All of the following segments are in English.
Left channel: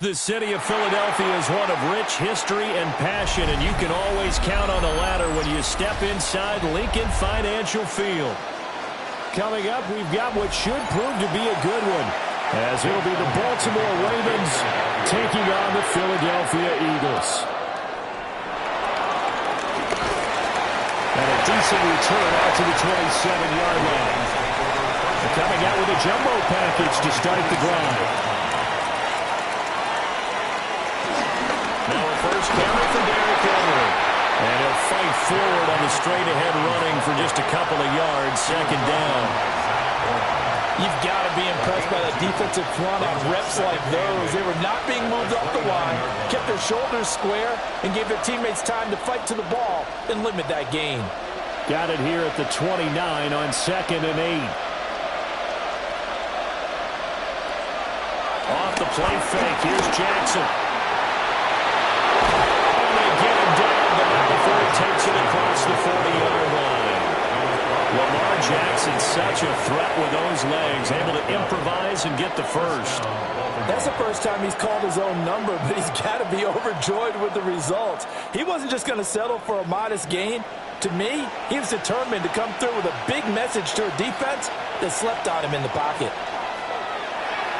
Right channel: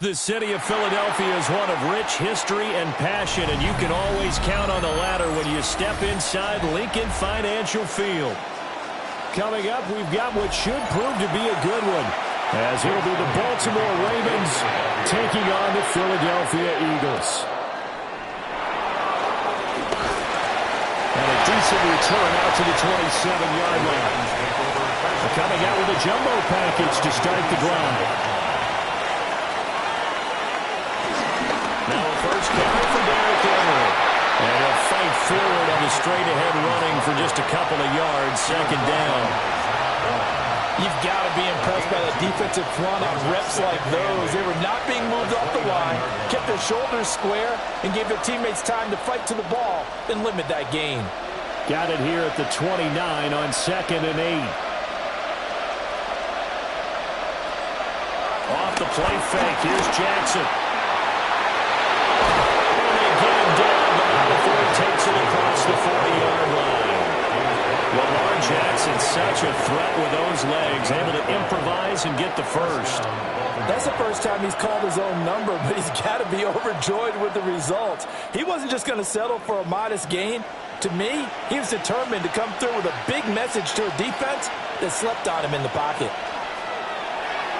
The city of Philadelphia is one of rich history and passion, and you can always count on the ladder when you step inside Lincoln Financial Field. Coming up, we've got what should prove to be a good one, as it'll be the Baltimore Ravens taking on the Philadelphia Eagles. And a decent return out to the 27-yard line. They're coming out with a jumbo package to start the drive. Now a first carry for Derrick Henry. And he'll fight forward on the straight-ahead running for just a couple of yards, second down. You've got to be impressed by the defensive front on reps like those. They were not being moved off the line, kept their shoulders square, and gave their teammates time to fight to the ball and limit that gain. Got it here at the 29 on 2nd and 8. Off the play fake, here's Jackson. And they get him down, but not before he takes it across the 40-yard line. Lamar Jackson, such a threat with those legs, able to improvise and get the first. That's the first time he's called his own number, but he's got to be overjoyed with the results. He wasn't just going to settle for a modest gain. To me, he was determined to come through with a big message to a defense that slept on him in the pocket.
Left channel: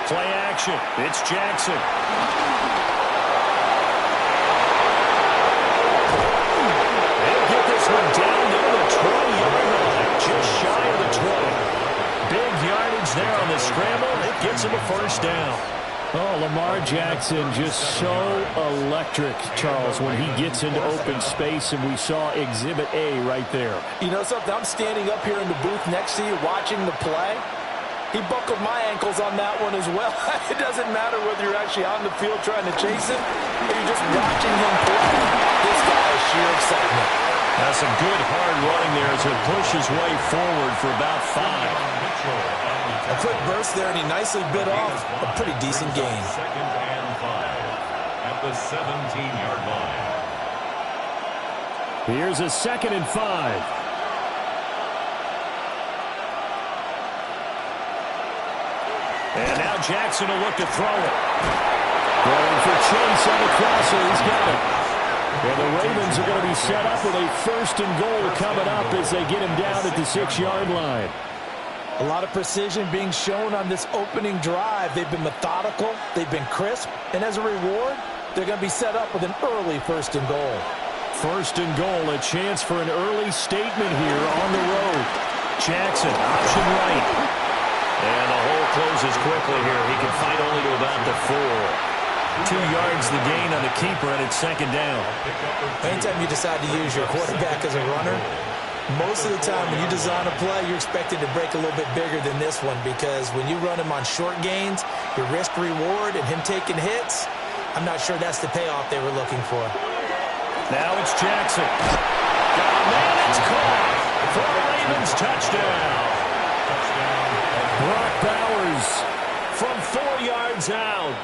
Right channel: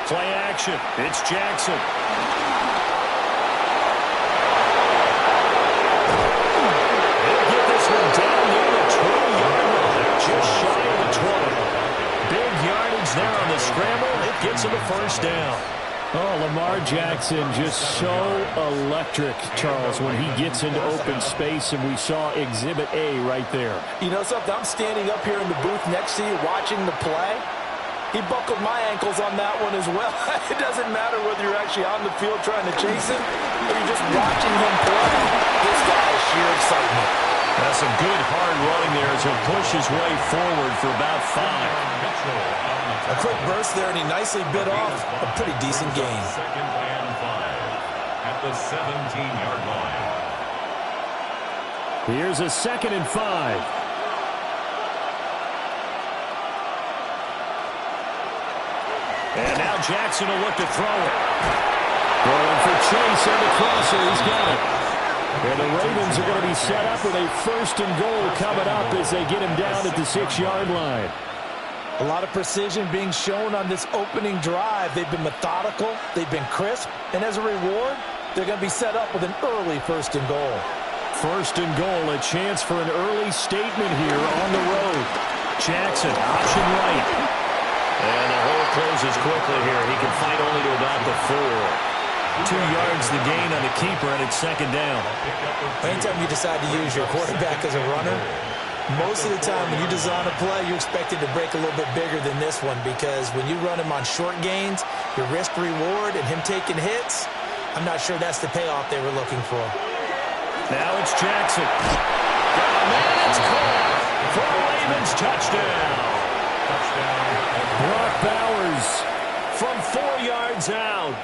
Play action. It's Jackson. He'll get this one down near the 20-yard line, just shy of the 20. Big yardage there on the scramble. It gets him a first down. Oh, Lamar Jackson just so electric, Charles, when he gets into open space, and we saw Exhibit A right there. You know something? I'm standing up here in the booth next to you watching the play. He buckled my ankles on that one as well. It doesn't matter whether you're actually on the field trying to chase him or you're just watching him play. This guy is sheer excitement. That's some good hard running there as he'll push his way forward for about 5. A quick burst there, and he nicely bit off a pretty decent gain. 2nd and 5 at the 17-yard line. Here's a 2nd and 5. And now Jackson will look to throw it. Going for Chase on the crosser. He's got it. And the Ravens are going to be set up with a 1st and goal coming up as they get him down at the 6-yard line. A lot of precision being shown on this opening drive. They've been methodical. They've been crisp. And as a reward, they're going to be set up with an early 1st and goal. 1st and goal, a chance for an early statement here on the road. Jackson, option right. And the hole closes quickly here. He can fight only to about the 4. 2 yards the gain on the keeper, and it's 2nd down. Anytime you decide to use your quarterback as a runner, Most of the time when you design a play, you're expected to break a little bit bigger than this one because when you run him on short gains, your risk-reward and him taking hits, I'm not sure that's the payoff they were looking for. Now it's Jackson. Got a man, it's caught for a Ravens touchdown. Brock Bowers from 4 yards out.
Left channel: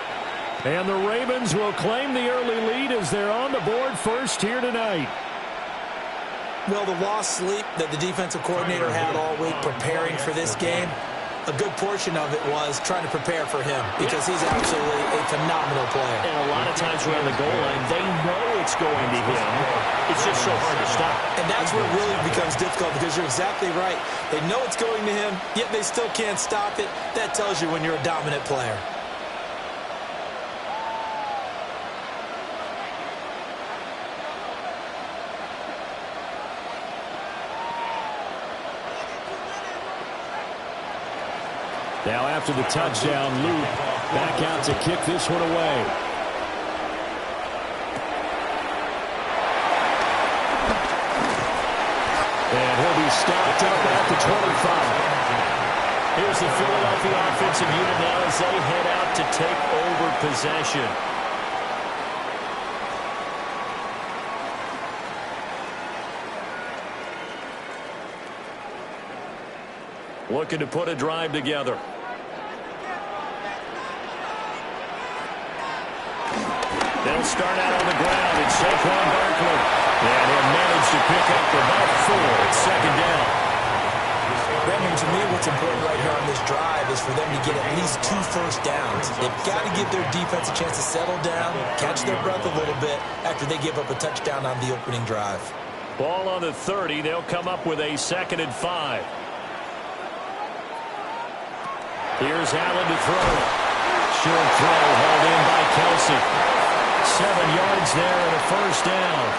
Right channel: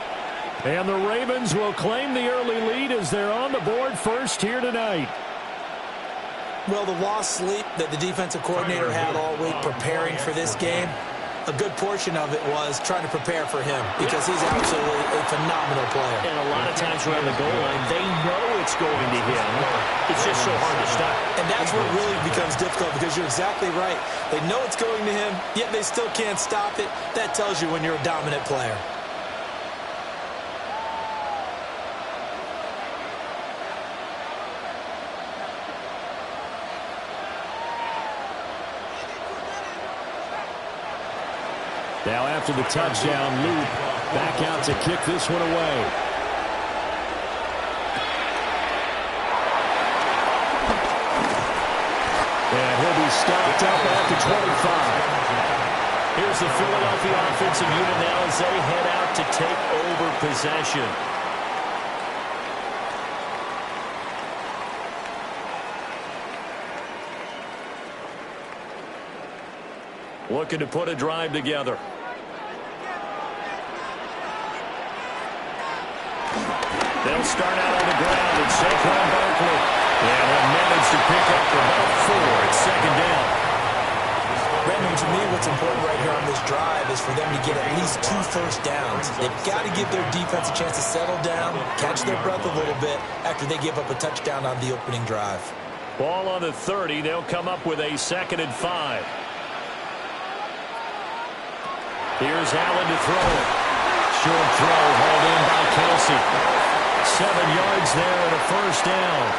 And the Ravens will claim the early lead as they're on the board first here tonight. Well, the lost sleep that the defensive coordinator had all week preparing for this game, a good portion of it was trying to prepare for him because he's absolutely a phenomenal player. And a lot of times around the goal line, they know it's going to him. It's just so hard to stop. And that's where it really becomes difficult because you're exactly right. They know it's going to him, yet they still can't stop it. That tells you when you're a dominant player. Now after the touchdown, Luke back out to kick this one away. And he'll be stopped up at the 25. Here's the Philadelphia offensive unit now as they head out to take over possession. Looking to put a drive together. They'll start out on the ground. It's Saquon Barkley. And he'll manage to pick up about 4. It's second down. Brandon, to me, what's important right here on this drive is for them to get at least 2 first downs. They've got to give their defense a chance to settle down, catch their breath a little bit after they give up a touchdown on the opening drive. Ball on the 30. They'll come up with a 2nd and 5. Here's Allen to throw it. Short throw hauled in by Kelsey. 7 yards there and a first down.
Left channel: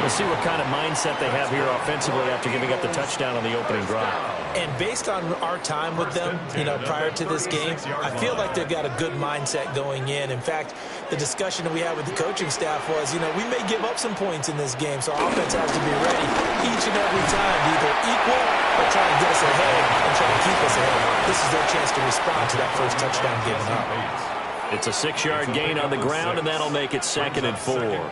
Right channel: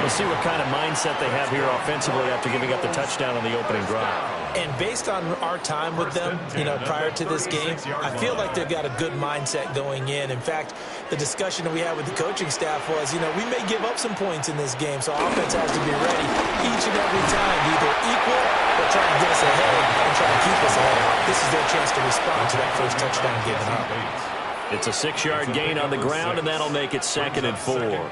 We'll see what kind of mindset they have here offensively after giving up the touchdown on the opening drive. And based on our time with them, prior to this game, I feel like they've got a good mindset going in. In fact, the discussion that we had with the coaching staff was, we may give up some points in this game, so offense has to be ready each and every time to either equal or try and get us ahead and try and keep us ahead. This is their chance to respond to that first touchdown given up. It's a 6-yard gain on the ground, and that'll make it 2nd and 4.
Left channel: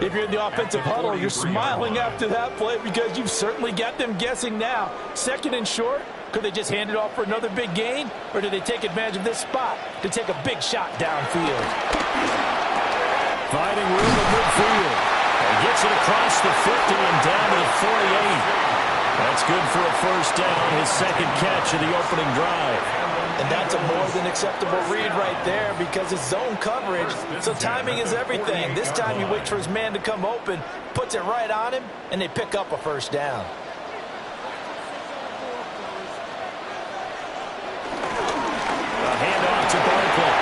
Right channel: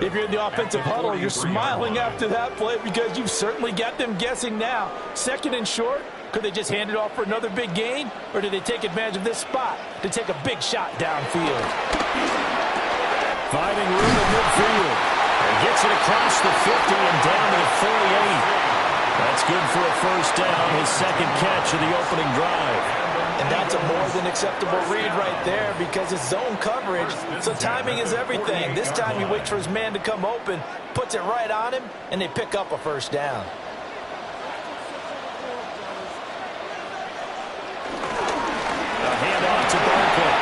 If you're in the offensive huddle, you're smiling after that play because you've certainly got them guessing now. 2nd and short, could they just hand it off for another big gain, or do they take advantage of this spot to take a big shot downfield? Finding room in midfield. He gets it across the 50 and down to the 48. That's good for a first down, his 2nd catch of the opening drive. And that's a more than acceptable read right there because it's zone coverage, so timing is everything. This time he waits for his man to come open, puts it right on him, and they pick up a first down. A handoff to Barkley.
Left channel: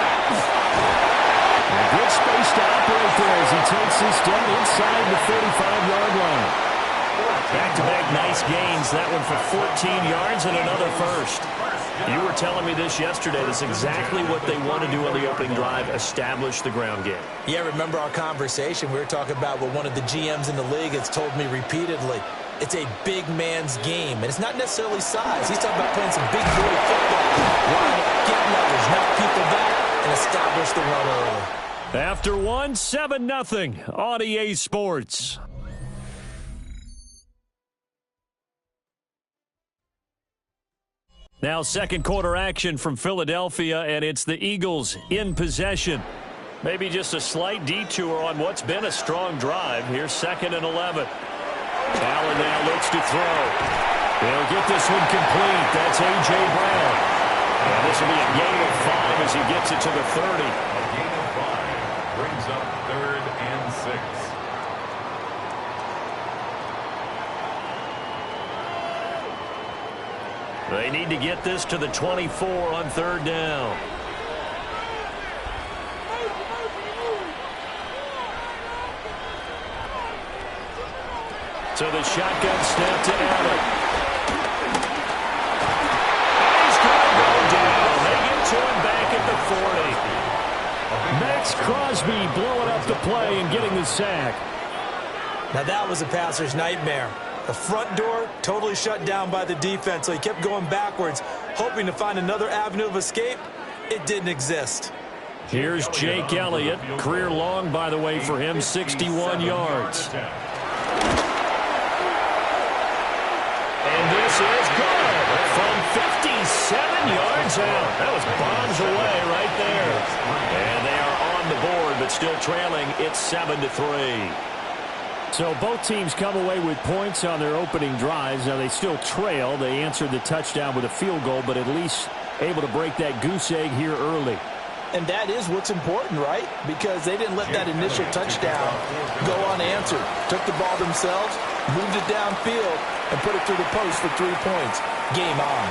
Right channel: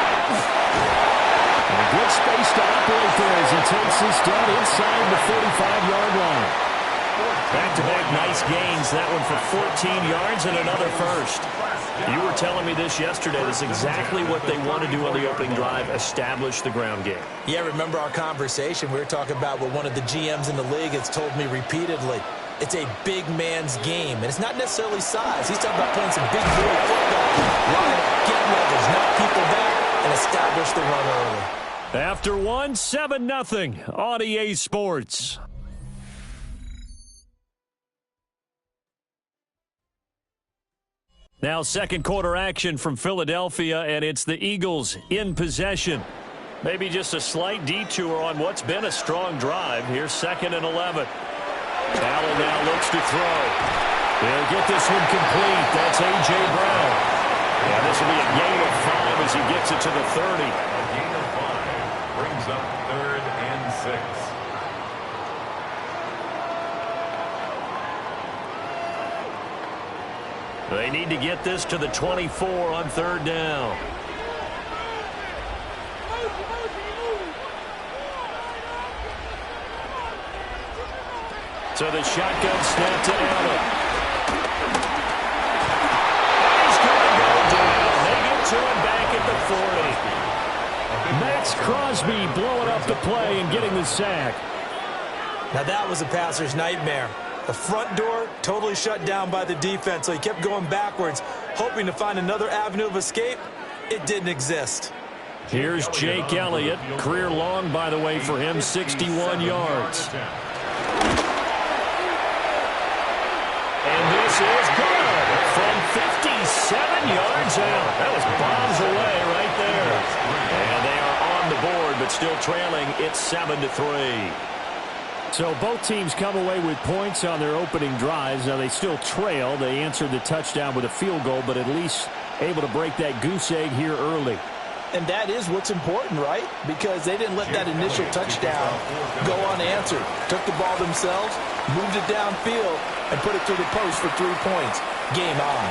A good space to operate there as he takes this down inside the 45-yard line. Back-to-back nice gains. That one for 14 yards and another first. You were telling me this yesterday. That's exactly what they want to do on the opening drive, establish the ground game. Yeah, remember our conversation. We were talking about what one of the GMs in the league has told me repeatedly. It's a big man's game, and it's not necessarily size. He's talking about playing some big boy football. Line up, get leverage, knock people back, and establish the run early. After 1, 7-0 on EA Sports. Now second quarter action from Philadelphia, and it's the Eagles in possession. Maybe just a slight detour on what's been a strong drive. Here's 2nd and 11. Allen now looks to throw. He'll get this one complete. That's A.J. Brown. And this will be a gain of 5 as he gets it to the 30. A gain of 5 brings up 3rd and 6. They need to get this to the 24 on 3rd down. So the shotgun snap to Allen. And he's going to go down. They get to him back at the 40. Max Crosby blowing up the play and getting the sack. Now that was a passer's nightmare. The front door totally shut down by the defense, so he kept going backwards, hoping to find another avenue of escape. It didn't exist. Here's Jake Elliott. Career long, by the way, for him, 61 yards. And this is good from 57 yards out. That was bombs away right there. And they are on the board, but still trailing. It's 7-3. So both teams come away with points on their opening drives. Now they still trail. They answered the touchdown with a field goal, but at least able to break that goose egg here early. And that is what's important, right? Because they didn't let that initial touchdown go unanswered. Took the ball themselves, moved it downfield, and put it through the post for 3 points. Game on.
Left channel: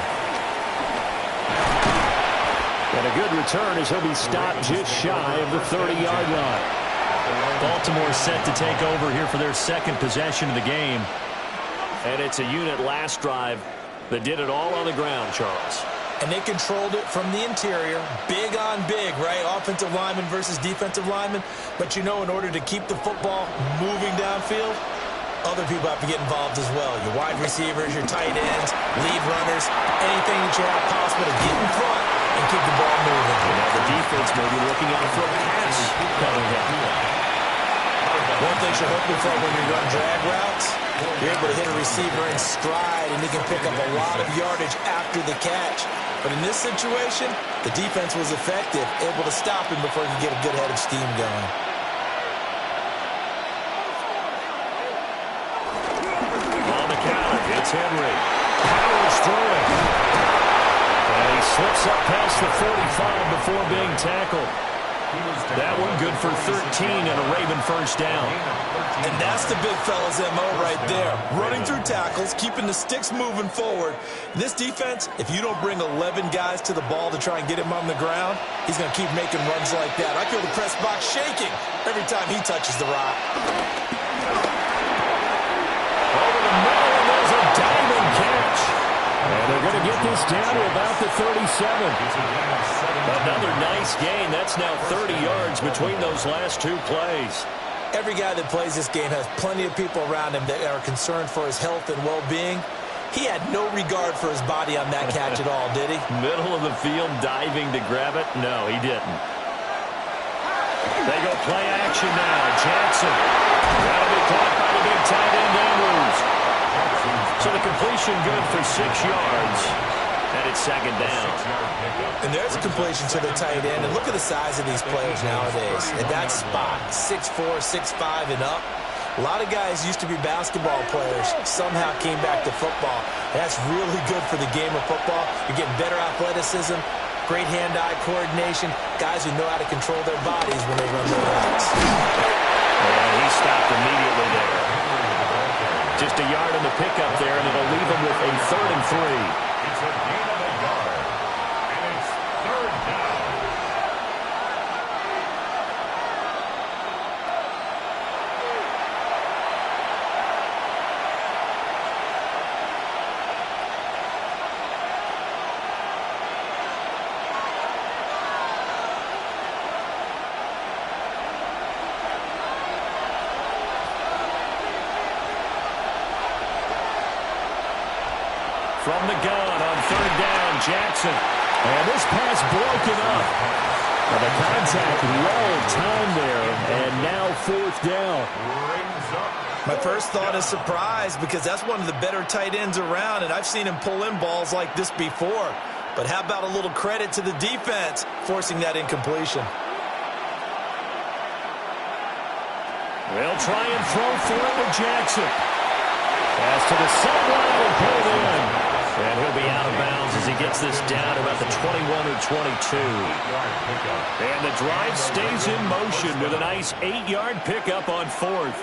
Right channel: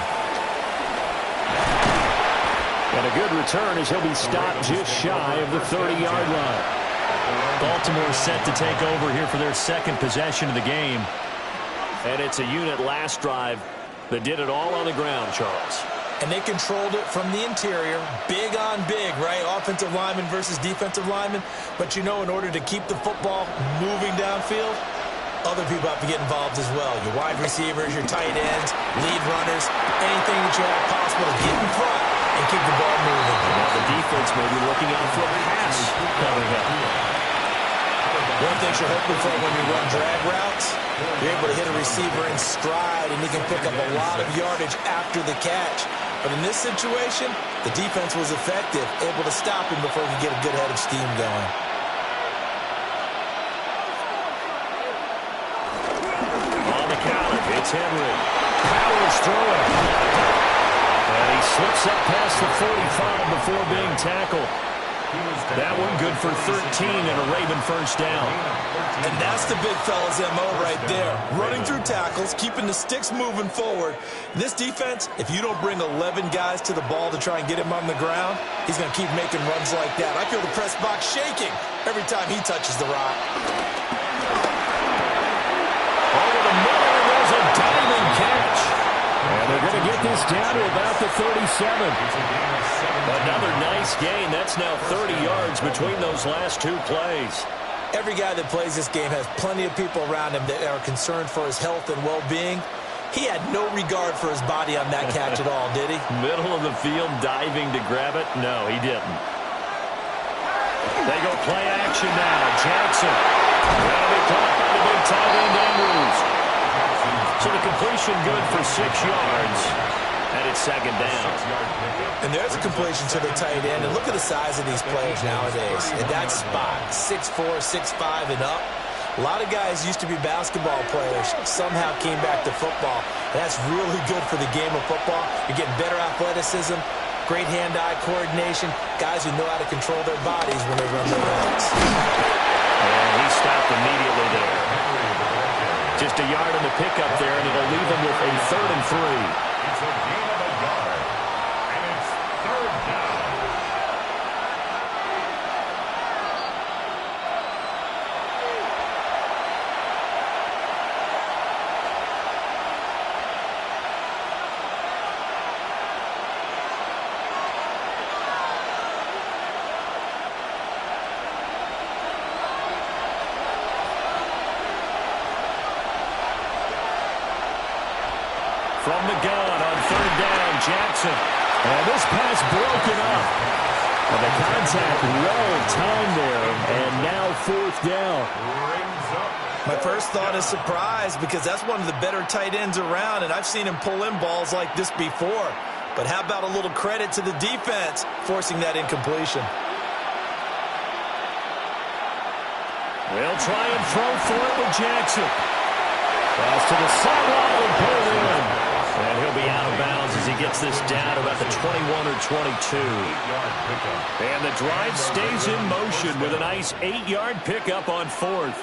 And a good return as he'll be stopped just shy of the 30-yard line. Baltimore set to take over here for their second possession of the game. And it's a unit last drive that did it all on the ground, Charles. And they controlled it from the interior, big on big, right? Offensive lineman versus defensive lineman. But, you know, in order to keep the football moving downfield, other people have to get involved as well. Your wide receivers, your tight ends, lead runners, anything that you have possible to get in front and keep the ball moving. And now the defense may be looking out for a pass coming up. One thing you're hoping for when you run drag routes, you're able to hit a receiver in stride, and he can pick up a lot of yardage after the catch. But in this situation, the defense was effective, able to stop him before he could get a good head of steam going. On the counter, it's Henry. Powers through it. And he slips up past the 45 before being tackled. That one good for 13 and a Raven first down. And that's the big fella's MO right there. Running through tackles, keeping the sticks moving forward. This defense, if you don't bring 11 guys to the ball to try and get him on the ground, he's going to keep making runs like that. I feel the press box shaking every time he touches the rock. Over the middle, and there's a diving catch. And they're going to get this down to about the 37. Another nice gain. That's now 30 yards between those last two plays. Every guy that plays this game has plenty of people around him that are concerned for his health and well-being. He had no regard for his body on that catch at all, did he? Middle of the field, diving to grab it? No, he didn't. They go play action now. Jackson. That'll be caught by the big tight end, Andrews. So the completion good for 6 yards. And it's second down. And there's a completion to the tight end. And look at the size of these players nowadays. At that spot, 6'4", 6'5", and up. A lot of guys used to be basketball players, somehow came back to football. And that's really good for the game of football. You're getting better athleticism, great hand-eye coordination, guys who know how to control their bodies when they run their routes. And he stopped immediately there. Just a yard on the pickup there, and it'll leave him with a 3rd and 3. It's a gain of a yard, and it's 3rd down. From the gun on 3rd down, Jackson. And this pass broken up. And the contact well-timed there, and now 4th down. My first thought is surprise, because that's one of the better tight ends around, and I've seen him pull in balls like this before. But how about a little credit to the defense forcing that incompletion? They'll try and throw for it with Jackson. Pass to the sideline and pulled in. And he'll be out of bounds as he gets this down about the 21 or 22. And the drive stays in motion with a nice 8-yard pickup on 4th.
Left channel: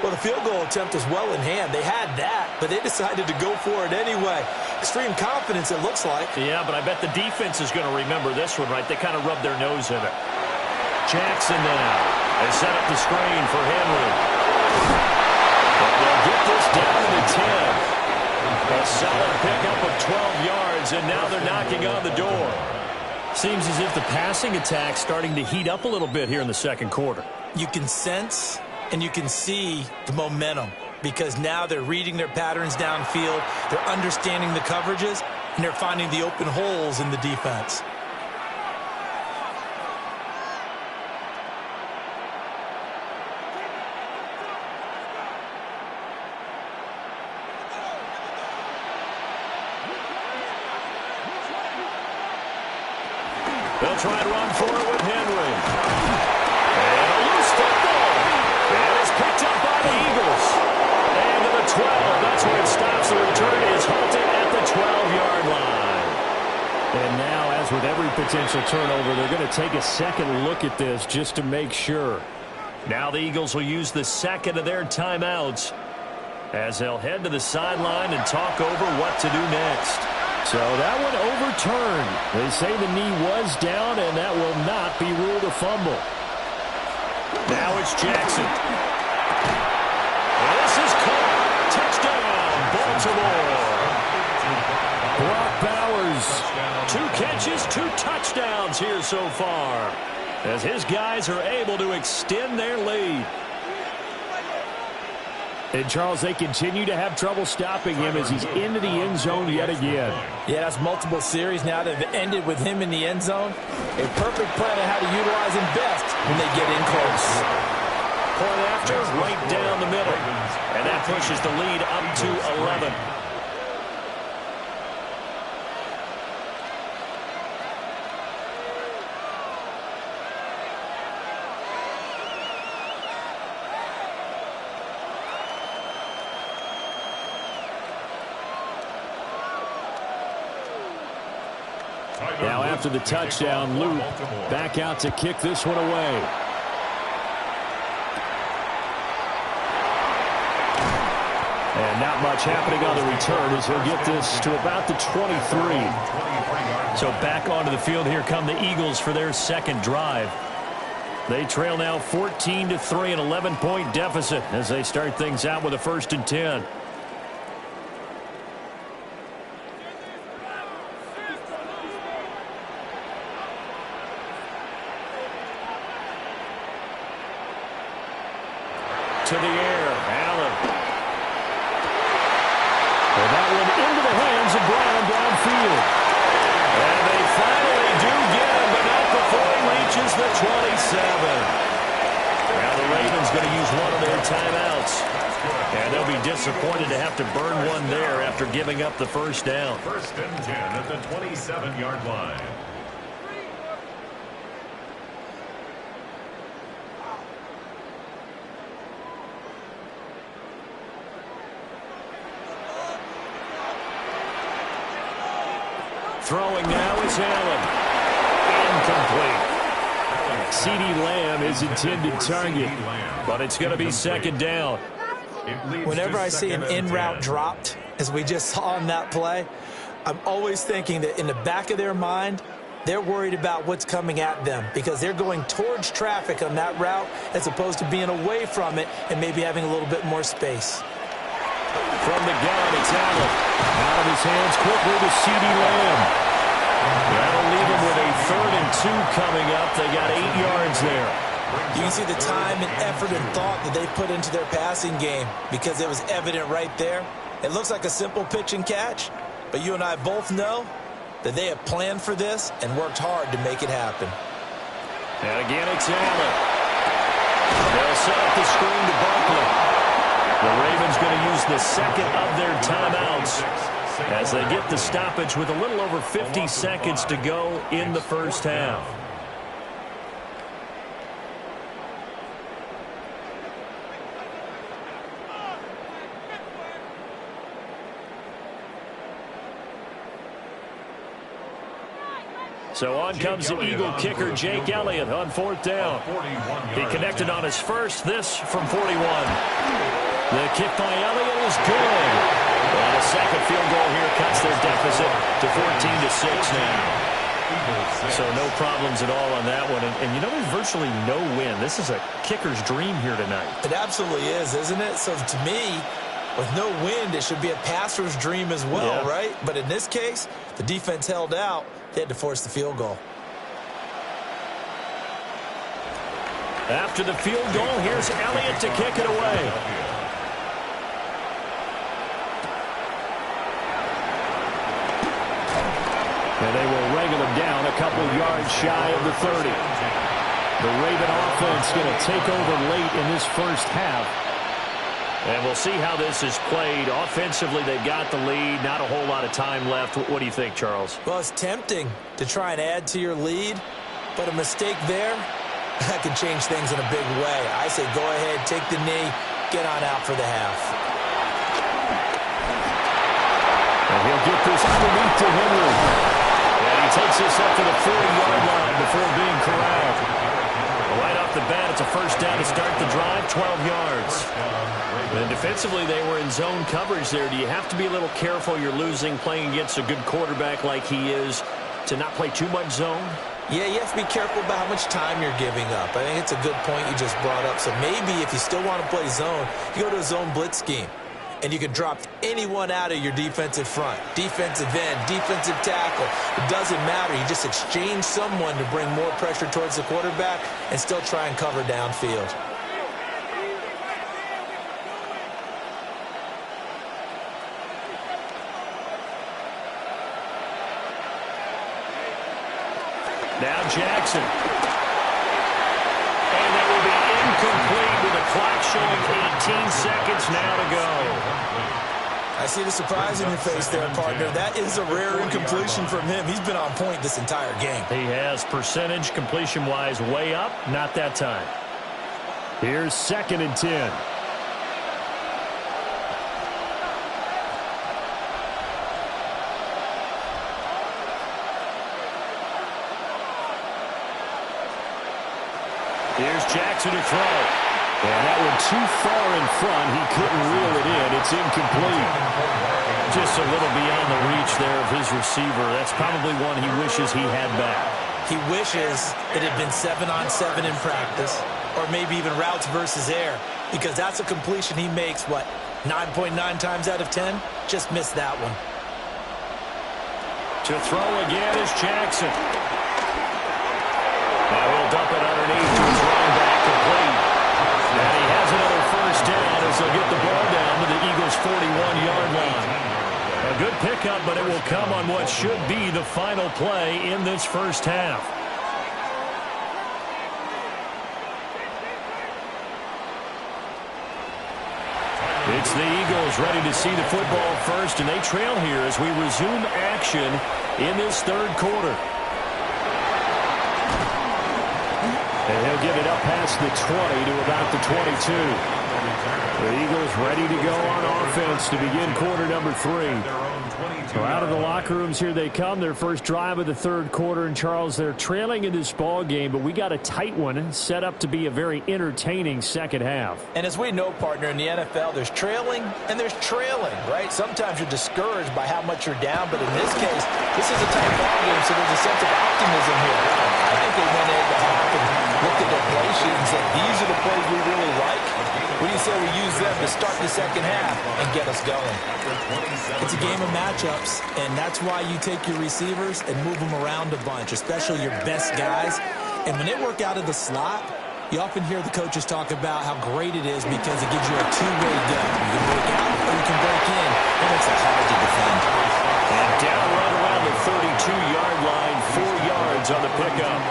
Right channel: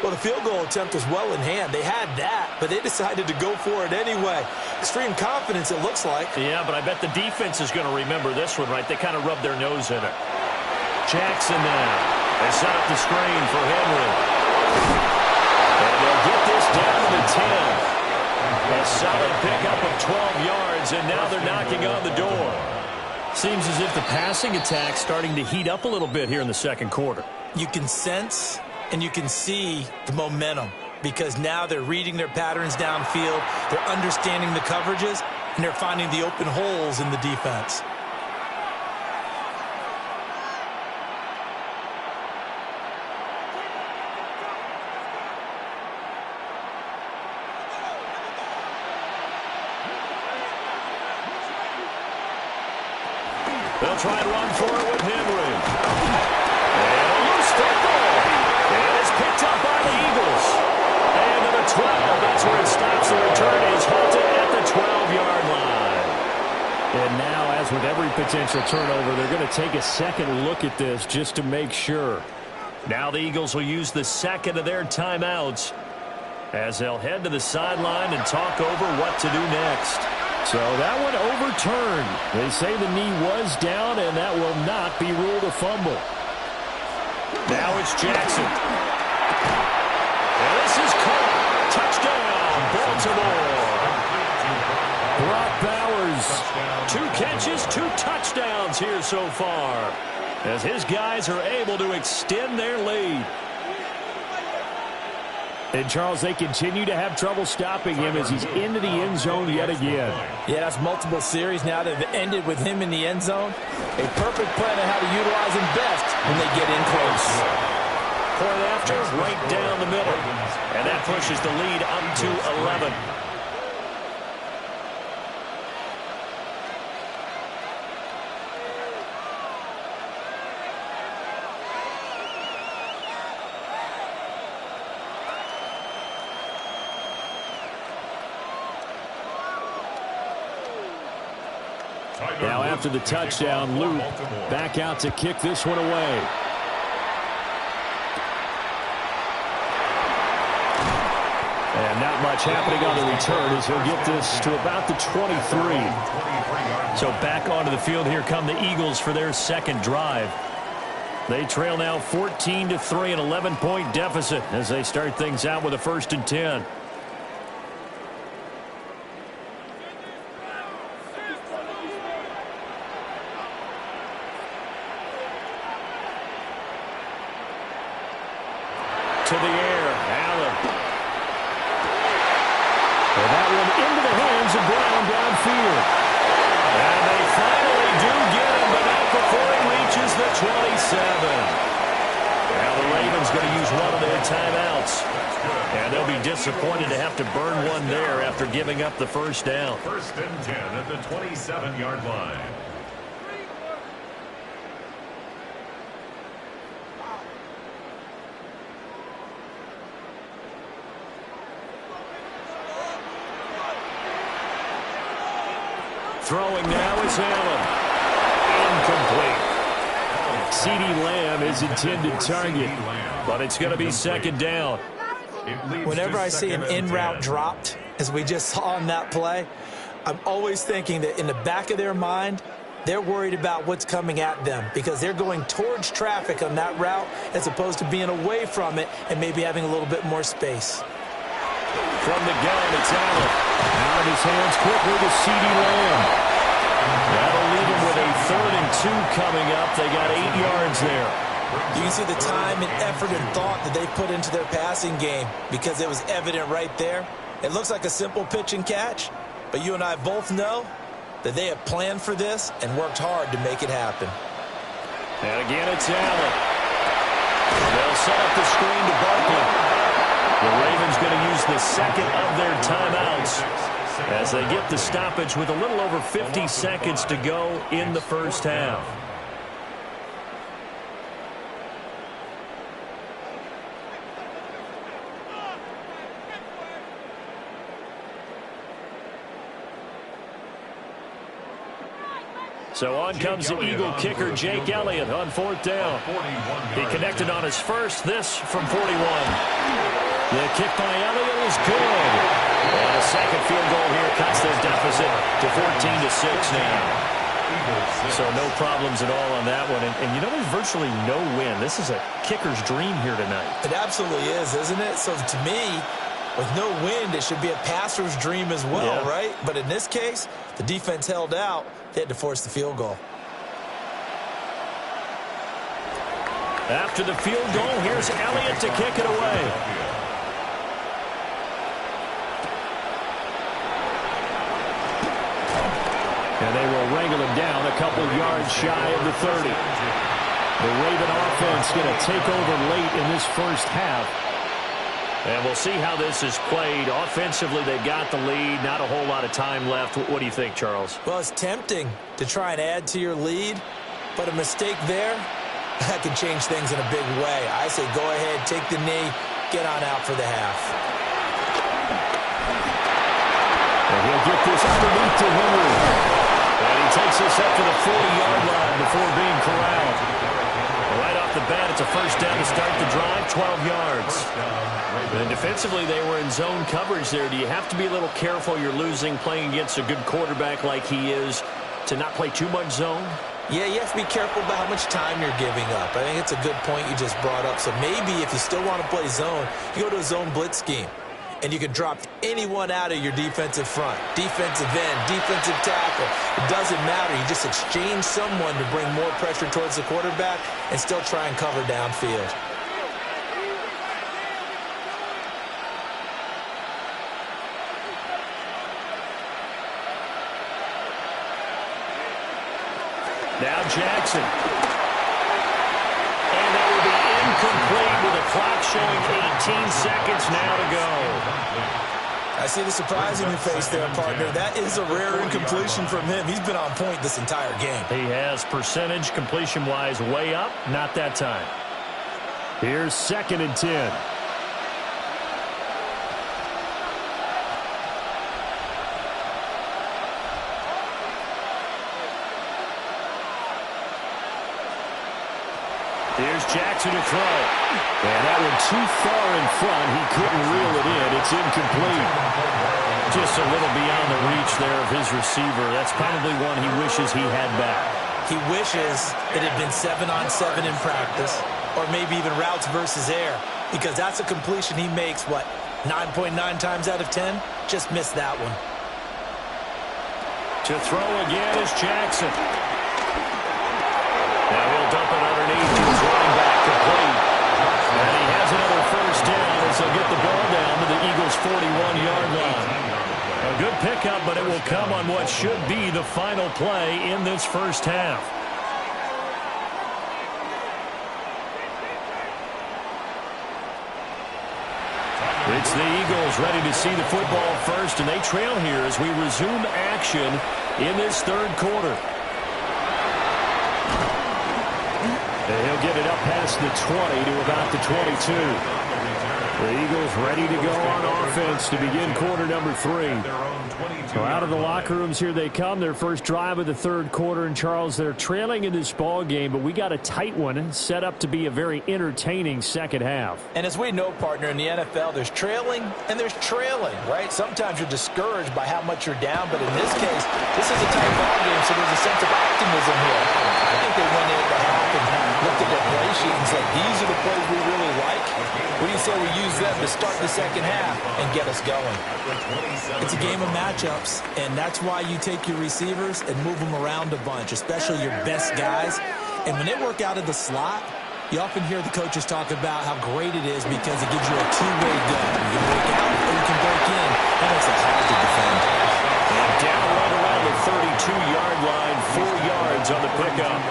Well, the field goal attempt was well in hand. They had that, but they decided to go for it anyway. Extreme confidence, it looks like. Yeah, but I bet the defense is going to remember this one, right? They kind of rubbed their nose in it. Jackson now. They set up the screen for Henry. And they'll get this down to the 10. A solid pickup of 12 yards, and now they're knocking on the door. Seems as if the passing attack's starting to heat up a little bit here in the second quarter. You can sense and you can see the momentum because now they're reading their patterns downfield, they're understanding the coverages, and they're finding the open holes in the defense. They'll try and run for it with Henry. And a loose football. It is picked up by the Eagles. And to the 12. That's where it stops. The return is halted at the 12-yard line. And now, as with every potential turnover, they're going to take a second look at this just to make sure. Now the Eagles will use the second of their timeouts as they'll head to the sideline and talk over what to do next. So that one overturned. They say the knee was down, and that will not be ruled a fumble. Now it's Jackson. And this is caught. Touchdown, Baltimore. Brock Bowers, 2 catches, 2 touchdowns here so far, as his guys are able to extend their lead. And, Charles, they continue to have trouble stopping him as he's into the end zone yet again. Yeah, that's multiple series now that have ended with him in the end zone. A perfect plan on how to utilize him best when they get in close. Point after, right down the middle. And that pushes the lead up to 11. Now after the touchdown, Luke back out to kick this one away. And not much happening on the return as he'll get this to about the 23. So back onto the field, here come the Eagles for their second drive. They trail now 14-3, an 11-point deficit as they start things out with a 1st and 10. To the air, Allen. And that one into the hands of Brown downfield. And they finally do get him, but not before he reaches the 27. Now the Ravens going to use one of their timeouts. And they'll be disappointed to have to burn one there after giving up the 1st down. 1st and 10 at the 27-yard line. Throwing now is Allen. Incomplete. CeeDee Lamb is intended target, but it's going to be 2nd down. Whenever I see an in-route dropped, as we just saw on that play, I'm always thinking that in the back of their mind, they're worried about what's coming at them because they're going towards traffic on that route as opposed to being away from it and maybe having a little bit more space. From the gun, it's Allen. Out of his hands quickly to CeeDee Lamb. That'll leave him with a 3rd and 2 coming up. They got 8 yards there. You can see the time and effort and thought that they put into their passing game because it was evident right there. It looks like a simple pitch and catch, but you and I both know that they have planned for this and worked hard to make it happen. And again, it's Allen. They'll set up the screen to Barkley. The Ravens going to use the second of their timeouts as they get the stoppage with a little over 50 seconds to go in the 1st half. So on comes the Eagle kicker, Jake Elliott, on 4th down. He connected on his first, this from 41. The kick by Elliott is good. And a second field goal here cuts their deficit to 14-6 now. So no problems at all on that one. And you know, there's virtually no win. This is a kicker's dream here tonight. It absolutely is, isn't it? So to me, with no wind, it should be a passer's dream as well, yeah. Right? But in this case, the defense held out. They had to force the field goal. After the field goal, here's Elliott to kick it away. And they will wrangle him down a couple yards shy of the 30. The Raven offense going to take over late in this first half. And we'll see how this is played. Offensively, they've got the lead. Not a whole lot of time left. What do you think, Charles? Well, it's tempting to try and add to your lead, but a mistake there, that can change things in a big way. I say go ahead, take the knee, get on out for the half. And he'll get this underneath to Henry. And he takes this up to the 40-yard line before being corralled. Right off the bat, it's a first down to start the drive, 12 yards. And defensively, they were in zone coverage there. Do you have to be a little careful? You're losing playing against a good quarterback like he is to not play too much zone? Yeah, you have to be careful about how much time you're giving up. I think it's a good point you just brought up. So maybe if you still want to play zone, you go to a zone blitz scheme. And you can drop anyone out of your defensive front, defensive end, defensive tackle. It doesn't matter. You just exchange someone to bring more pressure towards the quarterback and still try and cover downfield. Now Jackson. And that will be incomplete with the clock showing 18 seconds now to go. I see the surprise in your face there, partner. That is a rare incompletion from him. He's been on point this entire game. He has percentage completion-wise way up. Not that time. Here's 2nd and 10. Here's Jackson to throw. And that one too far in front. He couldn't reel it in. It's incomplete. Just a little beyond the reach there of his receiver. That's probably one he wishes he had back. He wishes it had been 7-on-7 in practice, or maybe even routes versus air, because that's a completion he makes, what, 9.9 times out of 10? Just missed that one. To throw again is Jackson. Now he'll dump it underneath to his running back, complete. And he has another first down as they'll get the ball down to the Eagles' 41-yard line. A good pickup, but it will come on what should be the final play in this first half. It's the Eagles ready to see the football first, and they trail here as we resume action in this third quarter. And he'll get it up past the 20 to about the 22. The Eagles ready to go on offense to begin quarter number 3. So out of the locker rooms here they come, their first drive of the third quarter. And Charles, they're trailing in this ball game, but we got a tight one set up to be a very entertaining second half. And as we know, partner, in the NFL, there's trailing and there's trailing, right? Sometimes you're discouraged by how much you're down, but in this case, this is a tight ball game, so there's a sense of optimism here. I think they went in the half and looked at their play sheet and said, these are the plays we really like. What do you say we use them to start the second half and get us going? It's a game of matchups, and that's why you take your receivers and move them around a bunch, especially your best guys. And when they work out of the slot, you often hear the coaches talk about how great it is because it gives you a two-way go. You can break out or you can break in. That makes it hard to defend. And down right around the 32-yard line, 4 yards on the pickup.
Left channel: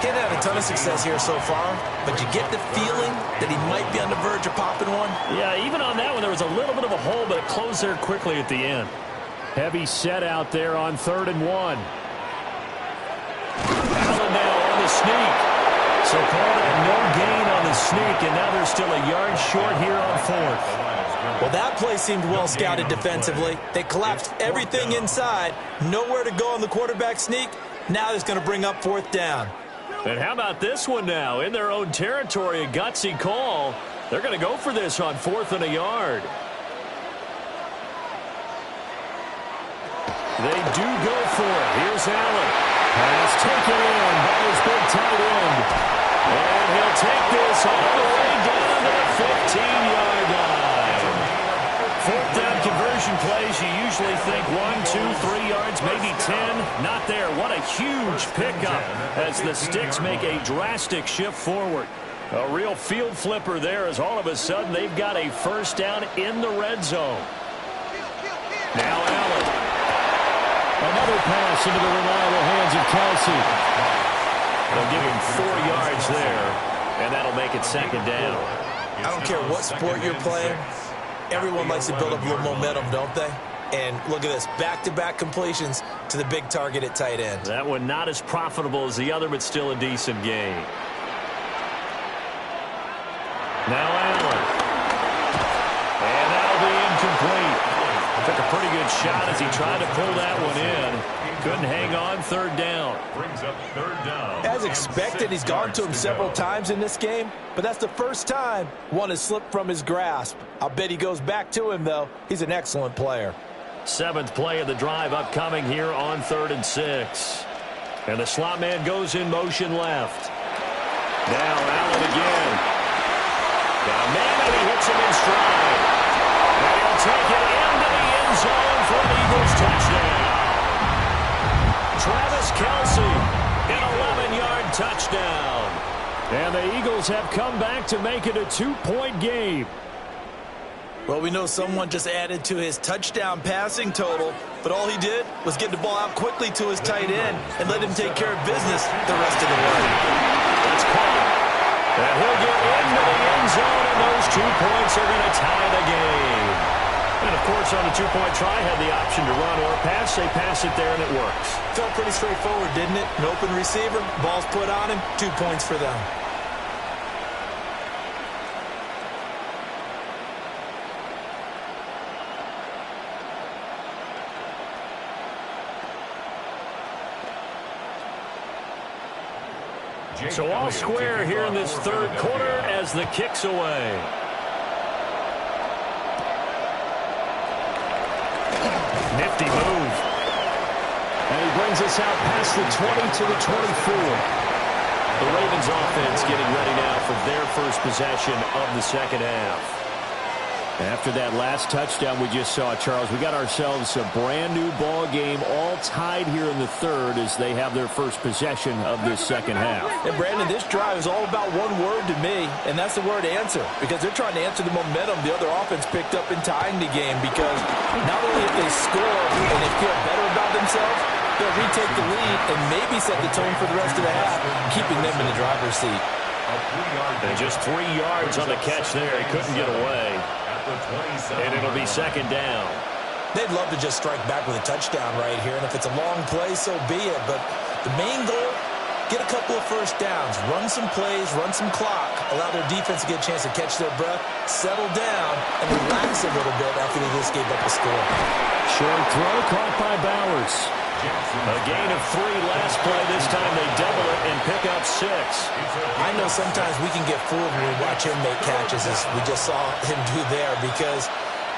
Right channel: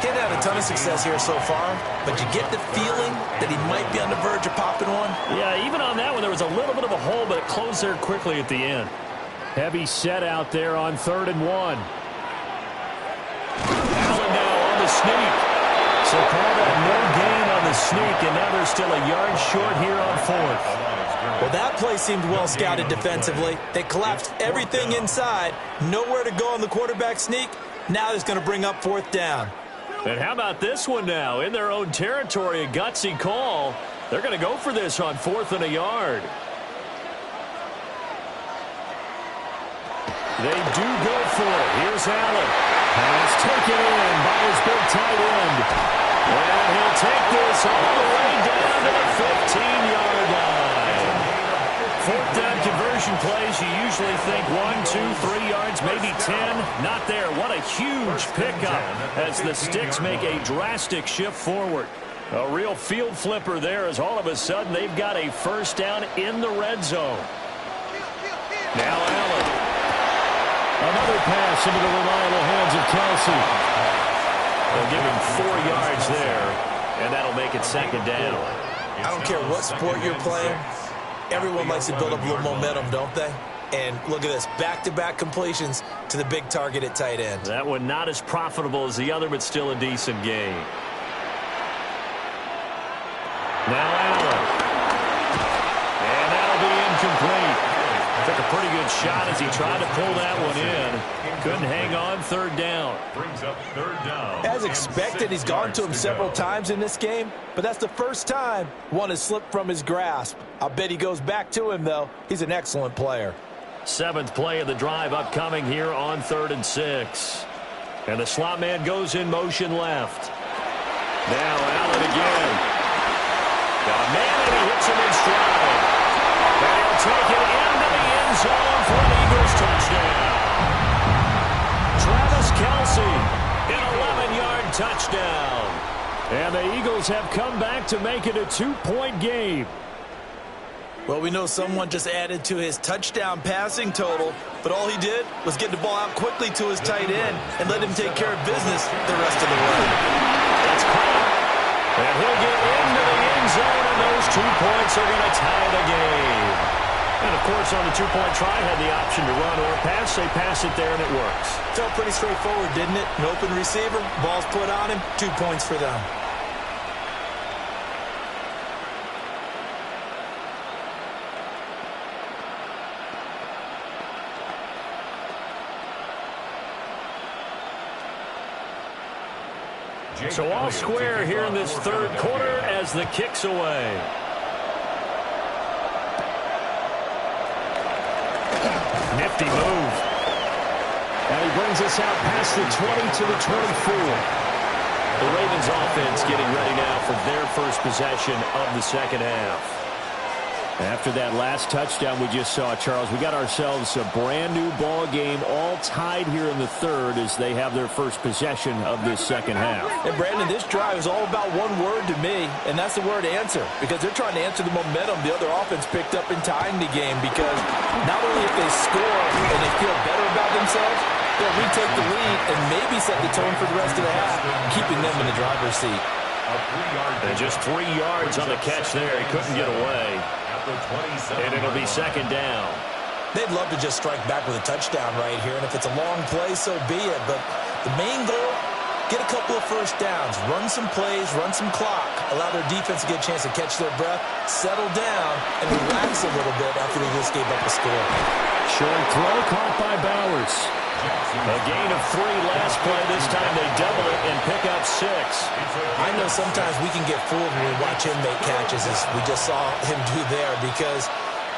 He hasn't had a ton of success here so far, but you get the feeling that he might be on the verge of popping one. Yeah, even on that one, there was a little bit of a hole, but it closed there quickly at the end. Heavy set out there on 3rd and 1. Allen now on the sneak. So call that no gain on the sneak, and now they're still a yard short here on 4th. Well, that play seemed well scouted defensively. They collapsed everything inside. Nowhere to go on the quarterback sneak. Now it's going to bring up 4th down. And how about this one now? In their own territory, a gutsy call. They're going to go for this on 4th and a yard. They do go for it. Here's Allen. Pass taken in by his big tight end. And he'll take this all the way down to the 15-yard line. 4th down conversion plays, you usually think 1, 2, 3 yards, maybe 10. Not there. What a huge pickup as the Sticks make a drastic shift forward. A real field flipper there as all of a sudden they've got a first down in the red zone. Now Allen. Another pass into the reliable hands of Kelsey. They'll give him 4 yards there, and that'll make it second down. I don't care what sport you're playing. Everyone likes to build up a little momentum, don't they? And look at this, back-to-back completions to the big target at tight end. That one not as profitable as the other, but still a decent gain. Now Allen. And that'll be incomplete. Took a pretty good shot as he tried to pull that one in. Couldn't hang on, third down. Brings up third down. As expected, he's gone to him several times in this game, but that's the first time one has slipped from his grasp. I'll bet he goes back to him, though. He's an excellent player. 7th play of the drive upcoming here on 3rd and 6. And the slot man goes in motion left. Now Allen again. Got a man and he hits him in stride. And he'll take it into the end zone for an Eagles touchdown. Travis Kelce, an 11-yard touchdown. And the Eagles have come back to make it a 2-point game. Well, we know someone just added to his touchdown passing total, but all he did was get the ball out quickly to his tight end and let him take care of business the rest of the way. That's caught. And he'll get into the end zone, and those 2 points are going to tie the game. And, of course, on the 2-point try, had the option to run or pass. They pass it there, and it works. Felt pretty straightforward, didn't it? An open receiver, ball's put on him, 2 points for them. So all square here in this third quarter as the kick's away. Nifty move. And he brings us out past the 20 to the 24. The Ravens offense getting ready now for their first possession of the second half. After that last touchdown we just saw, Charles, we got ourselves a brand new ball game, all tied here in the third as they have their first possession of this second half. And Brandon, this drive is all about one word to me, and that's the word answer, because they're trying to answer the momentum the other offense picked up in tying the game, because not only if they score and they feel better about themselves, they'll retake the lead and maybe set the tone for the rest of the half, keeping them in the driver's seat. And just 3 yards on the catch there. He couldn't get away. And it'll be second down. They'd love to just strike back with a touchdown right here, and if it's a long play, so be it. But the main goal, get a couple of first downs, run some plays, run some clock, allow their defense to get a chance to catch their breath, settle down, and relax a little bit after they just gave up a score. Short throw caught by Bowers. A gain of 3 last play. This time they double it and pick up 6. I know sometimes we can get fooled when we watch him make catches, as we just saw him do there, because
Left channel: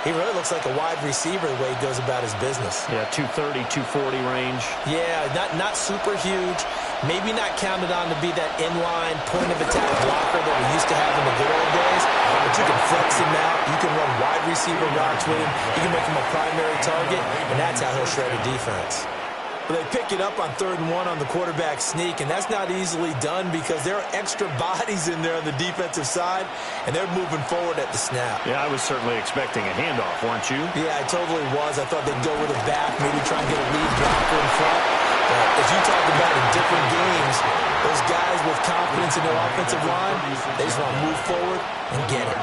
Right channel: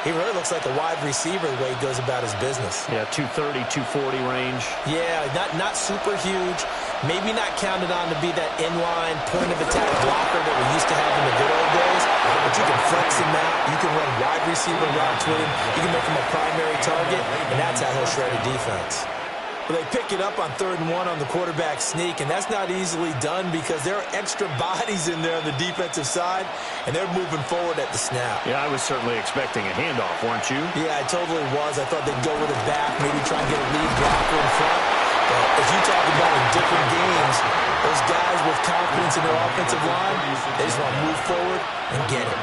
he really looks like a wide receiver the way he goes about his business. Yeah, 230, 240 range. Yeah, not super huge. Maybe not counted on to be that inline point-of-attack blocker that we used to have in the good old days. But you can flex him out. You can run wide receiver routes with him. You can make him a primary target, and that's how he'll shred a defense. Well, they pick it up on 3rd and 1 on the quarterback sneak, and that's not easily done because there are extra bodies in there on the defensive side, and they're moving forward at the snap. Yeah, I was certainly expecting a handoff, weren't you? Yeah, I totally was. I thought they'd go with it back, maybe try and get a lead blocker in front. But as you talk about in different games, those guys with confidence in their offensive line, they just want to move forward and get it.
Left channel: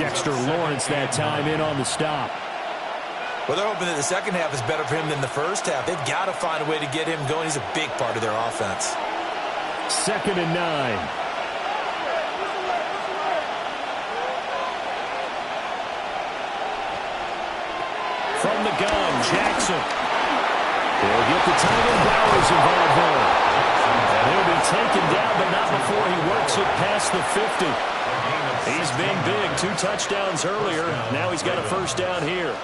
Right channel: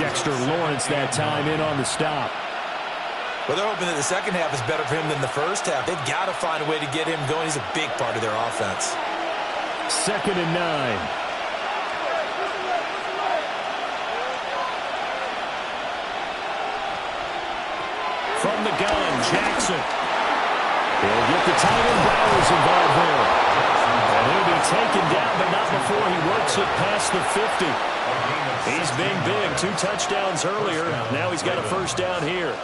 Dexter Lawrence that time in on the stop. Well, they're hoping that the second half is better for him than the first half. They've got to find a way to get him going. He's a big part of their offense. 2nd and 9. From the gun, Jackson. He'll get the tight end Bowers involved there. And he'll be taken down, but not before he works it past the 50. He's been big. 2 touchdowns earlier. Now he's got a first down here.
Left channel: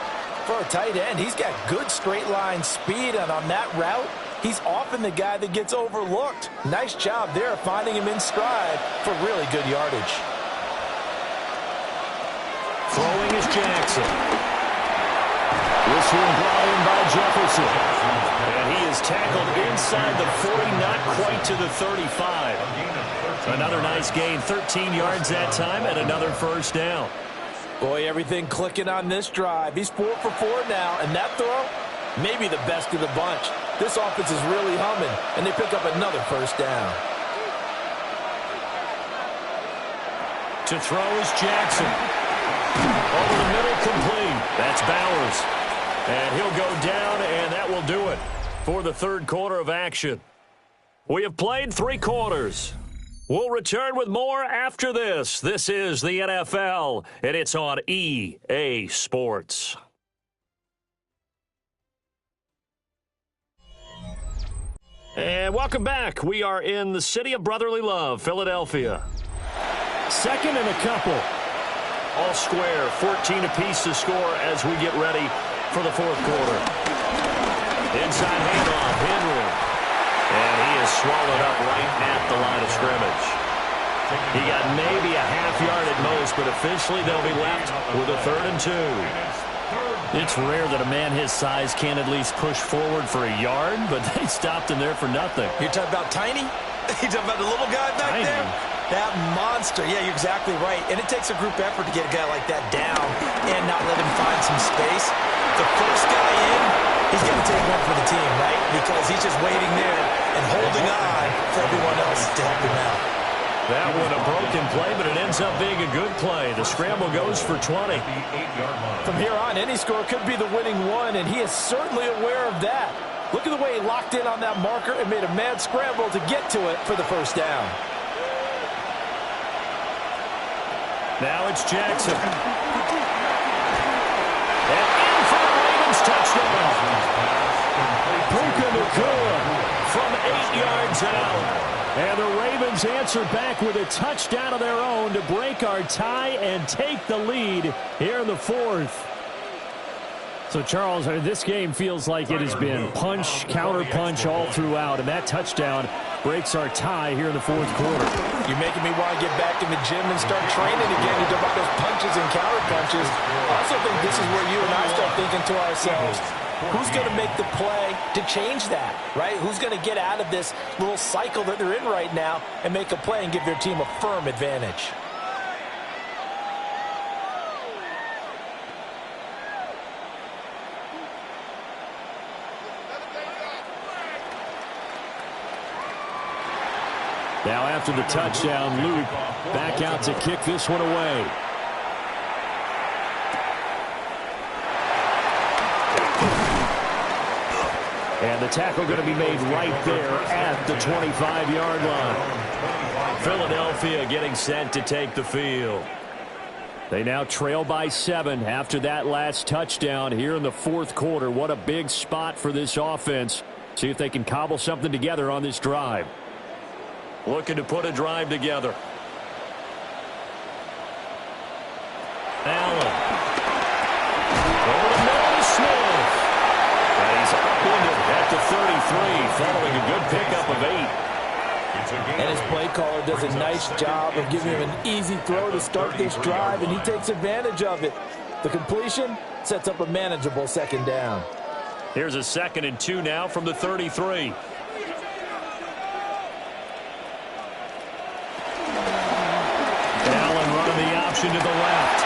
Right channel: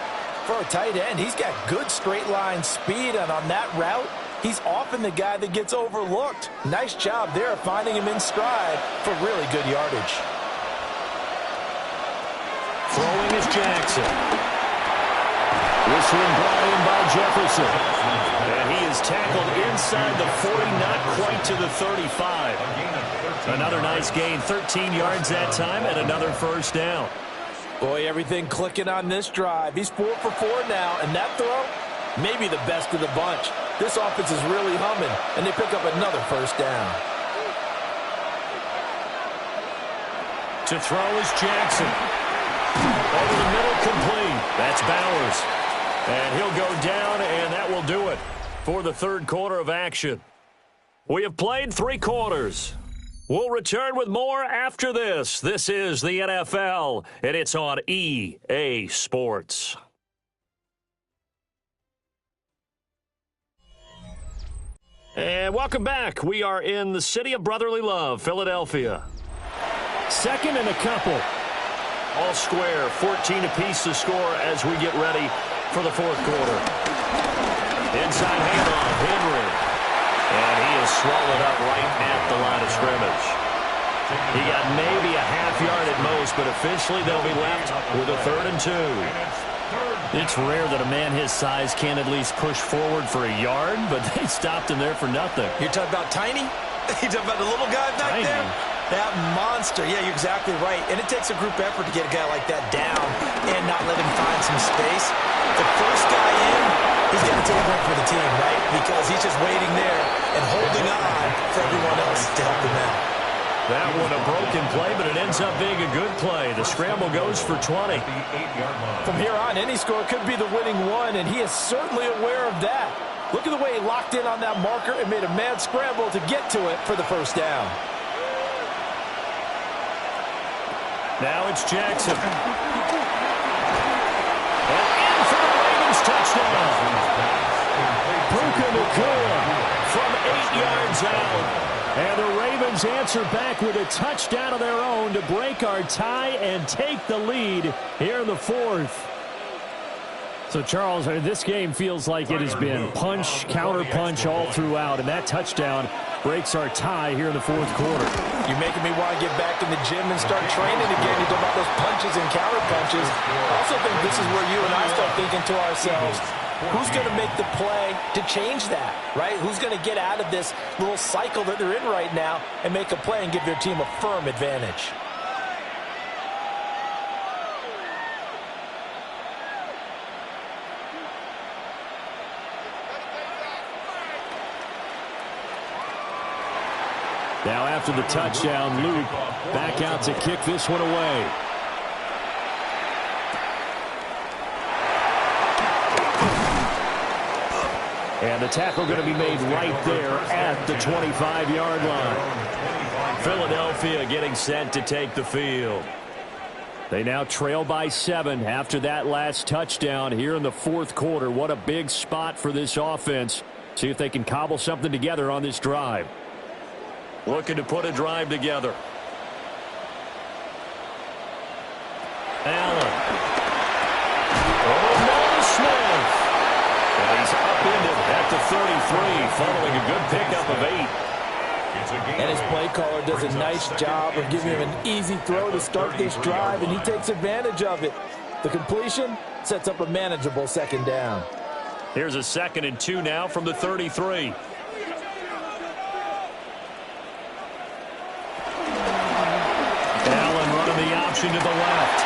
For a tight end, he's got good straight line speed, and on that route, he's often the guy that gets overlooked. Nice job there finding him in stride for really good yardage. Throwing is Jackson. This one brought in by Jefferson. And he is tackled inside the 40, not quite to the 35. Another nice gain, 13 yards that time, and another first down. Boy, everything clicking on this drive. He's 4 for 4 now, and that throw, maybe the best of the bunch. This offense is really humming, and they pick up another first down. To throw is Jackson. Over the middle, complete. That's Bowers. And he'll go down, and that will do it for the third quarter of action. We have played 3 quarters. We'll return with more after this. This is the NFL, and it's on EA Sports. And welcome back. We are in the city of brotherly love, Philadelphia. Second and a couple. All square, 14 apiece to score as we get ready for the fourth quarter. Inside handoff, Henry. And he is swallowed up right at the line of scrimmage. He got maybe a half yard at most, but officially they'll be left with a 3rd and 2. It's rare that a man his size can't at least push forward for a yard, but they stopped him there for nothing. You're talking about Tiny? You're talking about the little guy back Tiny. there? That monster. Yeah, you're exactly right. And it takes a group effort to get a guy like that down and not let him find some space. The first guy in, he's got to take one for the team, right? Because he's just waiting there and holding on for everyone else to help him out. That one a broken play, but it ends up being a good play. The scramble goes for 20. From here on, any score could be the winning one, and he is certainly aware of that. Look at the way he locked in on that marker and made a mad scramble to get to it for the first down. Now it's Jackson. And in for the Ravens touchdown. Puka Nacua from 8 yards out. And the Ravens answer back with a touchdown of their own to break our tie and take the lead here in the fourth. So, Charles, this game feels like it has been punch, counter-punch all throughout, and that touchdown breaks our tie here in the fourth quarter. You're making me want to get back in the gym and start training again. You talk about those punches and counter-punches. I also think this is where you and I start thinking to ourselves, who's going to make the play to change that, right? Who's going to get out of this little cycle that they're in right now and make a play and give their team a firm advantage? Now after the touchdown, Luke back out to kick this one away. And the tackle going to be made right there at the 25-yard line. Philadelphia getting set to take the field. They now trail by 7 after that last touchdown here in the fourth quarter. What a big spot for this offense. See if they can cobble something together on this drive. Looking to put a drive together. Allen. Over the middle to Smith. And he's upended at the 33 following a good pickup of 8. And his play caller does a nice job of giving him an easy throw to start this drive, and he takes advantage of it. The completion sets up a manageable second down. Here's a 2nd and 2 now from the 33. Allen running the option to the left.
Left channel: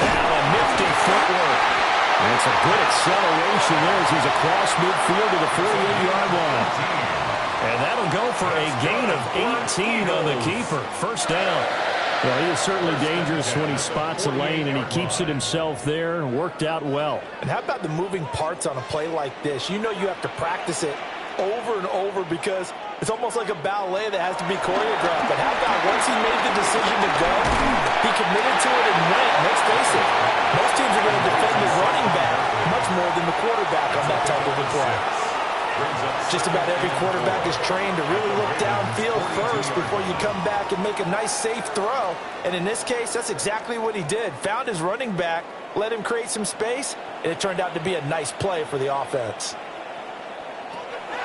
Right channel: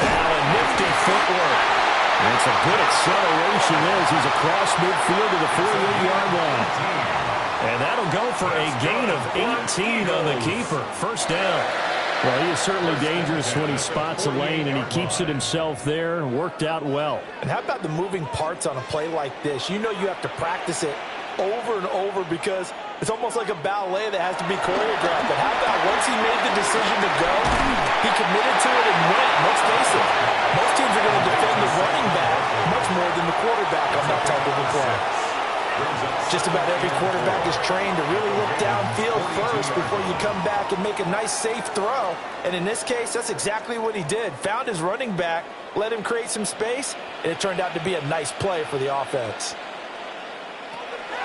Allen, nifty footwork. And it's a good acceleration there as he's across midfield to the 48-yard line. And that'll go for a gain of 18 on the keeper. First down. Well, he is certainly dangerous when he spots a lane, and he keeps it himself there. Worked out well. And how about the moving parts on a play like this? You know you have to practice it over and over because it's almost like a ballet that has to be choreographed. But how about once he made the decision to go, he committed to it and went. Let's face it, most teams are going to defend the running back much more than the quarterback on that type of a play. Just about every quarterback is trained to really look downfield first before you come back and make a nice, safe throw. And in this case, that's exactly what he did. Found his running back, let him create some space, and it turned out to be a nice play for the offense.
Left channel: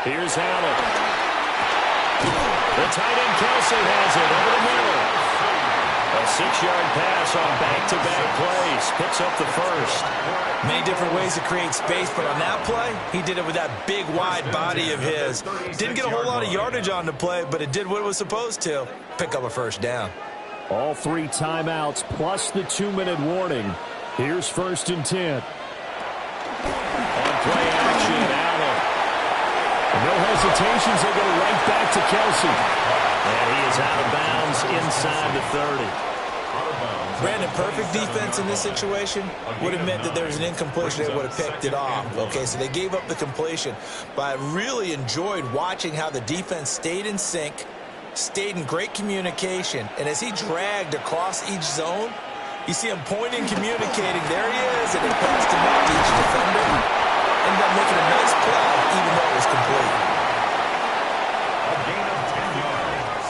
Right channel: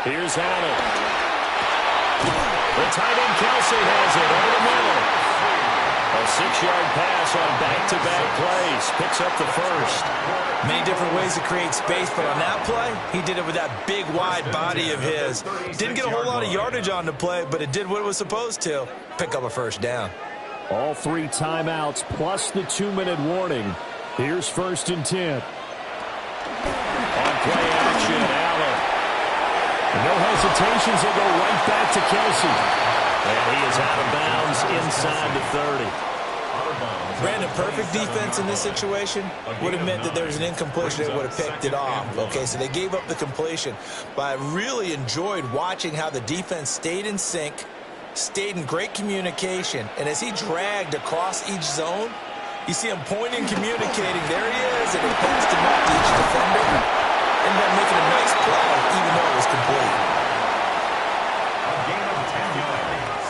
Here's Allen. The tight end Kelsey has it over the middle. A 6-yard pass on back-to-back plays. Picks up the first. Many different ways to create space, but on that play, he did it with that big, wide body of his. Didn't get a whole lot of yardage on the play, but it did what it was supposed to. Pick up a first down. All 3 timeouts plus the 2-minute warning. Here's 1st and 10. play action. Allen. And no hesitations. They go right back to Kelce. And he is out of bounds inside the 30. Brandon, perfect defense in this situation would have meant that there was an incompletion. They would have picked it off. Okay, so they gave up the completion. But I really enjoyed watching how the defense stayed in sync, stayed in great communication. And as he dragged across each zone, you see him pointing, communicating. There he is, and he passed him off to each defender. Ended up making a nice play, even though it was complete. A gain of 10 yards.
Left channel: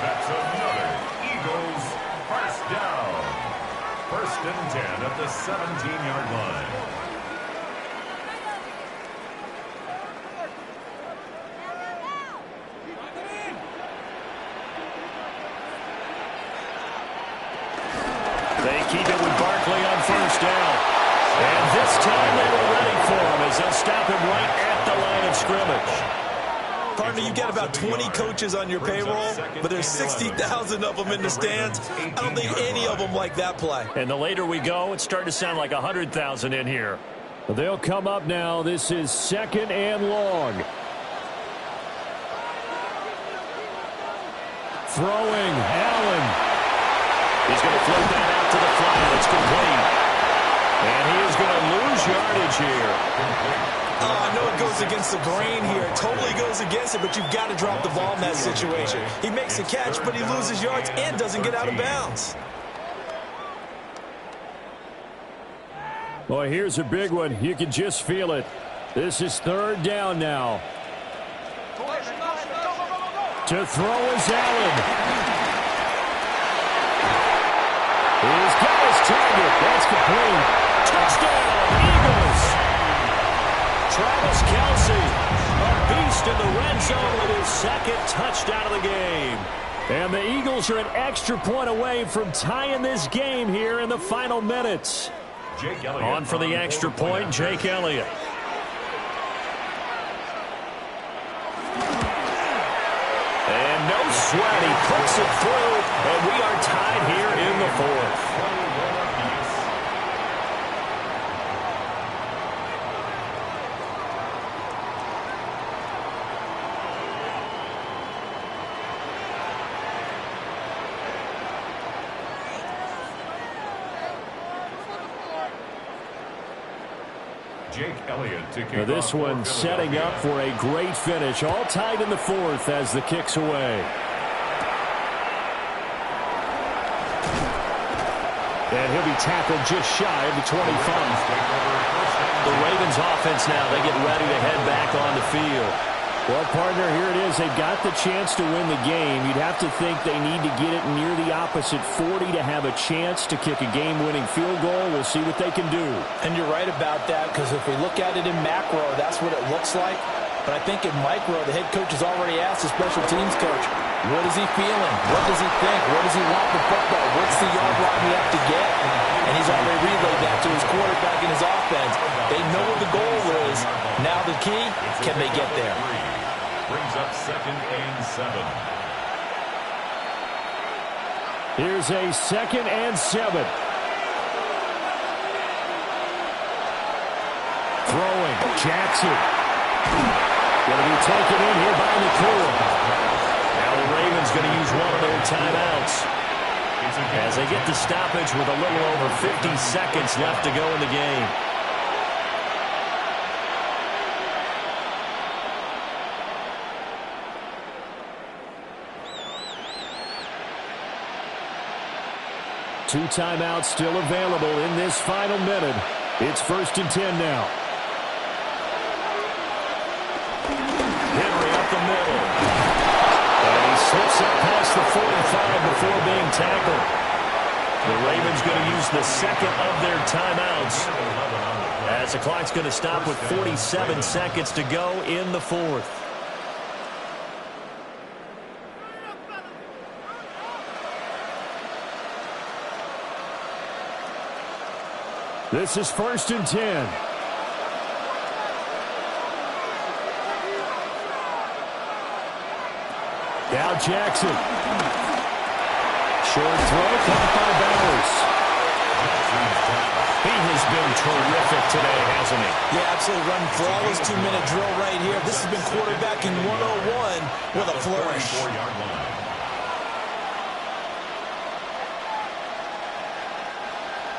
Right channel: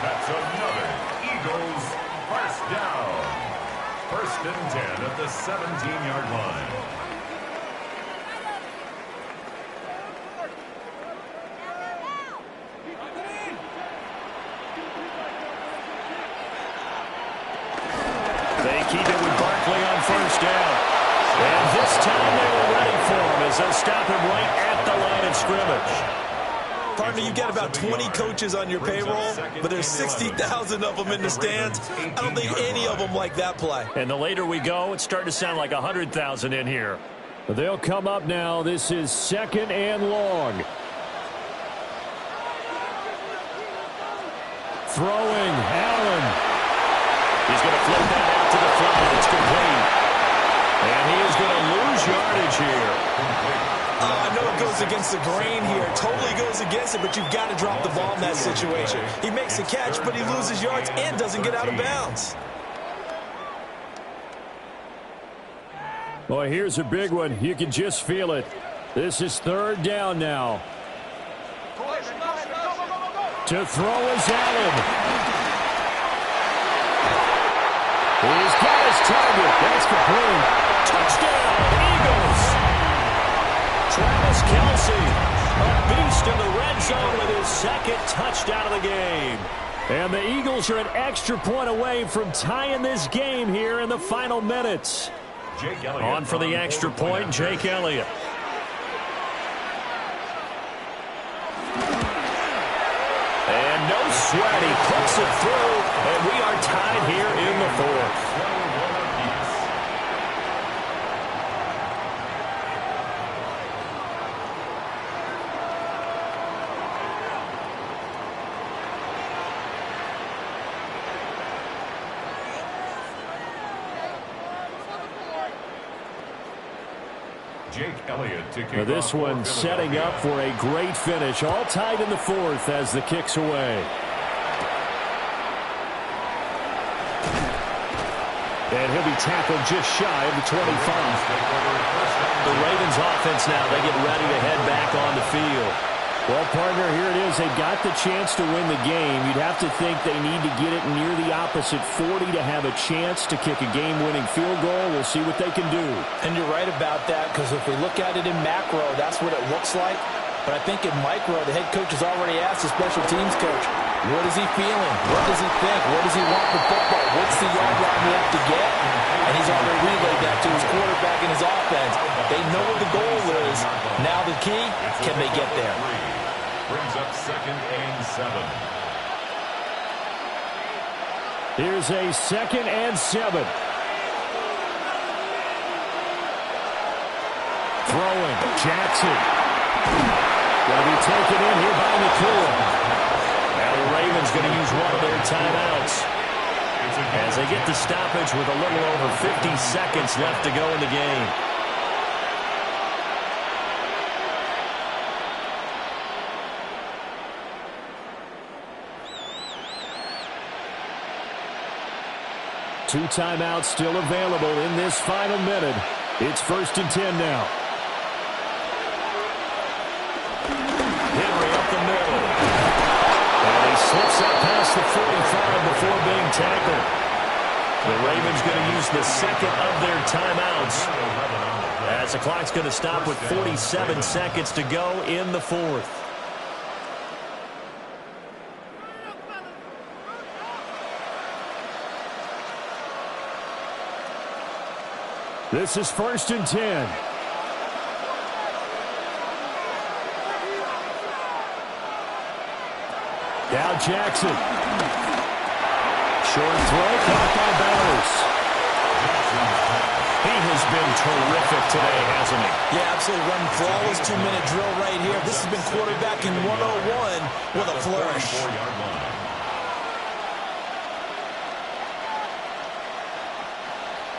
That's another Eagles first down. First and 10 at the 17-yard line. They keep it with Barkley on first down. And this time they were ready for him as they'll stop him right at the line of scrimmage. Partner, you've got about 20 coaches on your payroll, but there's 60,000 of them in the stands. I don't think any of them like that play. And the later we go, it's starting to sound like 100,000 in here. They'll come up now. This is 2nd and long. Throwing, Allen. He's going to flip that out to the flat. It's complete. And he is going to lose yardage here. I know it goes against the grain here. It totally goes against it, but you've got to drop the ball in that situation. He makes the catch, but he loses yards and doesn't get out of bounds. Boy, here's a big one. You can just feel it. This is 3rd down now. To throw is Allen. He's got his target. That's complete. Touchdown, Eagles. Travis Kelce, a beast in the red zone with his 2nd touchdown of the game. And the Eagles are an extra point away from tying this game here in the final minutes. On for the extra point, Jake Elliott. And no sweat, he puts it through, and we are tied here in the 4th. Jake Elliott to kick Now this off one setting up for a great finish. All tied in the 4th as the kick's away. And he'll be tackled just shy of the 25. The Ravens offense now, they get ready to head back on the field. Well, partner, here it is. They've got the chance to win the game. You'd have to think they need to get it near the opposite 40 to have a chance to kick a game-winning field goal. We'll see what they can do. And you're right about that, because if we look at it in macro, that's what it looks like. But I think in micro, the head coach has already asked the special teams coach, what is he feeling? What does he think? What does he want from football? What's the yard line we have to get? And he's already relayed that to his quarterback and his offense. They know what the goal is. Now the key, can they get there? Brings up 2nd and 7. Here's a 2nd and 7. Throwing, Jackson. Going to be taken in here by McCool. Now the Ravens going to use one of their timeouts as they get the stoppage with a little over 50 seconds left to go in the game. Two timeouts still available in this final minute. It's 1st and 10 now. Henry up the middle. And he slips up past the 45 before being tackled. The Ravens going to use the 2nd of their timeouts as the clock's going to stop with 47 seconds to go in the 4th. This is 1st and 10. Now Jackson. Short throw caught by Bowers. He has been terrific today, hasn't he? Yeah, absolutely. Running flawless 2-minute drill right here. This has been quarterbacking 101 with a flourish. 34-yard line.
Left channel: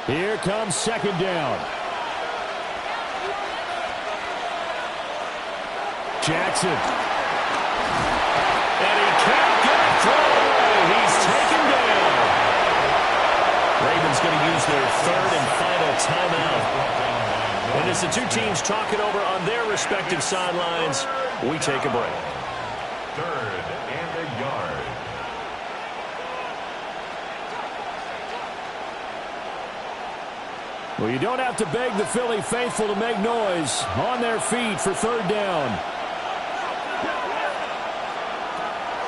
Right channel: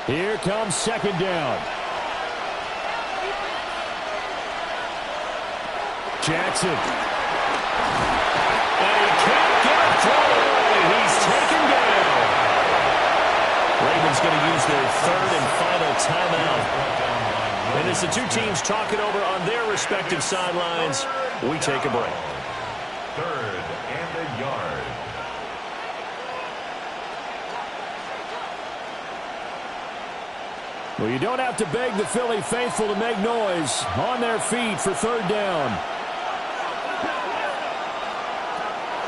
Here comes second down. Jackson. And he can't get a throw away. He's taken down. Ravens going to use their third and final timeout. And as the two teams talk it over on their respective sidelines, we take a break. Third and a yard. Well, you don't have to beg the Philly faithful to make noise. On their feet for third down.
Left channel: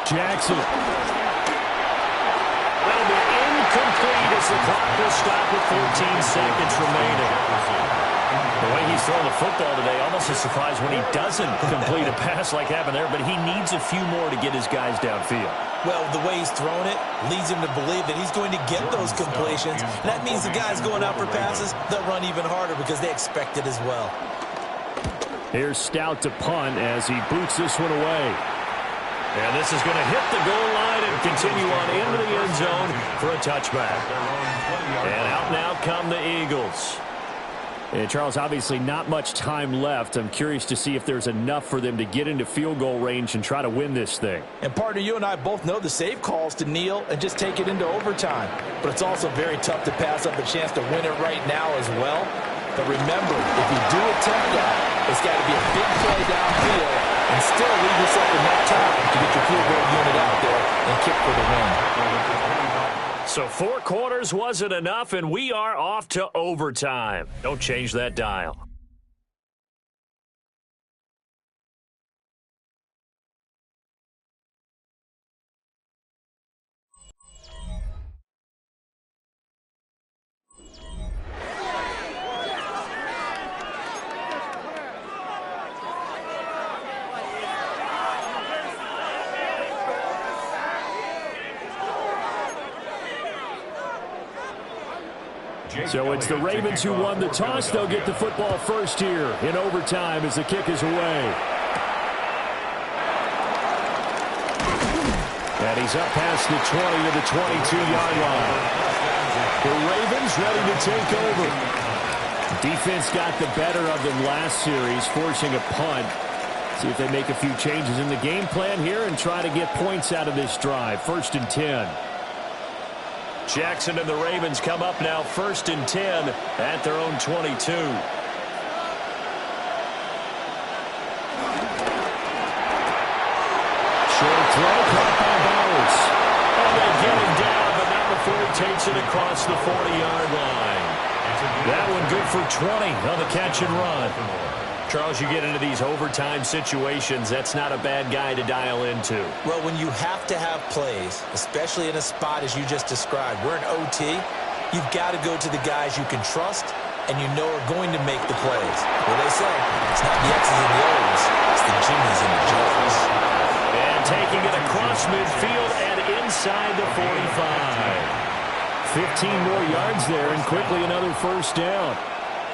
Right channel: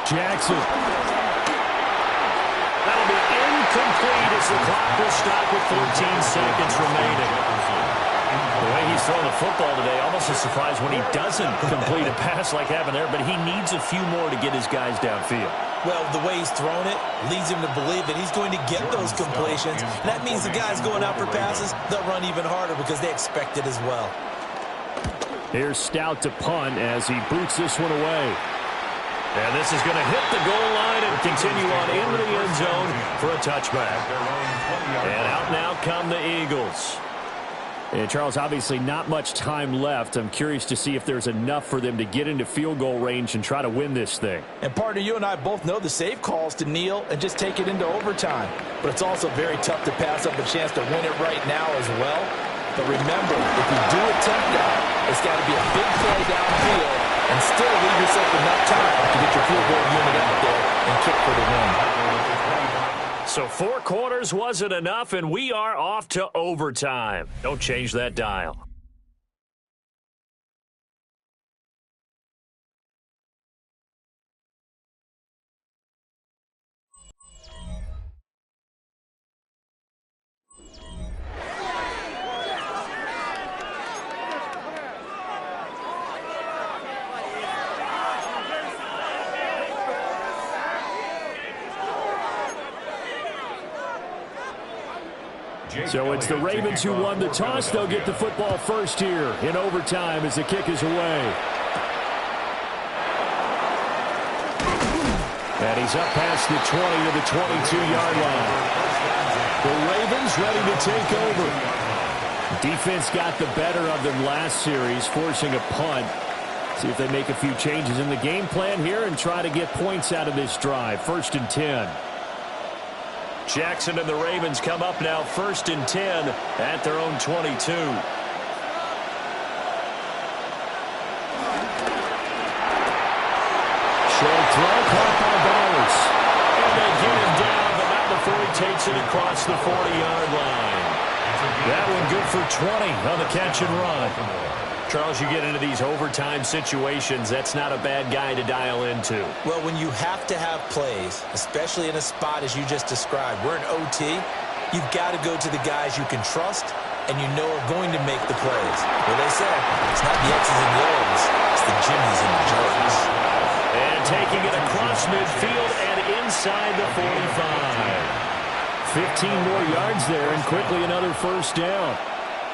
Jackson. That'll be incomplete as the clock will stop with 14 seconds remaining. The way he's throwing the football today, almost a surprise when he doesn't complete a pass like happened there, but he needs a few more to get his guys downfield. Well, the way he's thrown it leads him to believe that he's going to get those completions. And that means the guys going out for passes, they'll run even harder because they expect it as well. Here's Stout to punt as he boots this one away. And this is going to hit the goal line and continue on into the end zone for a touchback. And out now come the Eagles. And Charles, obviously not much time left. I'm curious to see if there's enough for them to get into field goal range and try to win this thing. And partner, you and I both know the safe calls to kneel and just take it into overtime. But it's also very tough to pass up a chance to win it right now as well. But remember, if you do attempt that, it's got to be a big play downfield and still leave yourself enough time to get your field goal unit out there and kick for the win. So 4 quarters wasn't enough, and we are off to overtime. Don't change that dial. So it's the Ravens who won the toss. They'll get the football first here in overtime as the kick is away. And he's up past the 20 to the 22-yard line. The Ravens ready to take over. Defense got the better of them last series, forcing a punt. See if they make a few changes in the game plan here and try to get points out of this drive. 1st and 10. Jackson and the Ravens come up now 1st and 10 at their own 22. Short throw caught by Bowers. And they get him down, but not before he takes it across the 40-yard line. That one good for 20 on the catch and run. Charles, you get into these overtime situations, that's not a bad guy to dial into. Well, when you have to have plays, especially in a spot as you just described, we're in OT, you've got to go to the guys you can trust and you know are going to make the plays. Well, they say, it's not the X's and the O's, it's the Jimmies and the Joes. And taking it across midfield and inside the 45. 15 more yards there and quickly another first down.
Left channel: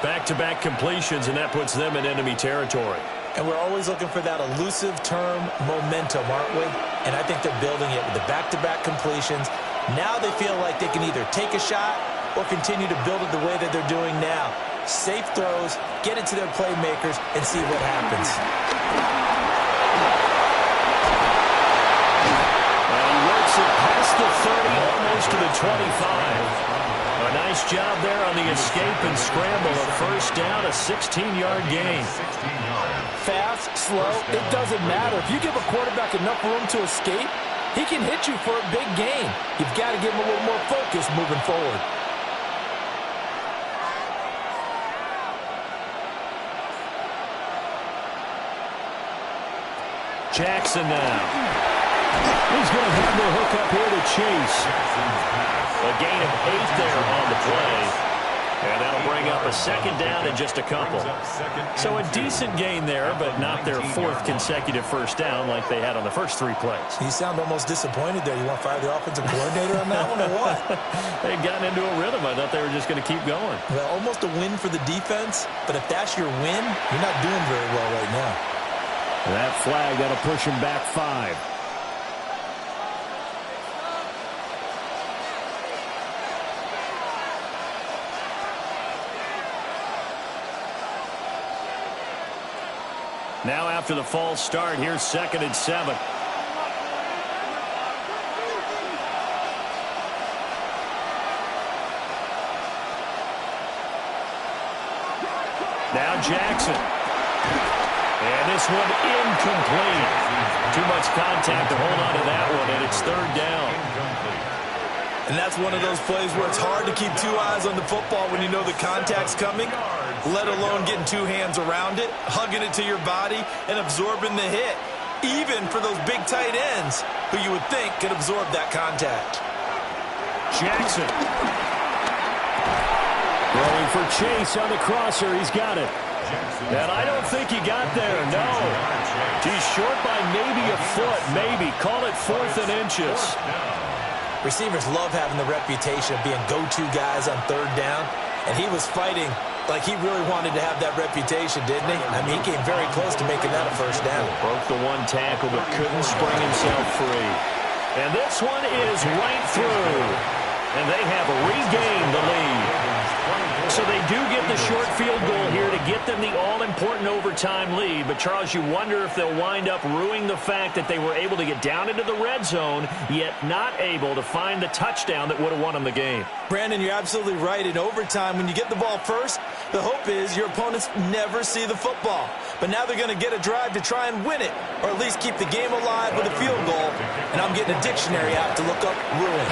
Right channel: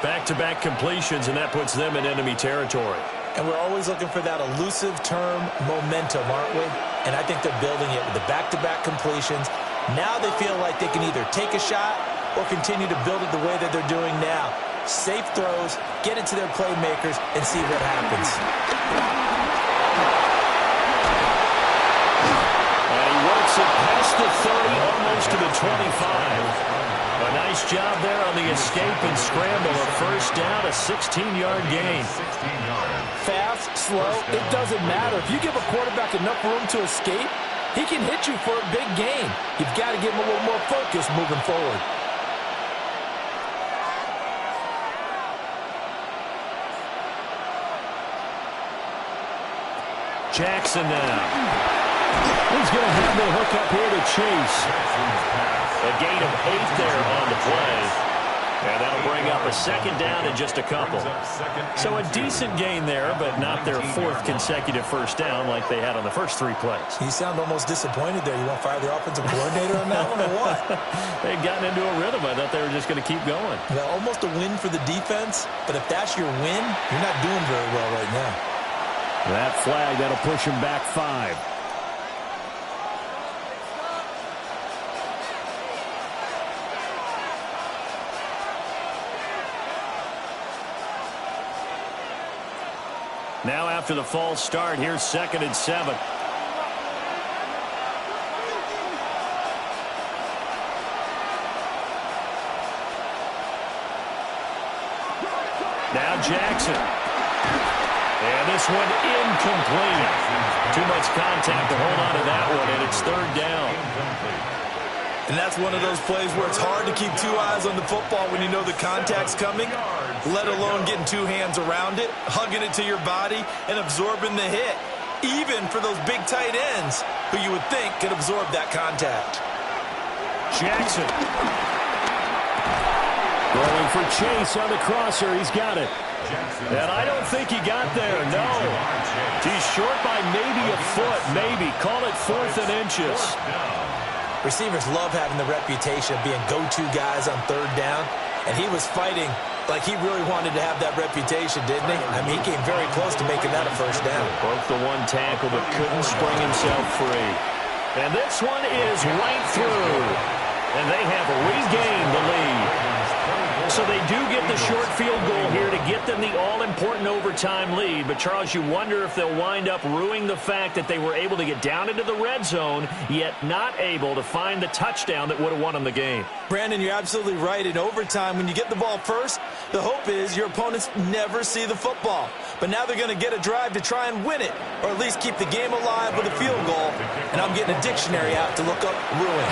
Back-to-back completions, and that puts them in enemy territory. And we're always looking for that elusive term, momentum, aren't we? And I think they're building it with the back-to-back completions. Now they feel like they can either take a shot or continue to build it the way that they're doing now. Safe throws, get it to their playmakers, and see what happens. And he works it past the 30, almost to the 25. A nice job there on the escape and scramble. A first down, a 16-yard gain. Fast, slow, it doesn't matter. If you give a quarterback enough room to escape, he can hit you for a big gain. You've got to give him a little more focus moving forward. Jackson now. He's going to have the hook up here to Chase. A gain of 8 there on the play. And that'll bring up a second down in just a couple. So a decent gain there, but not their fourth consecutive first down like they had on the first 3 plays. You sound almost disappointed there. You want to fire the offensive coordinator on that one or what? They'd gotten into a rhythm. I thought they were just going to keep going. Well, almost a win for the defense, but if that's your win, you're not doing very well right now. That flag, that'll push him back 5. Now after the false start, here's 2nd and 7. Now Jackson. And this one incomplete. Too much contact to hold on to that one, and it's 3rd down. And that's one of those plays where it's hard to keep 2 eyes on the football when you know the contact's coming, let alone getting 2 hands around it, hugging it to your body, and absorbing the hit, even for those big tight ends who you would think could absorb that contact. Jackson. Throwing for Chase on the crosser. He's got it. And I don't think he got there, no. He's short by maybe a foot, maybe. Call it 4th and inches. Receivers love having the reputation of being go-to guys on 3rd down, and he was fighting like he really wanted to have that reputation, didn't he? I mean, he came very close to making that a first down. Broke the 1 tackle, but couldn't spring himself free. And this one is right through. And they have regained the lead. So they do get the short field goal here to get them the all-important overtime lead. But, Charles, you wonder if they'll wind up ruining the fact that they were able to get down into the red zone, yet not able to find the touchdown that would have won them the game. Brandon, you're absolutely right. In overtime, when you get the ball first, the hope is your opponents never see the football. But now they're going to get a drive to try and win it, or at least keep the game alive with a field goal. And I'm getting a dictionary out to look up ruin.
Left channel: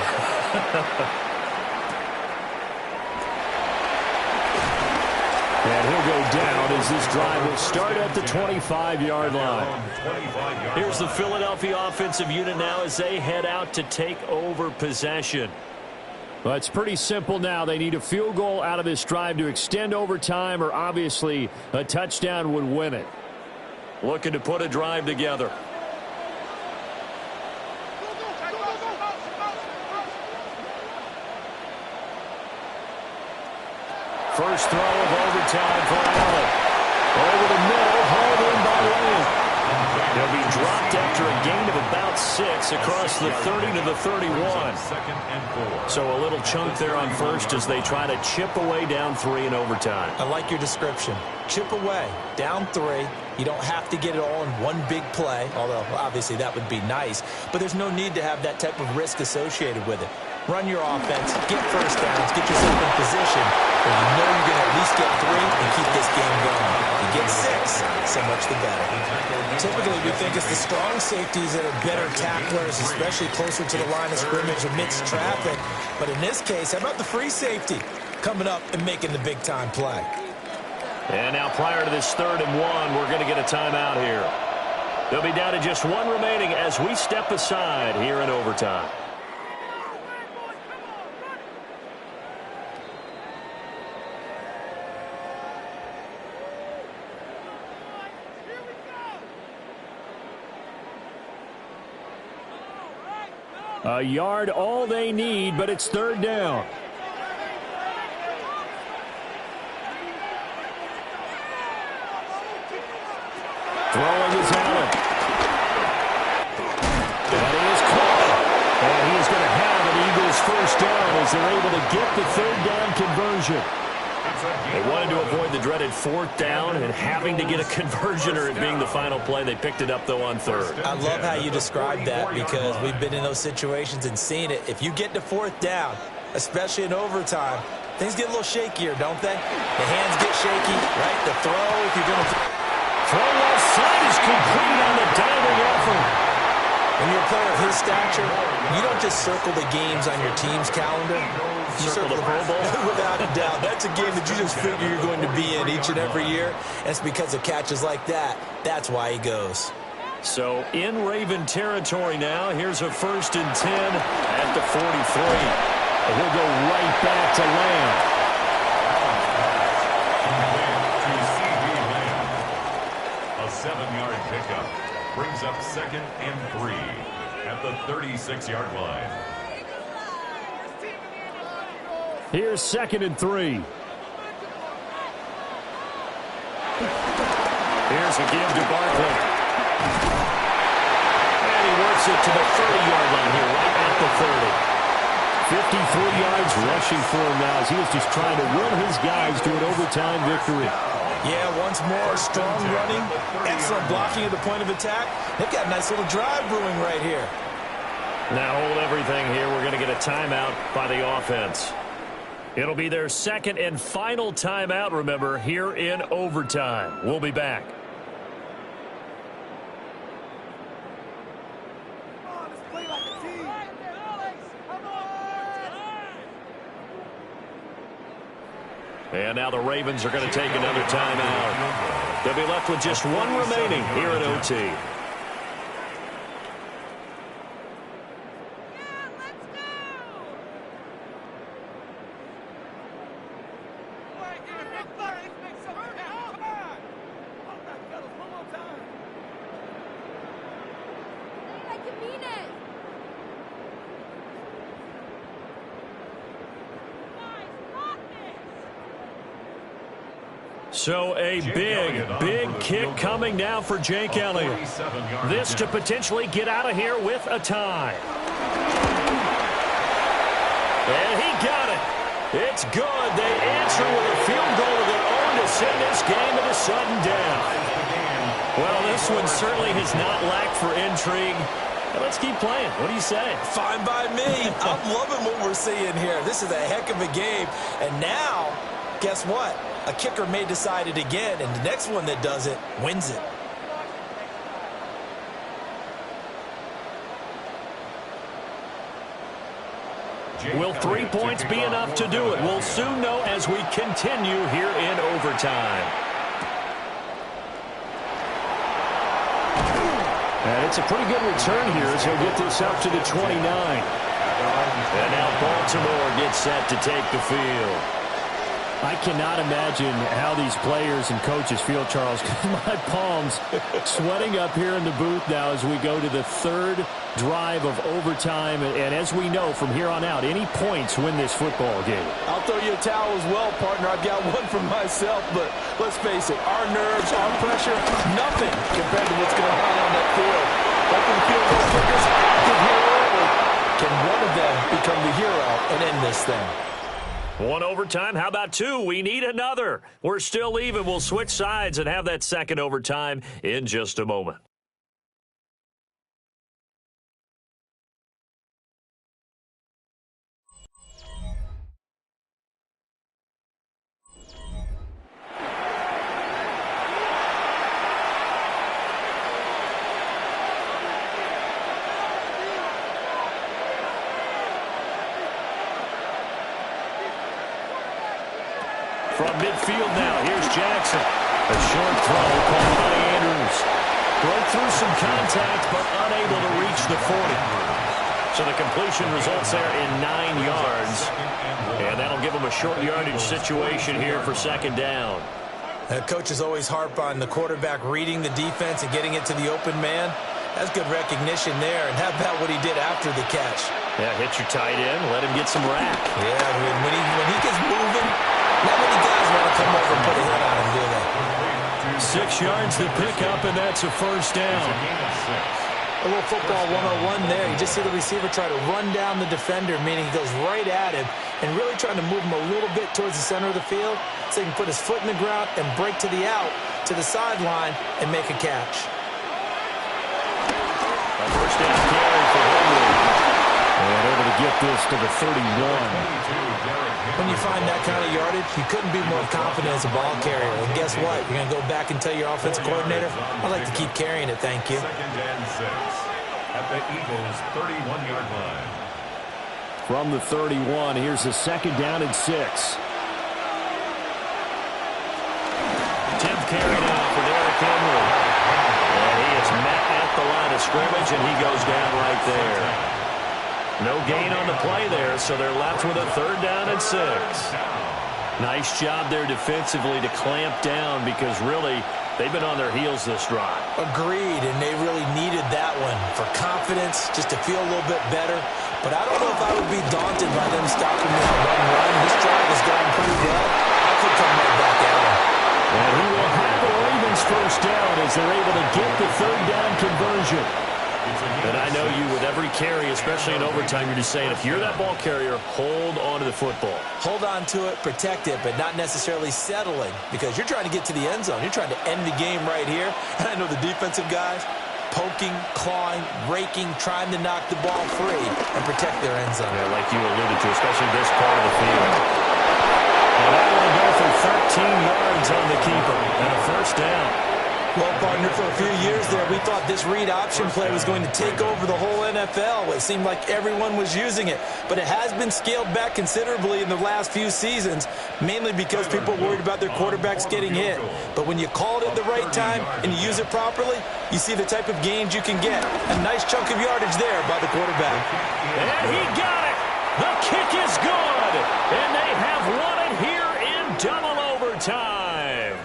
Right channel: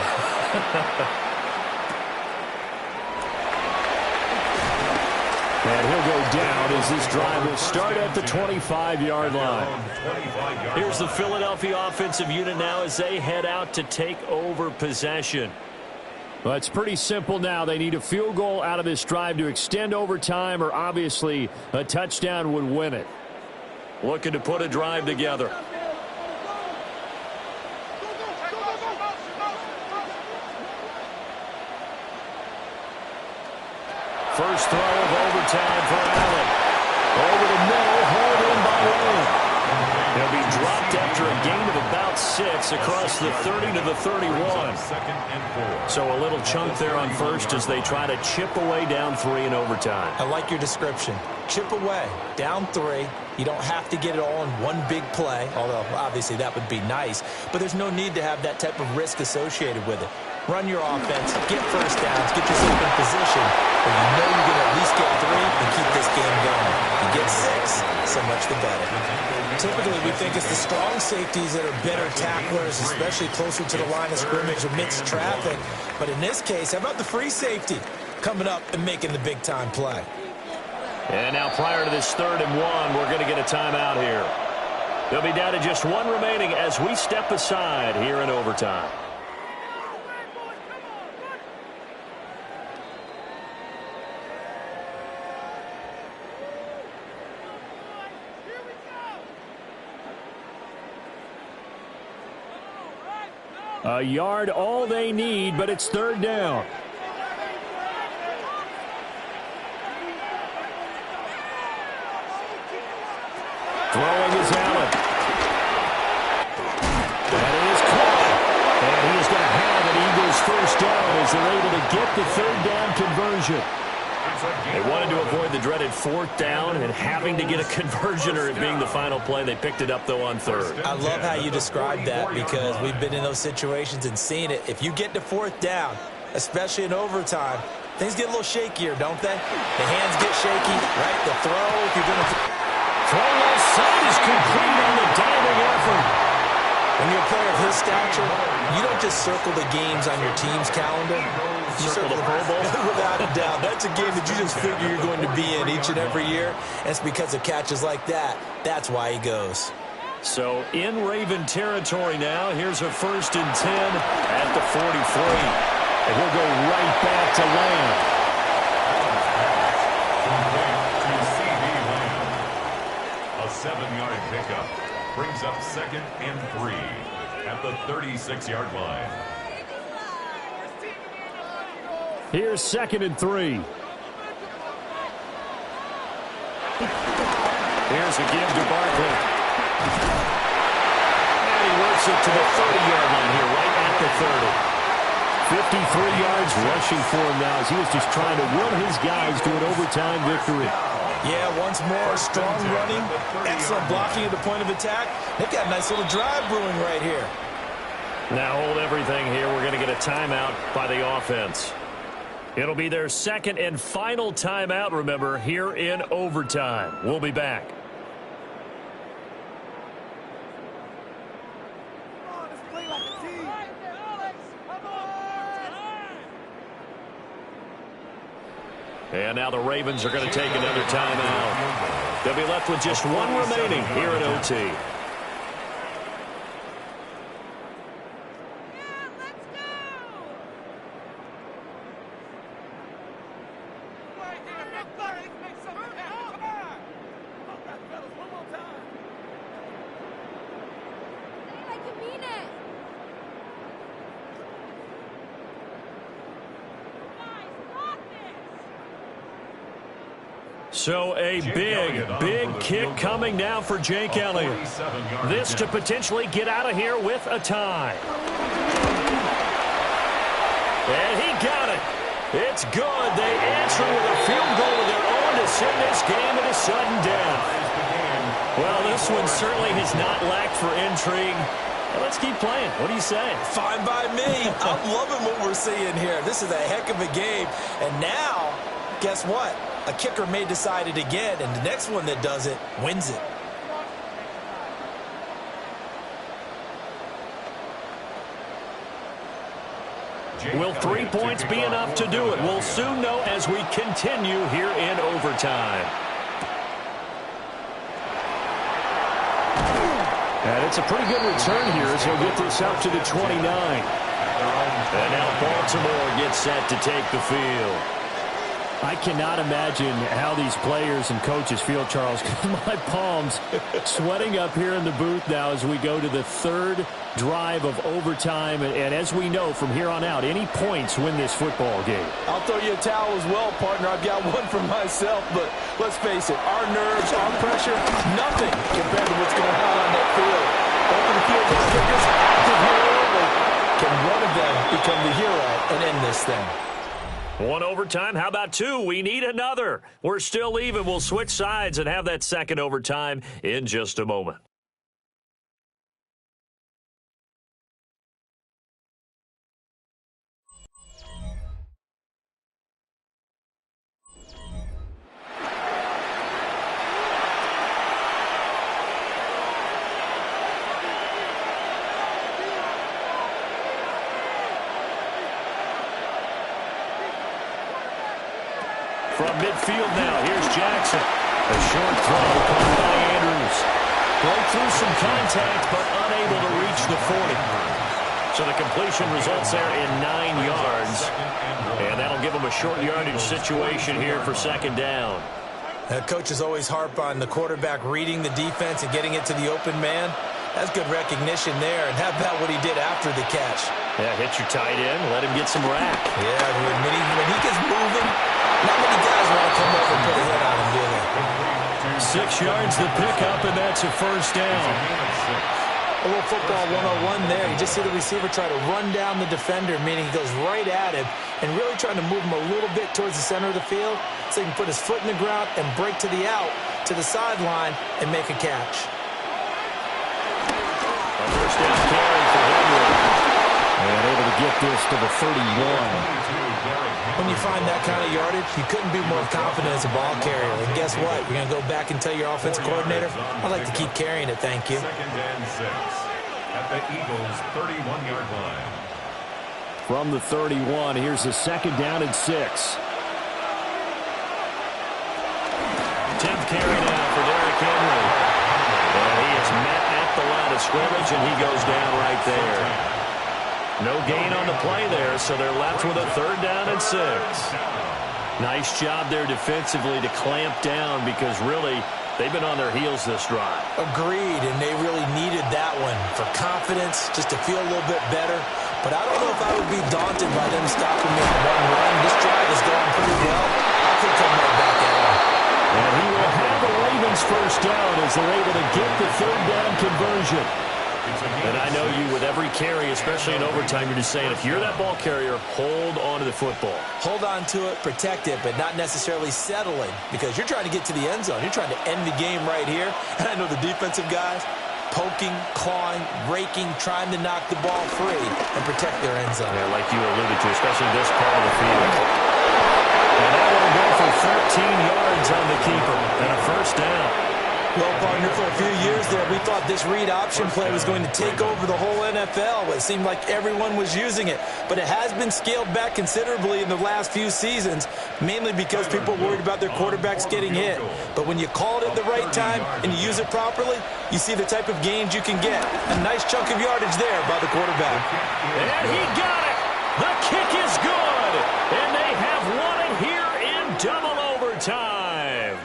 And he'll go down as this drive will start at the 25-yard line. Here's the Philadelphia offensive unit now as they head out to take over possession. Well, it's pretty simple now. They need a field goal out of this drive to extend overtime, or obviously a touchdown would win it. Looking to put a drive together. First throw of overtime for Allen. Over the middle, hauled in by Lamb. He'll be dropped after a gain of about 6 across the 30 to the 31. So a little chunk there on first as they try to chip away down 3 in overtime. I like your description. Chip away, down 3. You don't have to get it all in one big play, although obviously that would be nice. But there's no need to have that type of risk associated with it. Run your offense, get first downs, get yourself in position where you know you're going to at least get 3 and keep this game going. You get 6, so much the better. Typically, we think it's the strong safeties that are better tacklers, especially closer to the line of scrimmage amidst traffic. But in this case, how about the free safety coming up and making the big-time play? And now prior to this 3rd and 1, we're going to get a timeout here. They'll be down to just 1 remaining as we step aside here in overtime. A yard all they need, but it's 3rd down. Throwing is Allen. That is caught. And he is going to have an Eagles first down as they're able to get the 3rd down conversion. They wanted to avoid the dreaded 4th down and having to get a conversion or it being the final play. They picked it up, though, on 3rd. I love how you described that because we've been in those situations and seen it. If you get to 4th down, especially in overtime, things get a little shakier, don't they? The hands get shaky, right? The throw, if you're going to... Throw left side is complete on the diving effort. When you're a player of his stature, you don't just circle the games on your team's calendar. You circle the Pro Bowl? Without a doubt. That's a game that you just figure you're going to be in each and every year. And it's because of catches like that. That's why he goes. So in Raven territory now. Here's a 1st and 10 at the 43. And he'll go right back to Lamb. 7-yard pickup. Brings up 2nd and 3 at the 36-yard line. Here's 2nd and 3. Here's a give to Barkley. And he works it to the 30-yard line here, right at the 30. 53 yards rushing for him now as he is just trying to will his guys to an overtime victory. Yeah, once more, strong running, excellent blocking at the point of attack. They've got a nice little drive brewing right here. Now hold everything here. We're going to get a timeout by the offense. It'll be their 2nd and final timeout, remember, here in overtime. We'll be back. And now the Ravens are going to take another timeout. They'll be left with just one remaining here at OT. So a big kick coming now for Jake Elliott. This to potentially get out of here with a tie. And he got it. It's good. They answer with a field goal of their own to send this game at a sudden death. Well, this one certainly has not lacked for intrigue. Let's keep playing. What do you say? Fine by me. I'm loving what we're seeing here. This is a heck of a game. And now, guess what? A kicker may decide it again, and the next one that does it wins it. Will 3 points be enough to do it? We'll soon know as we continue here in overtime. And it's a pretty good return here as he'll get this up to the 29. And now Baltimore gets set to take the field. I cannot imagine how these players and coaches feel, Charles, because my palms sweating up here in the booth now as we go to the 3rd drive of overtime. And as we know from here on out, any points win this football game. I'll throw you a towel as well, partner. I've got one for myself, but let's face it, our nerves, our pressure, nothing compared to what's going on that field. Open field goal kickers, active here early. Can one of them become the hero and end this thing? One overtime. How about 2? We need another. We're still even. We'll switch sides and have that 2nd overtime in just a moment. From midfield now, here's Jackson. A short throw caught by Andrews. Broke through some contact, but unable to reach the 40. So the completion results there in 9 yards. And that'll give them a short yardage situation here for 2nd down. Coaches always harp on the quarterback reading the defense and getting it to the open man. That's good recognition there. And how about what he did after the catch? Yeah, hit your tight end, let him get some rack. Yeah, when he gets moving, not many guys want to come over and put a hit on him, do they? 6 yards to pick up, and that's a 1st down. A little football 101 there. You just see the receiver try to run down the defender, meaning he goes right at him and really trying to move him a little bit towards the center of the field so he can put his foot in the ground and break to the out, to the sideline, and make a catch. A 1st down carry for Henry. And able to get this to the 31. When you find that kind of yardage, you couldn't be more confident as a ball carrier. And guess what? You're going to go back and tell your offensive coordinator, I'd like to keep carrying it, thank you. 2nd and 6 at the Eagles' 31-yard line. From the 31, here's a 2nd down and 6. 10th carry now for Derrick Henry. And he is met at the line of scrimmage, and he goes down right there. No gain on the play there, so they're left with a 3rd down and 6. Nice job there defensively to clamp down because really They've been on their heels this drive. Agreed, and they really needed that one for confidence, just to feel a little bit better. But I don't know if I would be daunted by them stopping me on one run. This drive has gone pretty well. I could come right back at them. And he will have the Ravens first down as they're able to get the third down conversion. And I know you, with every carry, especially in overtime, you're just saying, if you're that ball carrier, hold on to the football. Hold on to it, protect it, but not necessarily settling, because you're trying to get to the end zone. You're trying to end the game right here. And I know the defensive guys, poking, clawing, raking, trying to knock the ball free and protect their end zone. Yeah, like you alluded to, especially this part of the field. And that one will go for 13 yards on the keeper and a first down. Well, partner, for a few years there, we thought this read option play was going to take over the whole NFL. It seemed like everyone was using it. But it has been scaled back considerably in the last few seasons, mainly because people are worried about their quarterbacks getting hit. But when you call it at the right time and you use it properly, you see the type of gains you can get. A nice chunk of yardage there by the quarterback. And he got it. The kick is good. And they have won it here in double overtime.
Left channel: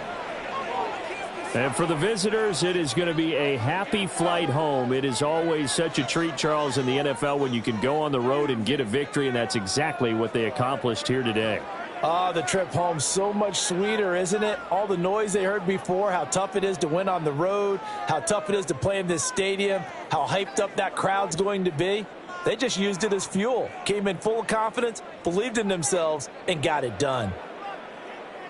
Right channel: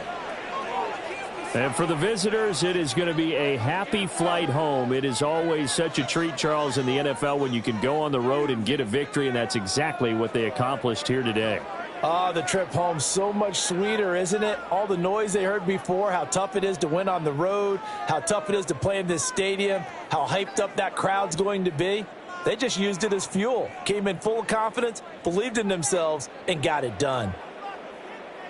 And for the visitors, it is going to be a happy flight home. It is always such a treat, Charles, in the NFL when you can go on the road and get a victory, and that's exactly what they accomplished here today. The trip home, so much sweeter, isn't it? All the noise they heard before, how tough it is to win on the road, how tough it is to play in this stadium, how hyped up that crowd's going to be. They just used it as fuel, came in full of confidence, believed in themselves, and got it done.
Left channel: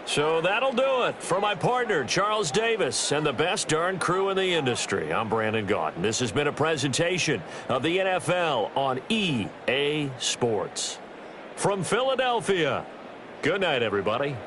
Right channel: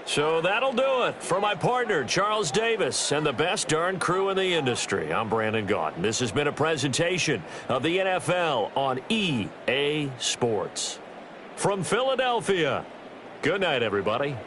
So that'll do it for my partner, Charles Davis, and the best darn crew in the industry. I'm Brandon Gaudin. This has been a presentation of the NFL on EA Sports. From Philadelphia, good night, everybody.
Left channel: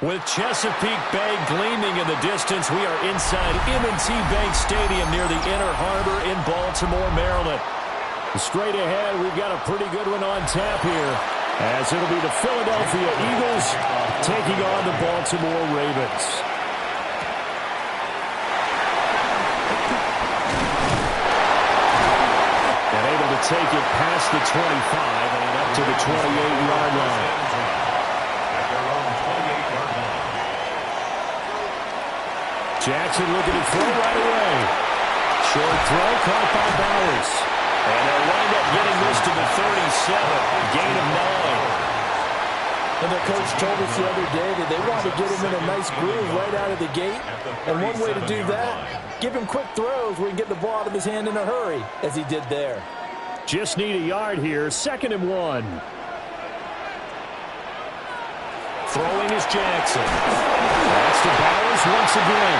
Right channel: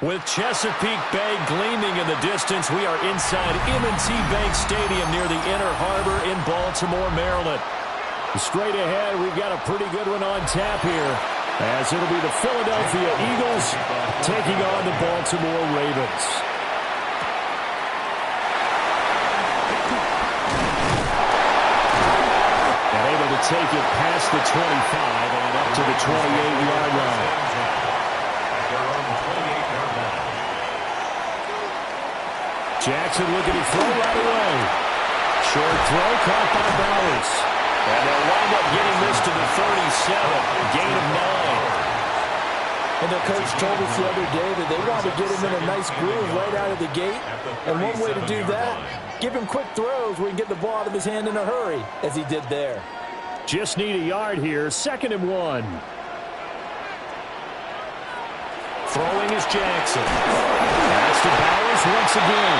With Chesapeake Bay gleaming in the distance, we are inside M&T Bank Stadium near the Inner Harbor in Baltimore, Maryland. Straight ahead, we've got a pretty good one on tap here, as it'll be the Philadelphia Eagles taking on the Baltimore Ravens. And able to take it past the 25 and up to the 28-yard line. Jackson looking to throw right away. Short throw caught by Bowers. And they'll wind up getting this to the 37. Gain of 9. And their coach told us the other day that they wanted to get him in a nice groove right out of the gate. And one way to do that, give him quick throws where he can get the ball out of his hand in a hurry, as he did there. Just need a yard here. 2nd and 1. Throwing is Jackson. That's to Bowers once again.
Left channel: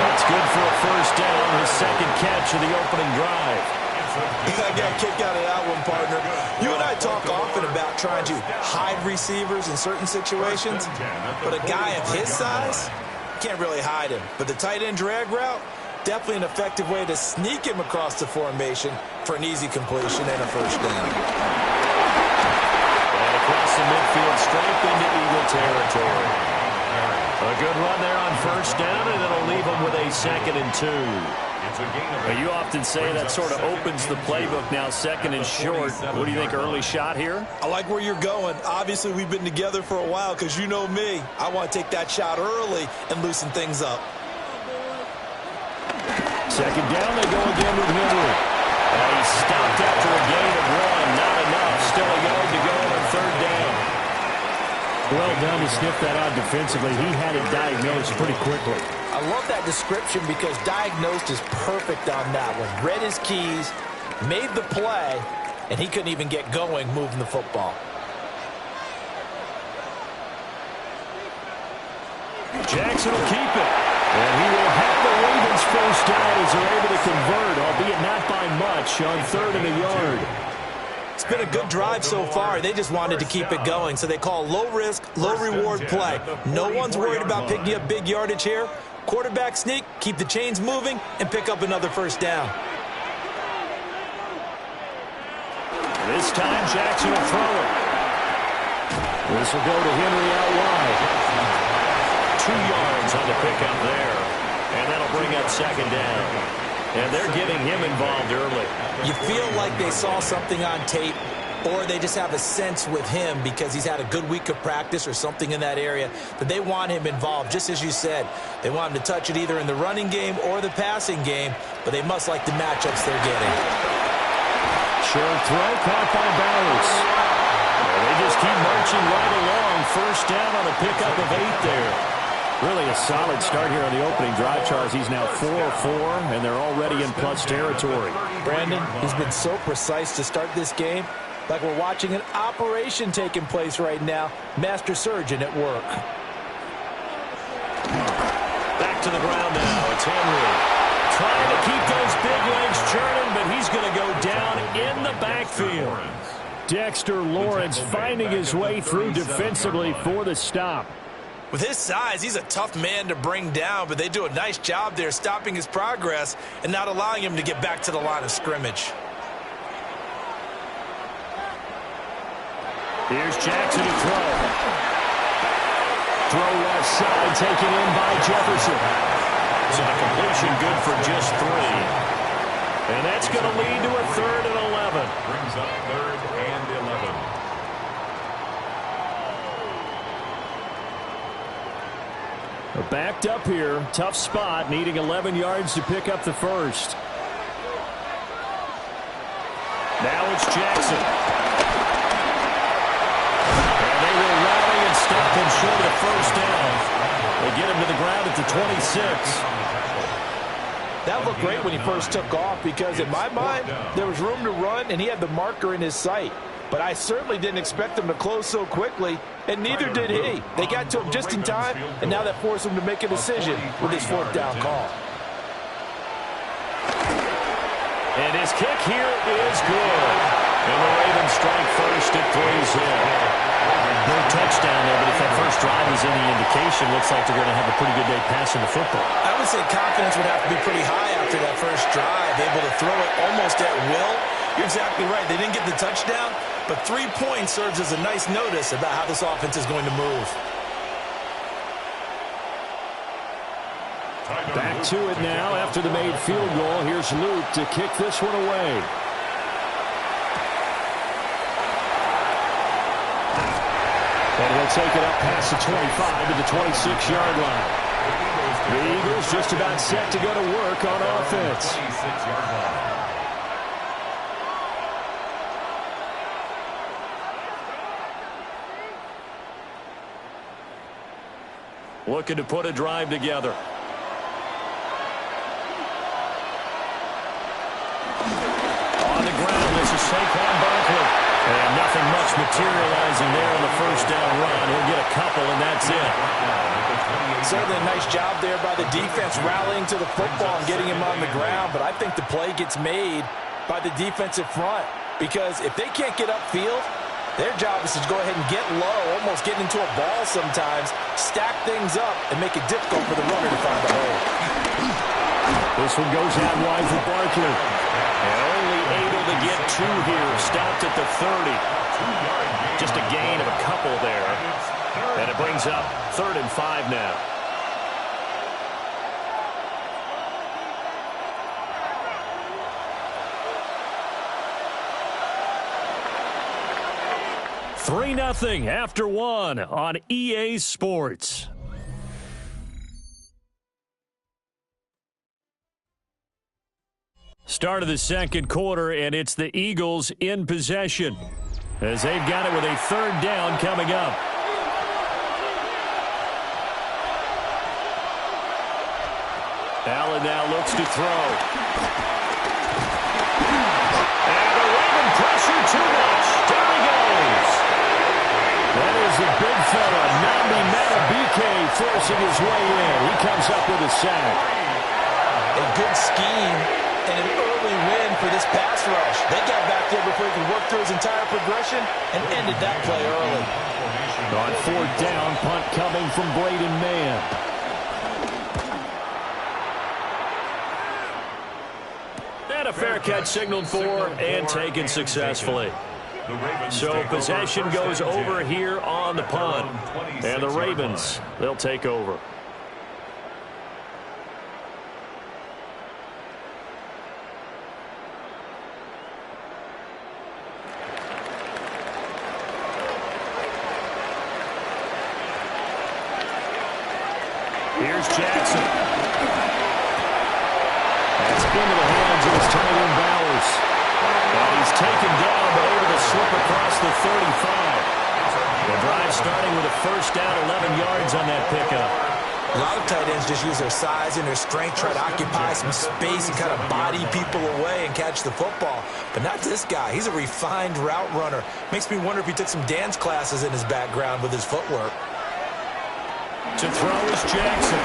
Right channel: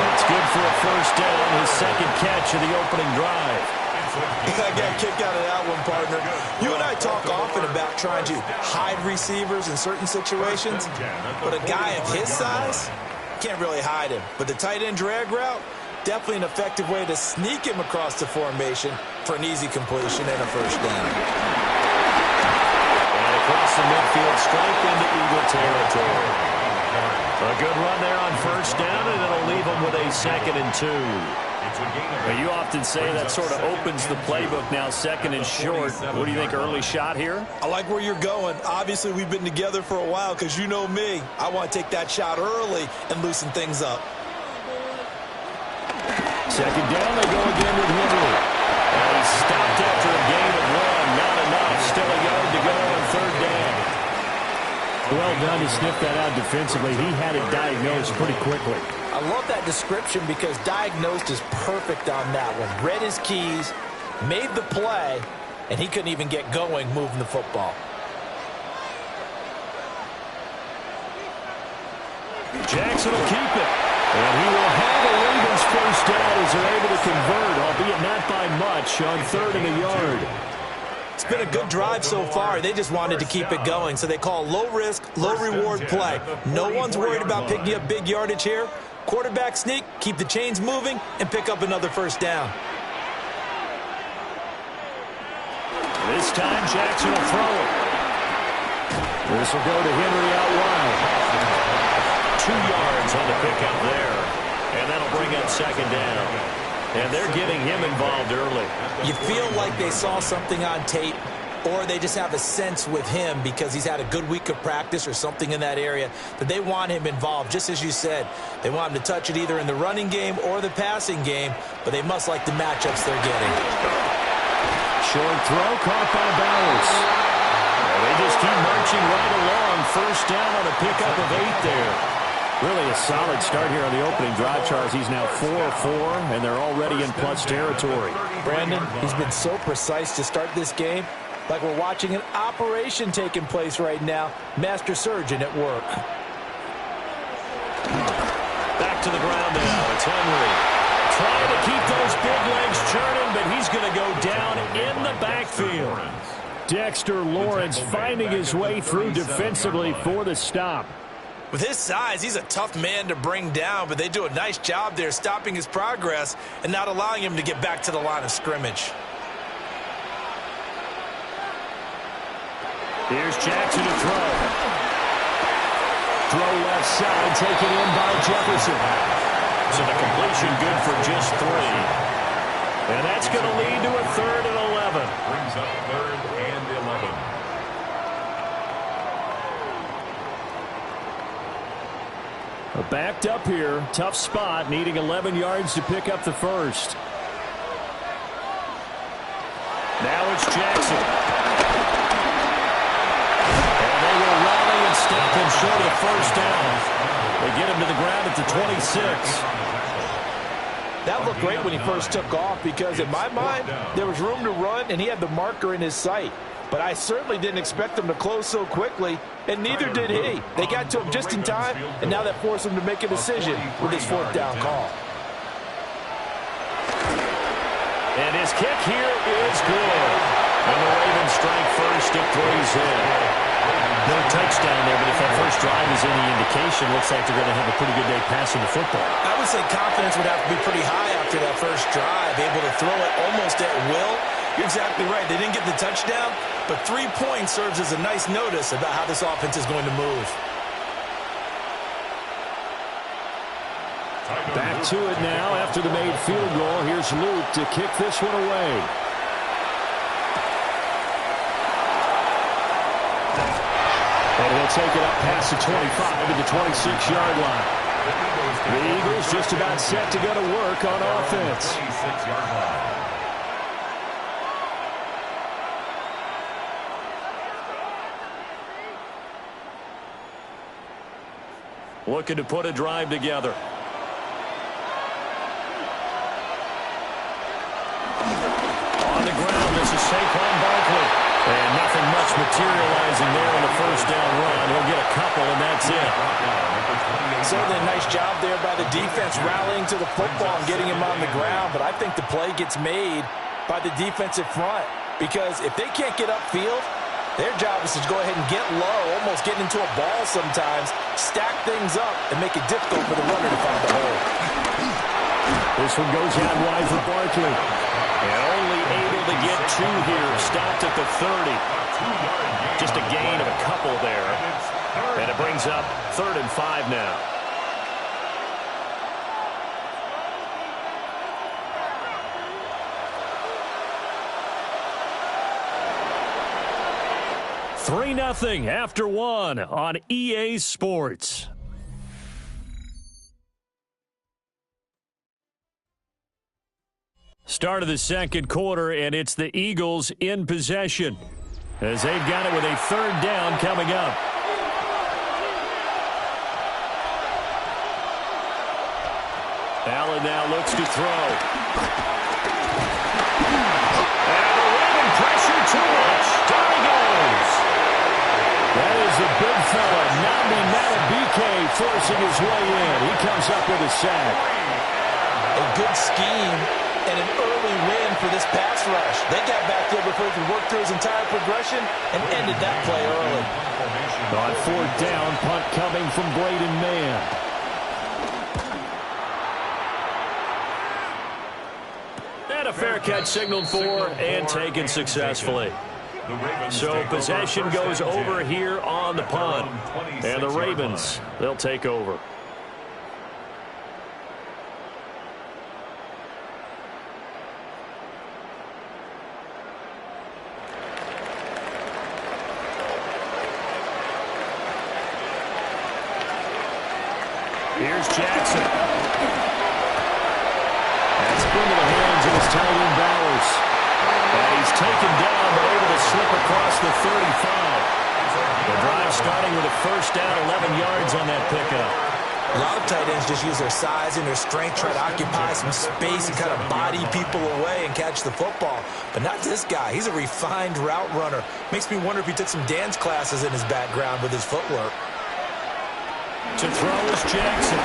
That's good for a first down, his second catch of the opening drive. I got a kick out of that one, partner. You and I talk often about trying to hide receivers in certain situations, but a guy of his size, can't really hide him. But the tight end drag route, definitely an effective way to sneak him across the formation for an easy completion and a first down. And across across the midfield strength into Eagle territory. A good run there on first down, and it'll leave them with a 2nd and 2. Well, you often say that sort of opens the playbook now, 2nd and short. What do you think, early shot here? I like where you're going. Obviously, we've been together for a while because you know me. I want to take that shot early and loosen things up. 2nd down, they go again with Henry. And he stopped after a gain of 1. Not enough. Still a yard to go on 3rd down. Well done to sniff that out defensively. He had it diagnosed pretty quickly. I love that description because diagnosed is perfect on that one. Read his keys, made the play, and he couldn't even get going moving the football. Jackson will keep it. And he will have the Ravens first down as they're able to convert, albeit not by much, on 3rd and a yard. It's been a good drive so far. They just wanted to keep it going, so they call low-risk, low-reward play. No one's worried about picking up big yardage here. Quarterback sneak, keep the chains moving, and pick up another first down. This time, Jackson will throw it. This will go to Henry out wide. 2 yards on the pickup there. And that'll bring up 2nd down. And they're getting him involved early. You feel like they saw something on tape, or they just have a sense with him because he's had a good week of practice or something in that area that they want him involved. Just as you said, they want him to touch it either in the running game or the passing game, but they must like the matchups they're getting. Short throw caught by Bowers. And they just keep marching right along. First down on a pickup of 8 there. Really a solid start here on the opening drive, Charles. He's now 4-4, and they're already in plus territory. Brandon, he's been so precise to start this game, like we're watching an operation taking place right now. Master surgeon at work. Back to the ground now. It's Henry. Trying to keep those big legs churning, but he's going to go down in the backfield. Dexter Lawrence finding his way through defensively for the stop. With his size, he's a tough man to bring down, but they do a nice job there stopping his progress and not allowing him to get back to the line of scrimmage. Here's Jackson to throw. Throw left side, taken in by Jefferson. So the completion good for just 3. And that's going to lead to a 3rd and 11. Brings up 3rd and 11. Backed up here, tough spot, needing 11 yards to pick up the first. Now it's Jackson. And they will rally and stop him short of the first down. They get him to the ground at the 26. That looked great when he first took off because in my mind, there was room to run and he had the marker in his sight. But I certainly didn't expect him to close so quickly, and neither did he. They got to him just in time, and now that forced him to make a decision with his 4th down call. And his kick here is good. And the Ravens strike first at 3's in. No touchdown there, but if that first drive is any indication, looks like they're going to have a pretty good day passing the football. I would say confidence would have to be pretty high after that first drive, able to throw it almost at will. You're exactly right. They didn't get the touchdown, but 3 points serves as a nice notice about how this offense is going to move. Back to it now after the made field goal. Here's Luke to kick this one away. And he'll take it up past the 25 to the 26-yard line. The Eagles just about set to go to work on offense. 26-yard line. Looking to put a drive together. On the ground, this is Saquon Barkley. And nothing much materializing there on the first down run. He'll get a couple, and that's it. Certainly a nice job there by the defense rallying to the football and getting him on the ground. But I think the play gets made by the defensive front. Because if they can't get upfield, their job is to go ahead and get low, almost get into a ball sometimes, stack things up, and make it difficult for the runner to find the hole. This one goes out wide for Barkley. And only able to get 2 here. Stopped at the 30. Just a gain of a couple there. And it brings up 3rd and 5 now. Three 3-0 after 1 on EA Sports. Start of the second quarter, and it's the Eagles in possession as they've got it with a 3rd down coming up. Allen now looks to throw. And the Raven pressure too much. Down he goes. That is the big fella, Nnamdi Madubuike, forcing his way in. He comes up with a sack. A good scheme and an early win for this pass rush. They got back there before he could work through his entire progression and ended that play early. On 4th down, punt coming from Braden Mann. And a fair catch signaled for and taken successfully. So possession goes over here on the punt. And the Ravens, they'll take over. Here's Jackson. That's into the hands of his tight end Bowers. And he's taken down but able to slip across the 35. The drive starting with a 1st down, 11 yards on that pickup. A lot of tight ends just use their size and their strength, try to occupy some space and kind of body people away and catch the football. But not this guy. He's a refined route runner. Makes me wonder if he took some dance classes in his background with his footwork. To throw is Jackson.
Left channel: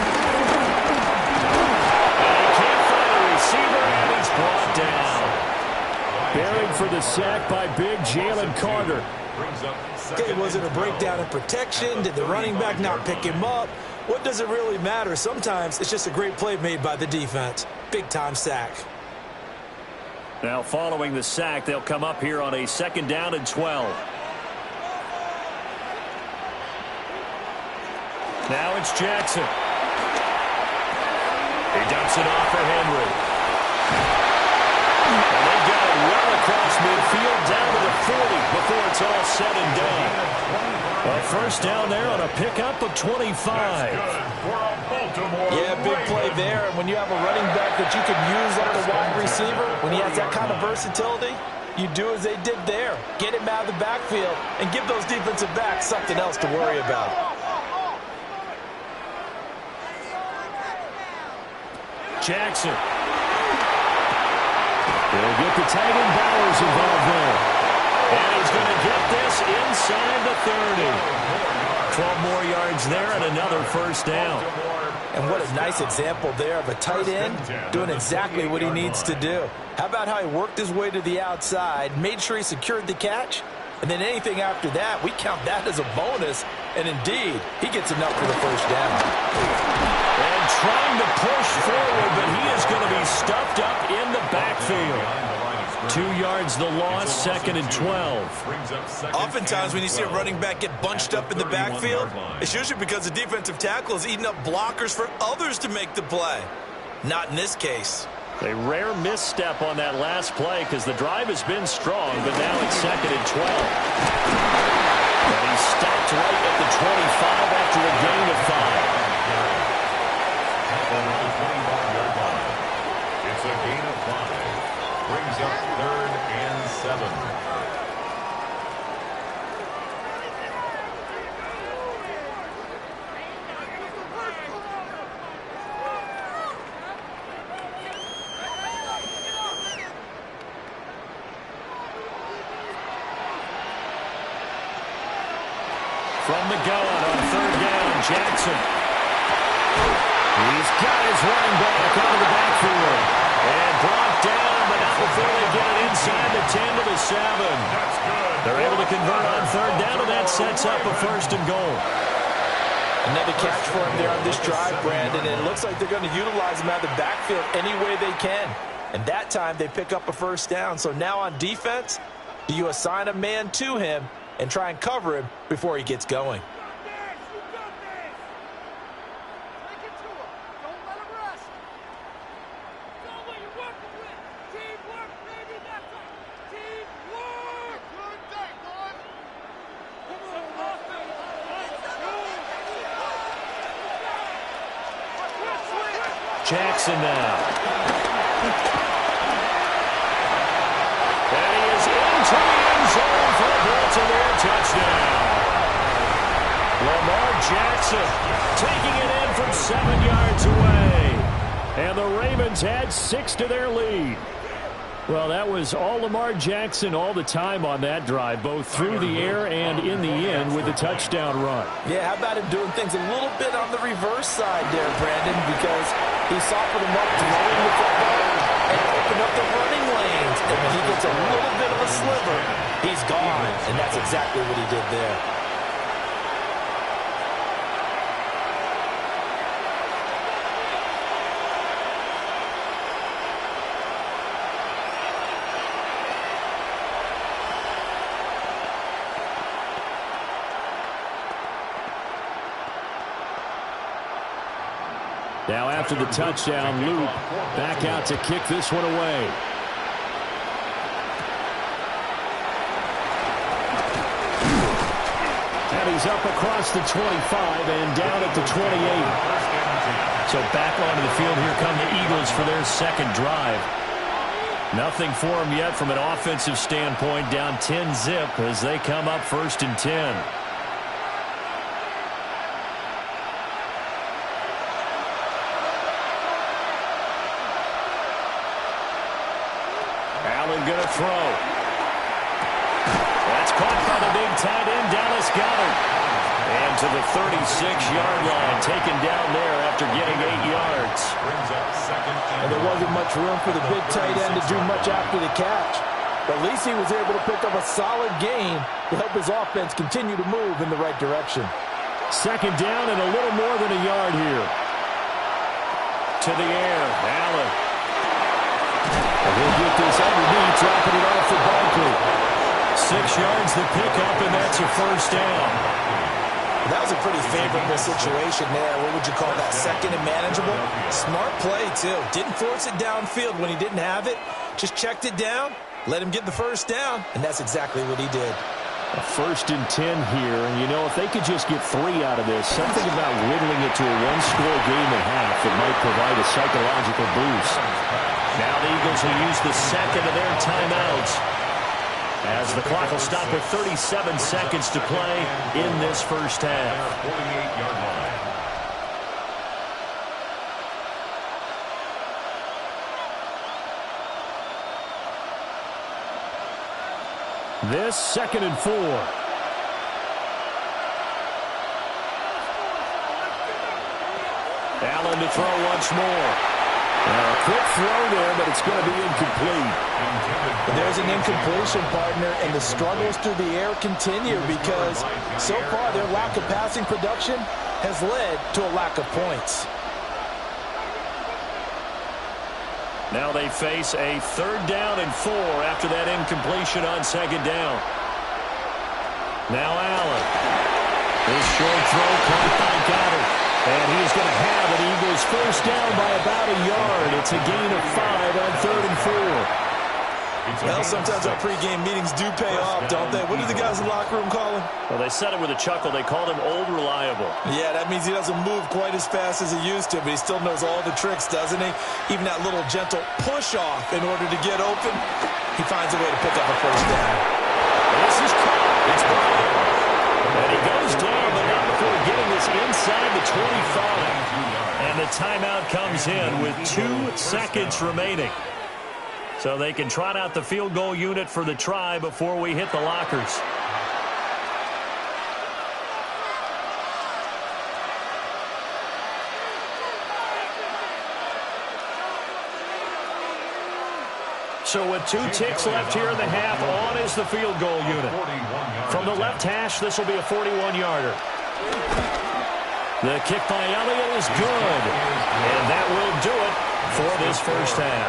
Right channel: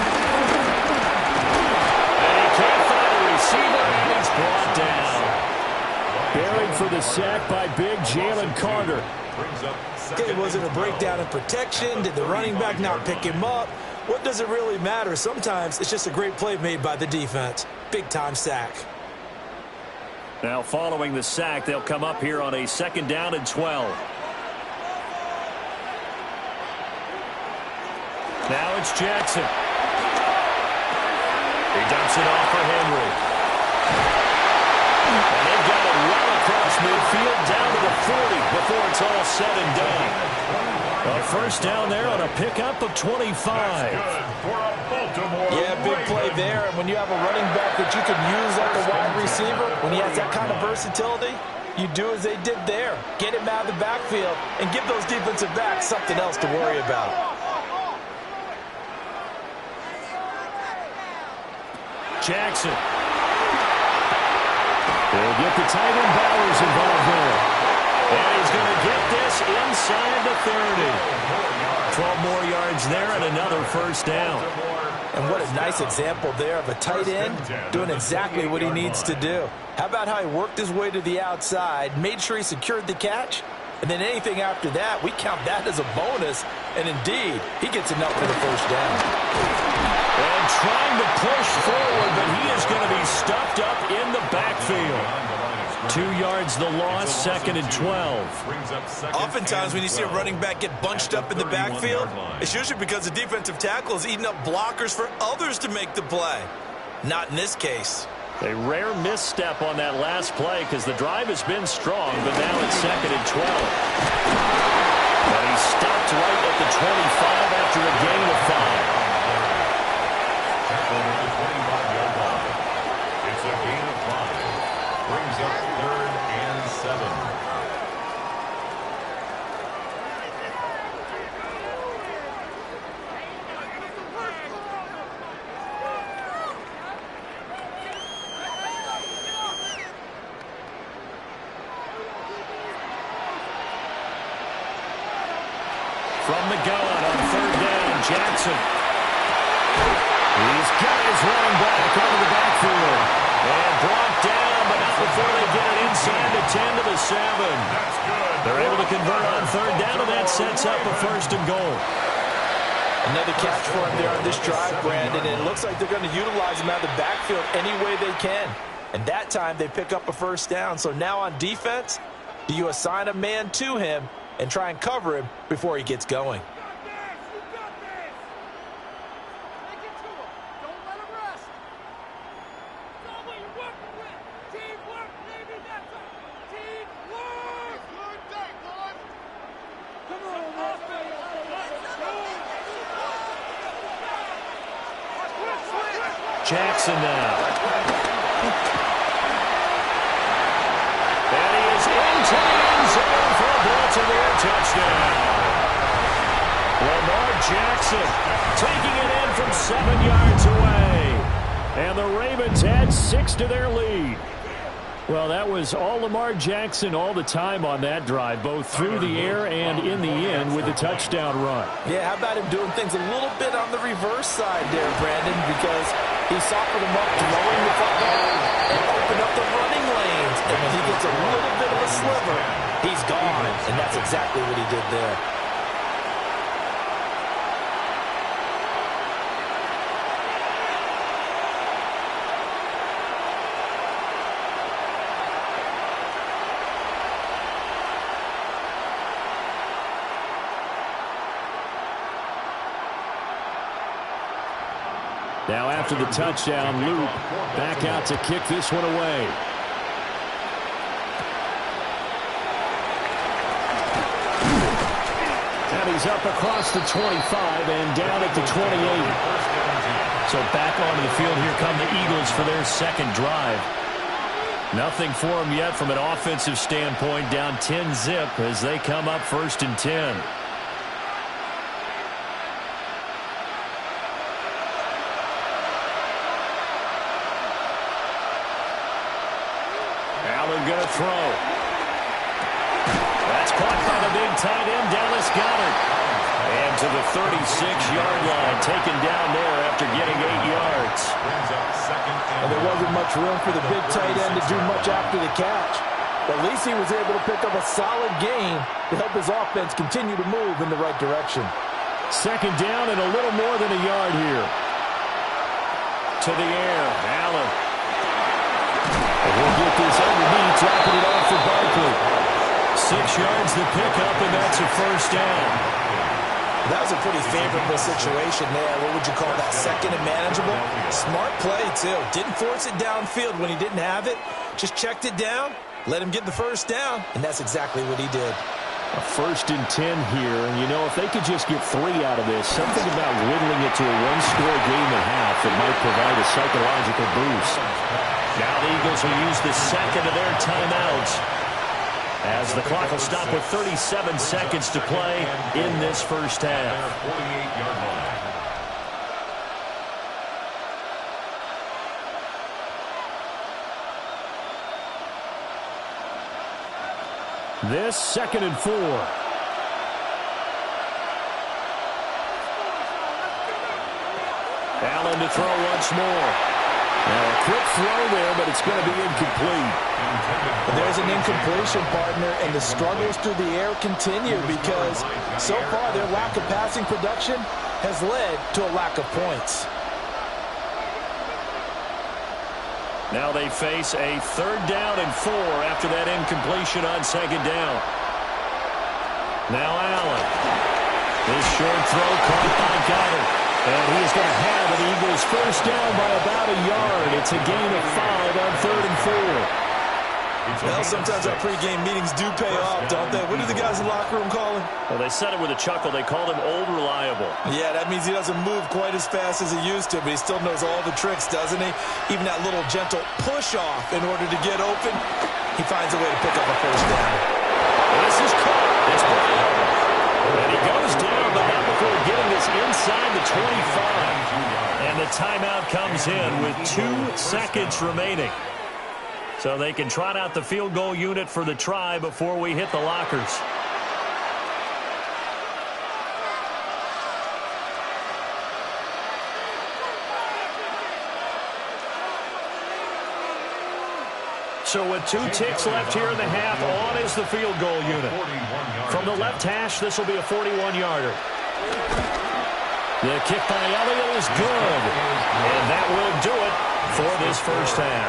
And he can't find a receiver, and he's brought down. Buried for the sack by big Jalen Carter. Okay, was it a breakdown in protection? Did the running back not pick him up? What does it really matter? Sometimes it's just a great play made by the defense. Big-time sack. Now following the sack, they'll come up here on a 2nd down and 12. Now it's Jackson. He dumps it off for Henry. And they've got it well across midfield down to the 40 before it's all said and done. A 1st down there on a pickup of 25. Yeah, big play there. And when you have a running back that you can use like a wide receiver, when he has that kind of versatility, you do as they did there. Get him out of the backfield and give those defensive backs something else to worry about. Jackson. They'll get the tight end Bowers involved there. And he's going to get this inside the 30. 12 more yards there and another 1st down. And what a nice example there of a tight end doing exactly what he needs to do. How about how he worked his way to the outside, made sure he secured the catch, and then anything after that, we count that as a bonus. And indeed, he gets enough for the 1st down. And trying to push forward, but he is going to be stuffed up in the backfield. 2 yards the loss, 2nd and 12. Oftentimes when you see a running back get bunched up in the backfield, it's usually because the defensive tackle is eating up blockers for others to make the play. Not in this case. A rare misstep on that last play because the drive has been strong, but now it's 2nd and 12. And he stopped right at the 25 after a gain of 5. Over the 25-yard line. It's a gain of 5. Brings up 3rd and 7. From the gun on 3rd down, Jackson. He's got his running back out of the backfield. And brought down, but not before they get it inside the 10 to the 7. That's good. They're able to convert on 3rd down, and that sets up a 1st and goal. Another catch for him there on this drive, Brandon, and it looks like they're going to utilize him out of the backfield any way they can. And that time they pick up a first down. So now on defense, do you assign a man to him and try and cover him before he gets going? Jackson now. And he is into the end zone for a Baltimore touchdown. Lamar Jackson taking it in from 7 yards away. And the Ravens add 6 to their lead. Well, that was all Lamar Jackson all the time on that drive, both through the air and in the end with the touchdown run. Yeah, how about him doing things a little bit on the reverse side there, Brandon, because he softened him up throwing the football and opened up the running lanes. And when he gets a little bit of a sliver, he's gone. And that's exactly what he did there. Now after the touchdown, Luke back out to kick this one away. And he's up across the 25 and down at the 28. So back onto the field, here come the Eagles for their second drive. Nothing for them yet from an offensive standpoint, down 10-zip as they come up 1st and 10. Allen going to throw. That's caught by the big tight end, Dallas Goedert. And to the 36-yard line, taken down there after getting 8 yards. And there wasn't much room for the big tight end to do much after the catch. But at least he was able to pick up a solid gain to help his offense continue to move in the right direction. Second down and a little more than a yard here. To the air, Allen. And he'll get this underneath, dropping it off for Barkley. 6 yards the pickup, and that's a first down. That was a pretty favorable situation there. What would you call that? Second and manageable? Smart play, too. Didn't force it downfield when he didn't have it. Just checked it down, let him get the first down, and that's exactly what he did. A 1st and 10 here, and you know, if they could just get 3 out of this, something about whittling it to a one-score game at half that might provide a psychological boost. Now the Eagles will use the second of their timeouts as the clock will stop with 37 seconds to play in this first half. 48-yard line. This 2nd and 4. Allen to throw once more. Now a quick throw there, but it's going to be incomplete. There's an incompletion, partner, and the struggles through the air continue because so far their lack of passing production has led to a lack of points. Now they face a 3rd down and 4 after that incompletion on 2nd down. Now Allen. This short throw caught by Goedert. And he is going to have an Eagles first down by about a yard. It's a gain of 5 on 3rd and 4. Well, sometimes our pregame meetings do pay off, don't they? What do the guys in the locker room call him? Well, they said it with a chuckle. They called him Old Reliable. Yeah, that means he doesn't move quite as fast as he used to, but he still knows all the tricks, doesn't he? Even that little gentle push-off in order to get open, he finds a way to pick up a first down. This is caught. It's Brown. And he goes down, but not before getting this inside the 25. And the timeout comes in with 2 seconds remaining. So they can trot out the field goal unit for the try before we hit the lockers. So with 2 ticks left here in the half, on is the field goal unit. From the left hash, this will be a 41-yarder. The kick by Elliott is good. And that will do it for this first half.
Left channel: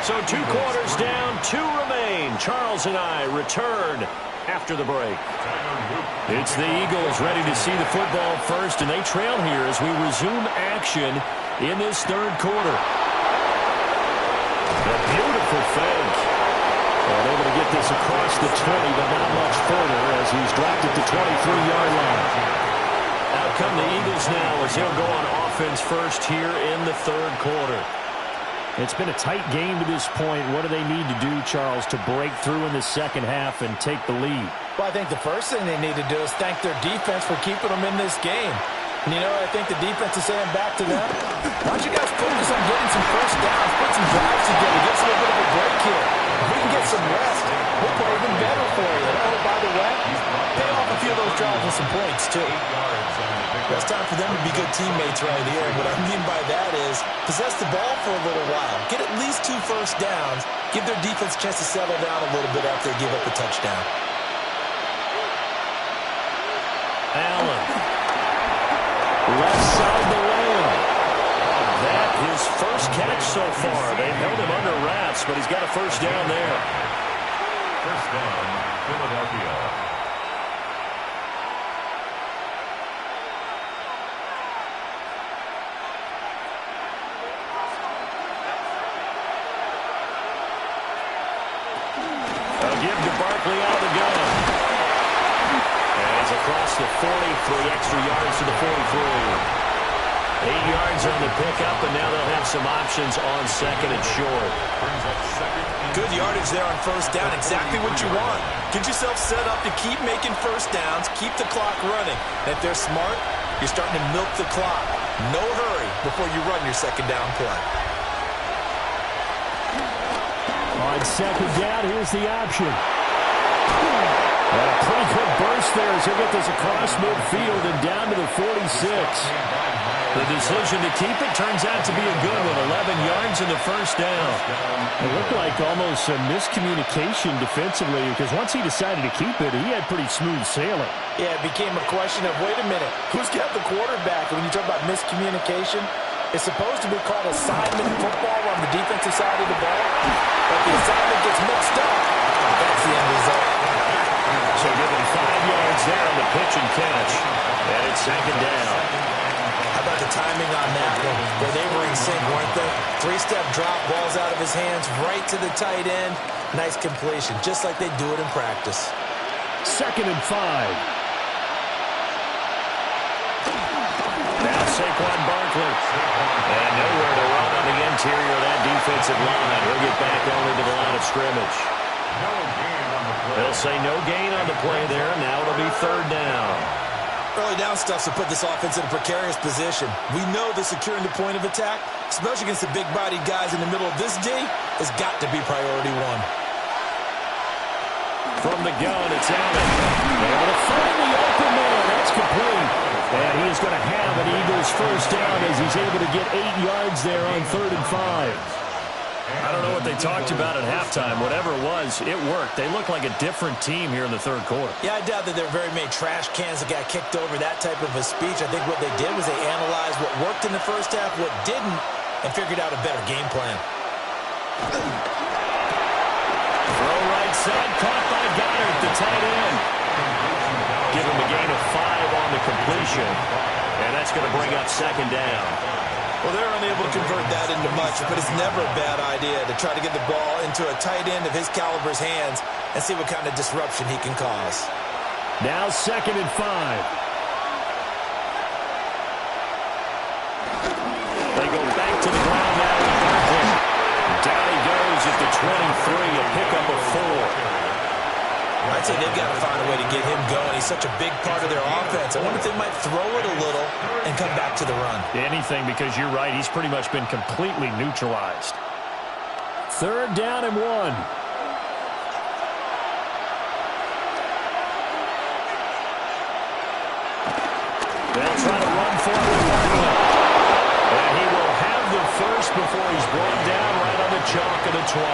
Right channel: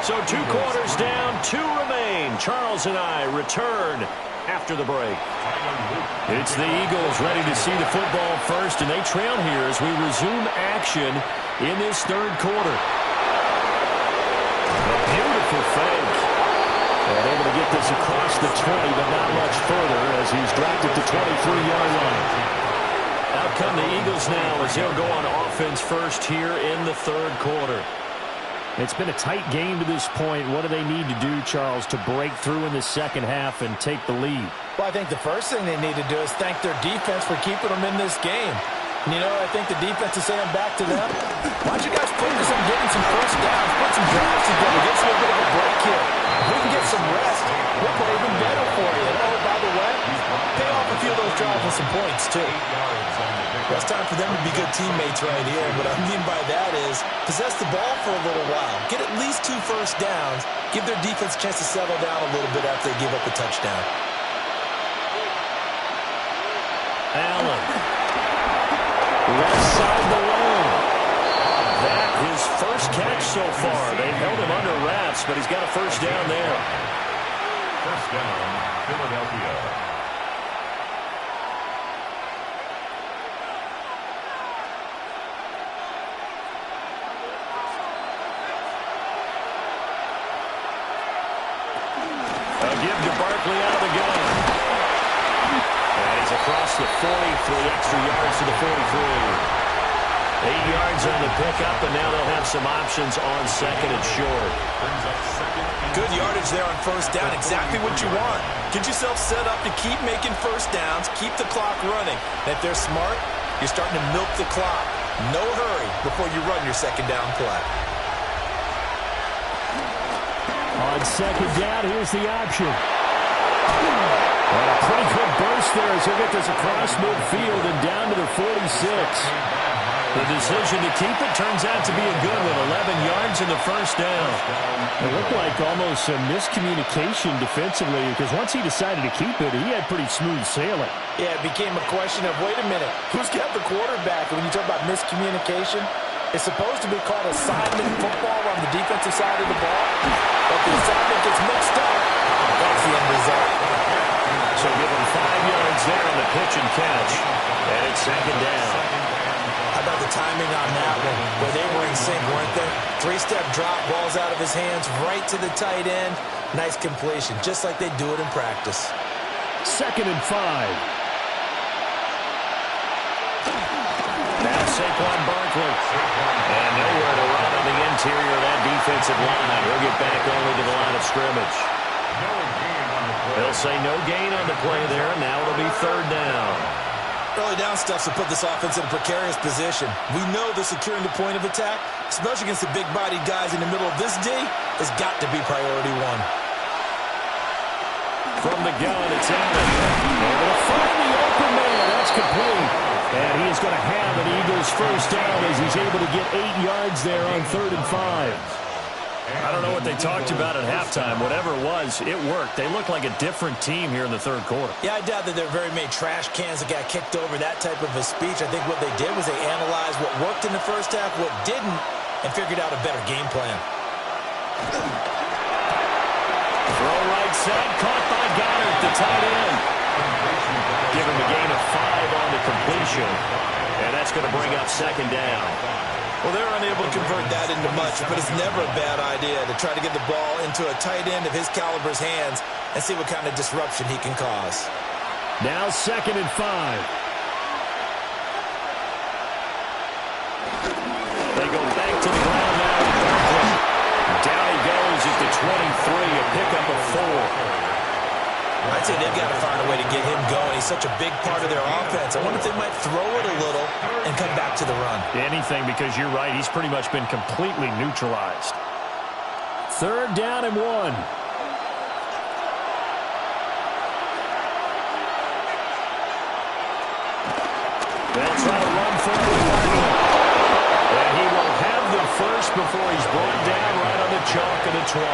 So 2 quarters down, 2 remain. Charles and I return after the break. It's the Eagles ready to see the football first, and they trail here as we resume action in this third quarter. A beautiful fake. And able to get this across the 20, but not much further as he's dropped it to 23-yard line. Out come the Eagles now as they'll go on offense first here in the third quarter. It's been a tight game to this point. What do they need to do, Charles, to break through in the second half and take the lead? Well, I think the first thing they need to do is thank their defense for keeping them in this game. And, you know, I think the defense is saying back to them, why don't you guys focus on getting some first downs, put some drives together, get us a little bit of a break here. If we can get some rest, we'll play even better for you. And, oh, by the way, pay off a few of those drives with some points, too. It's time for them to be good teammates right here. What I mean by that is possess the ball for a little while. Get at least 2 first downs. Give their defense a chance to settle down a little bit after they give up a touchdown. Allen. Left side the lane. That his first catch so far. They've held him under wraps, but he's got a first down there. First down, Philadelphia. A give to Barkley out of the gun. And he's across the 40 for the extra yards to the 43. 8 yards on the pickup, and now they'll have some options on second and short. Good yardage there on first down. Exactly what you want. Get yourself set up to keep making first downs, keep the clock running. And if they're smart, you're starting to milk the clock. No hurry before you run your second down play. On second down, here's the option. And a pretty good burst there as he'll get this across midfield and down to the 46. The decision to keep it turns out to be a good one. 11 yards in the first down. It looked like almost a miscommunication defensively because once he decided to keep it, he had pretty smooth sailing. Yeah, it became a question of, wait a minute, who's got the quarterback? And when you talk about miscommunication, it's supposed to be called assignment football on the defensive side of the ball, but the assignment gets mixed up. That's the end result. So give him 5 yards there on the pitch and catch. And it's second down. How about the timing on that one? Where they were in sync, weren't they? 3-step drop, balls out of his hands, right to the tight end. Nice completion, just like they do it in practice. Second and 5. Now Saquon Barkley. And nowhere to run on the interior of that defensive line. He'll get back only to the line of scrimmage. No gain on the play. They'll say no gain on the play there. Now it'll be third down. Early down stuff to put this offense in a precarious position. We know the securing the point of attack, especially against the big-bodied guys in the middle of this D, has got to be priority one. From the gun, it's Allen. Able to find the open man. That's complete. And he is going to have an Eagles first down as he's able to get 8 yards there on 3rd and 5. I don't know what they talked about at halftime. Whatever it was, it worked. They look like a different team here in the third quarter. Yeah, I doubt that there are very many trash cans that got kicked over, that type of a speech. I think what they did was they analyzed what worked in the first half, what didn't, and figured out a better game plan. Throw right side, caught by Goddard, the tight end. Give him a gain of 5 on the completion, and that's going to bring up second down. Well, they're unable to convert that into much, but it's never a bad idea to try to get the ball into a tight end of his caliber's hands and see what kind of disruption he can cause. Now second and 5. They go back to the ground now with Barkley. Down he goes at the 23, a pickup of 4. I'd say they've got to find a way to get him going. He's such a big part of their offense. I wonder if they might throw it a little and come back to the run. Anything, because you're right. He's pretty much been completely neutralized. 3rd down and 1. They'll try to run for it with Barkley. And he will have the first before he's brought down right on the chalk of the 20.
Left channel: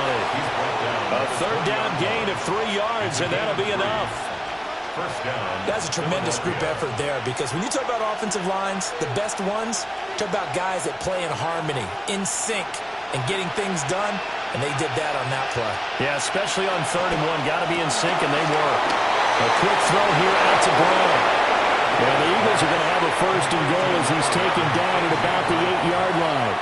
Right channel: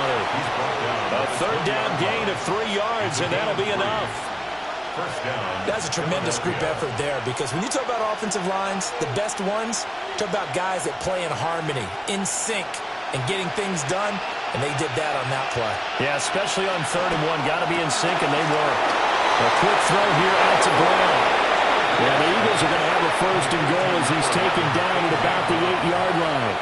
A 3rd down gain of 3 yards, and that'll be enough. First down. That's a tremendous group effort there, because when you talk about offensive lines, the best ones, talk about guys that play in harmony, in sync, and getting things done, and they did that on that play. Yeah, especially on 3rd and 1. Got to be in sync, and they were. A quick throw here out to Brown. Yeah, the Eagles are going to have a 1st and goal as he's taken down at about the 8-yard line.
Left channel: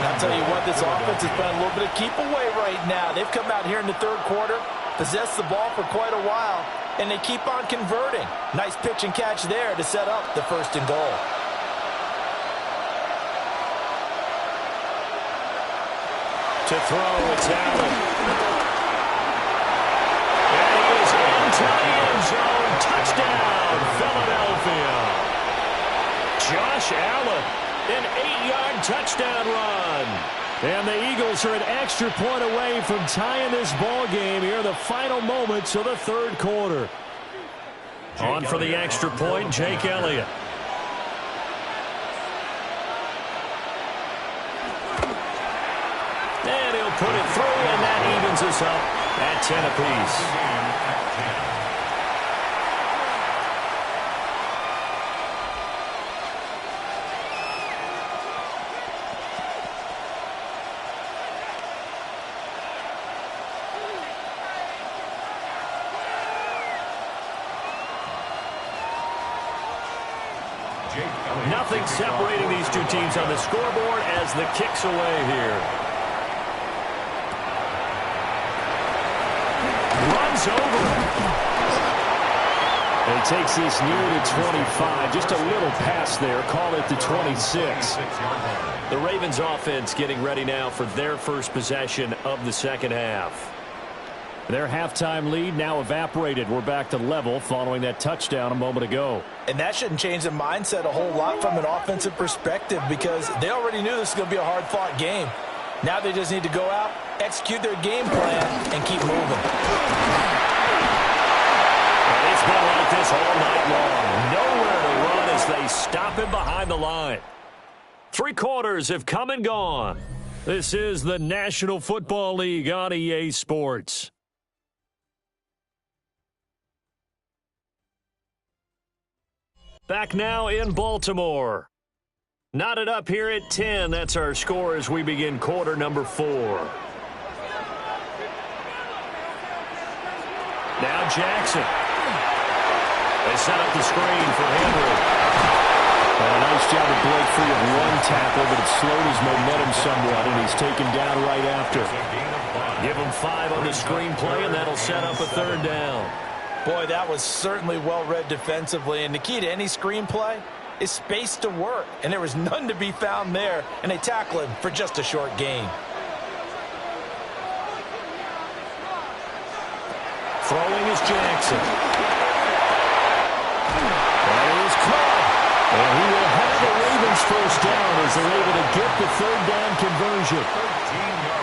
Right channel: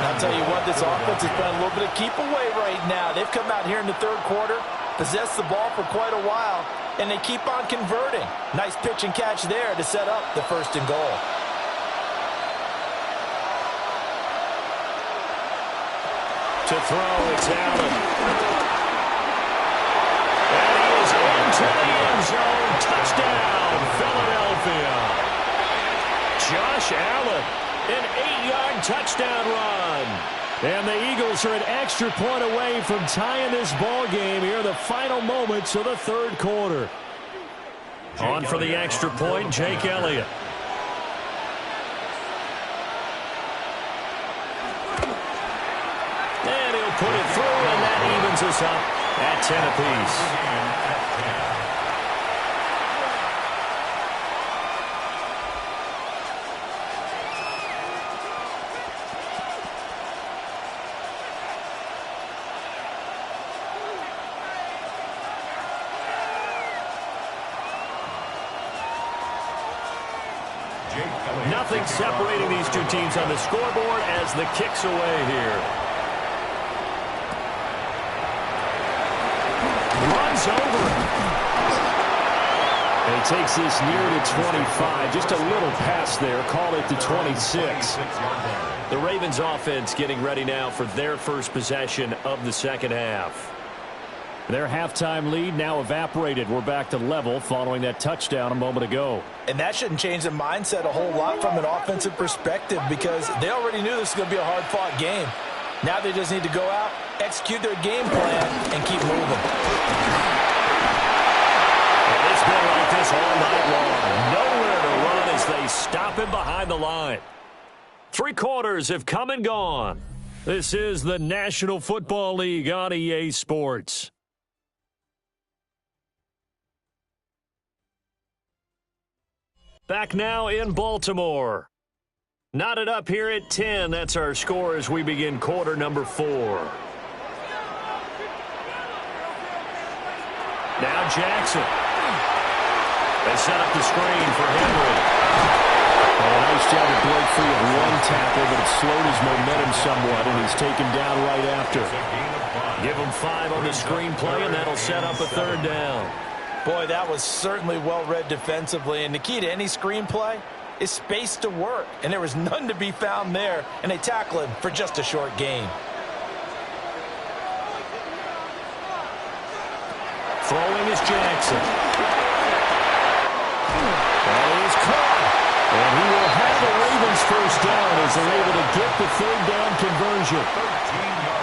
I'll tell you what, this offense is playing a little bit of keep away right now. They've come out here in the 3rd quarter, possessed the ball for quite a while, and they keep on converting. Nice pitch and catch there to set up the 1st and goal. To throw, it's Allen. And he is into the end zone. Touchdown, Philadelphia. Josh Allen, an 8-yard touchdown run. And the Eagles are an extra point away from tying this ball game here in the final moments of the 3rd quarter. On for the extra point, Jake Elliott. And he'll put it through, and that evens us up at 10 apiece. Nothing separating these two teams on the scoreboard as the kick's away here. Runs over it. And he takes this near to 25. Just a little pass there. Call it the 26. The Ravens offense getting ready now for their first possession of the 2nd half. Their halftime lead now evaporated. We're back to level following that touchdown a moment ago. And that shouldn't change the mindset a whole lot from an offensive perspective, because they already knew this was going to be a hard-fought game. Now they just need to go out, execute their game plan, and keep moving. And it's been like this all night long. Nowhere to run as they stop him behind the line. 3 quarters have come and gone. This is the National Football League on EA Sports. Back now in Baltimore. Knotted up here at 10. That's our score as we begin quarter number 4. Now Jackson. They set up the screen for Henry. And a nice job to break free of one tackle, but it slowed his momentum somewhat, and he's taken down right after. Give him 5 on the screenplay, and that'll set up a 3rd down. Boy, that was certainly well-read defensively, and the key to any screenplay is space to work, and there was none to be found there, and they tackle him for just a short gain. Throwing is Jackson. That is caught. And he will have the Ravens 1st down as they're able to get the 3rd down conversion.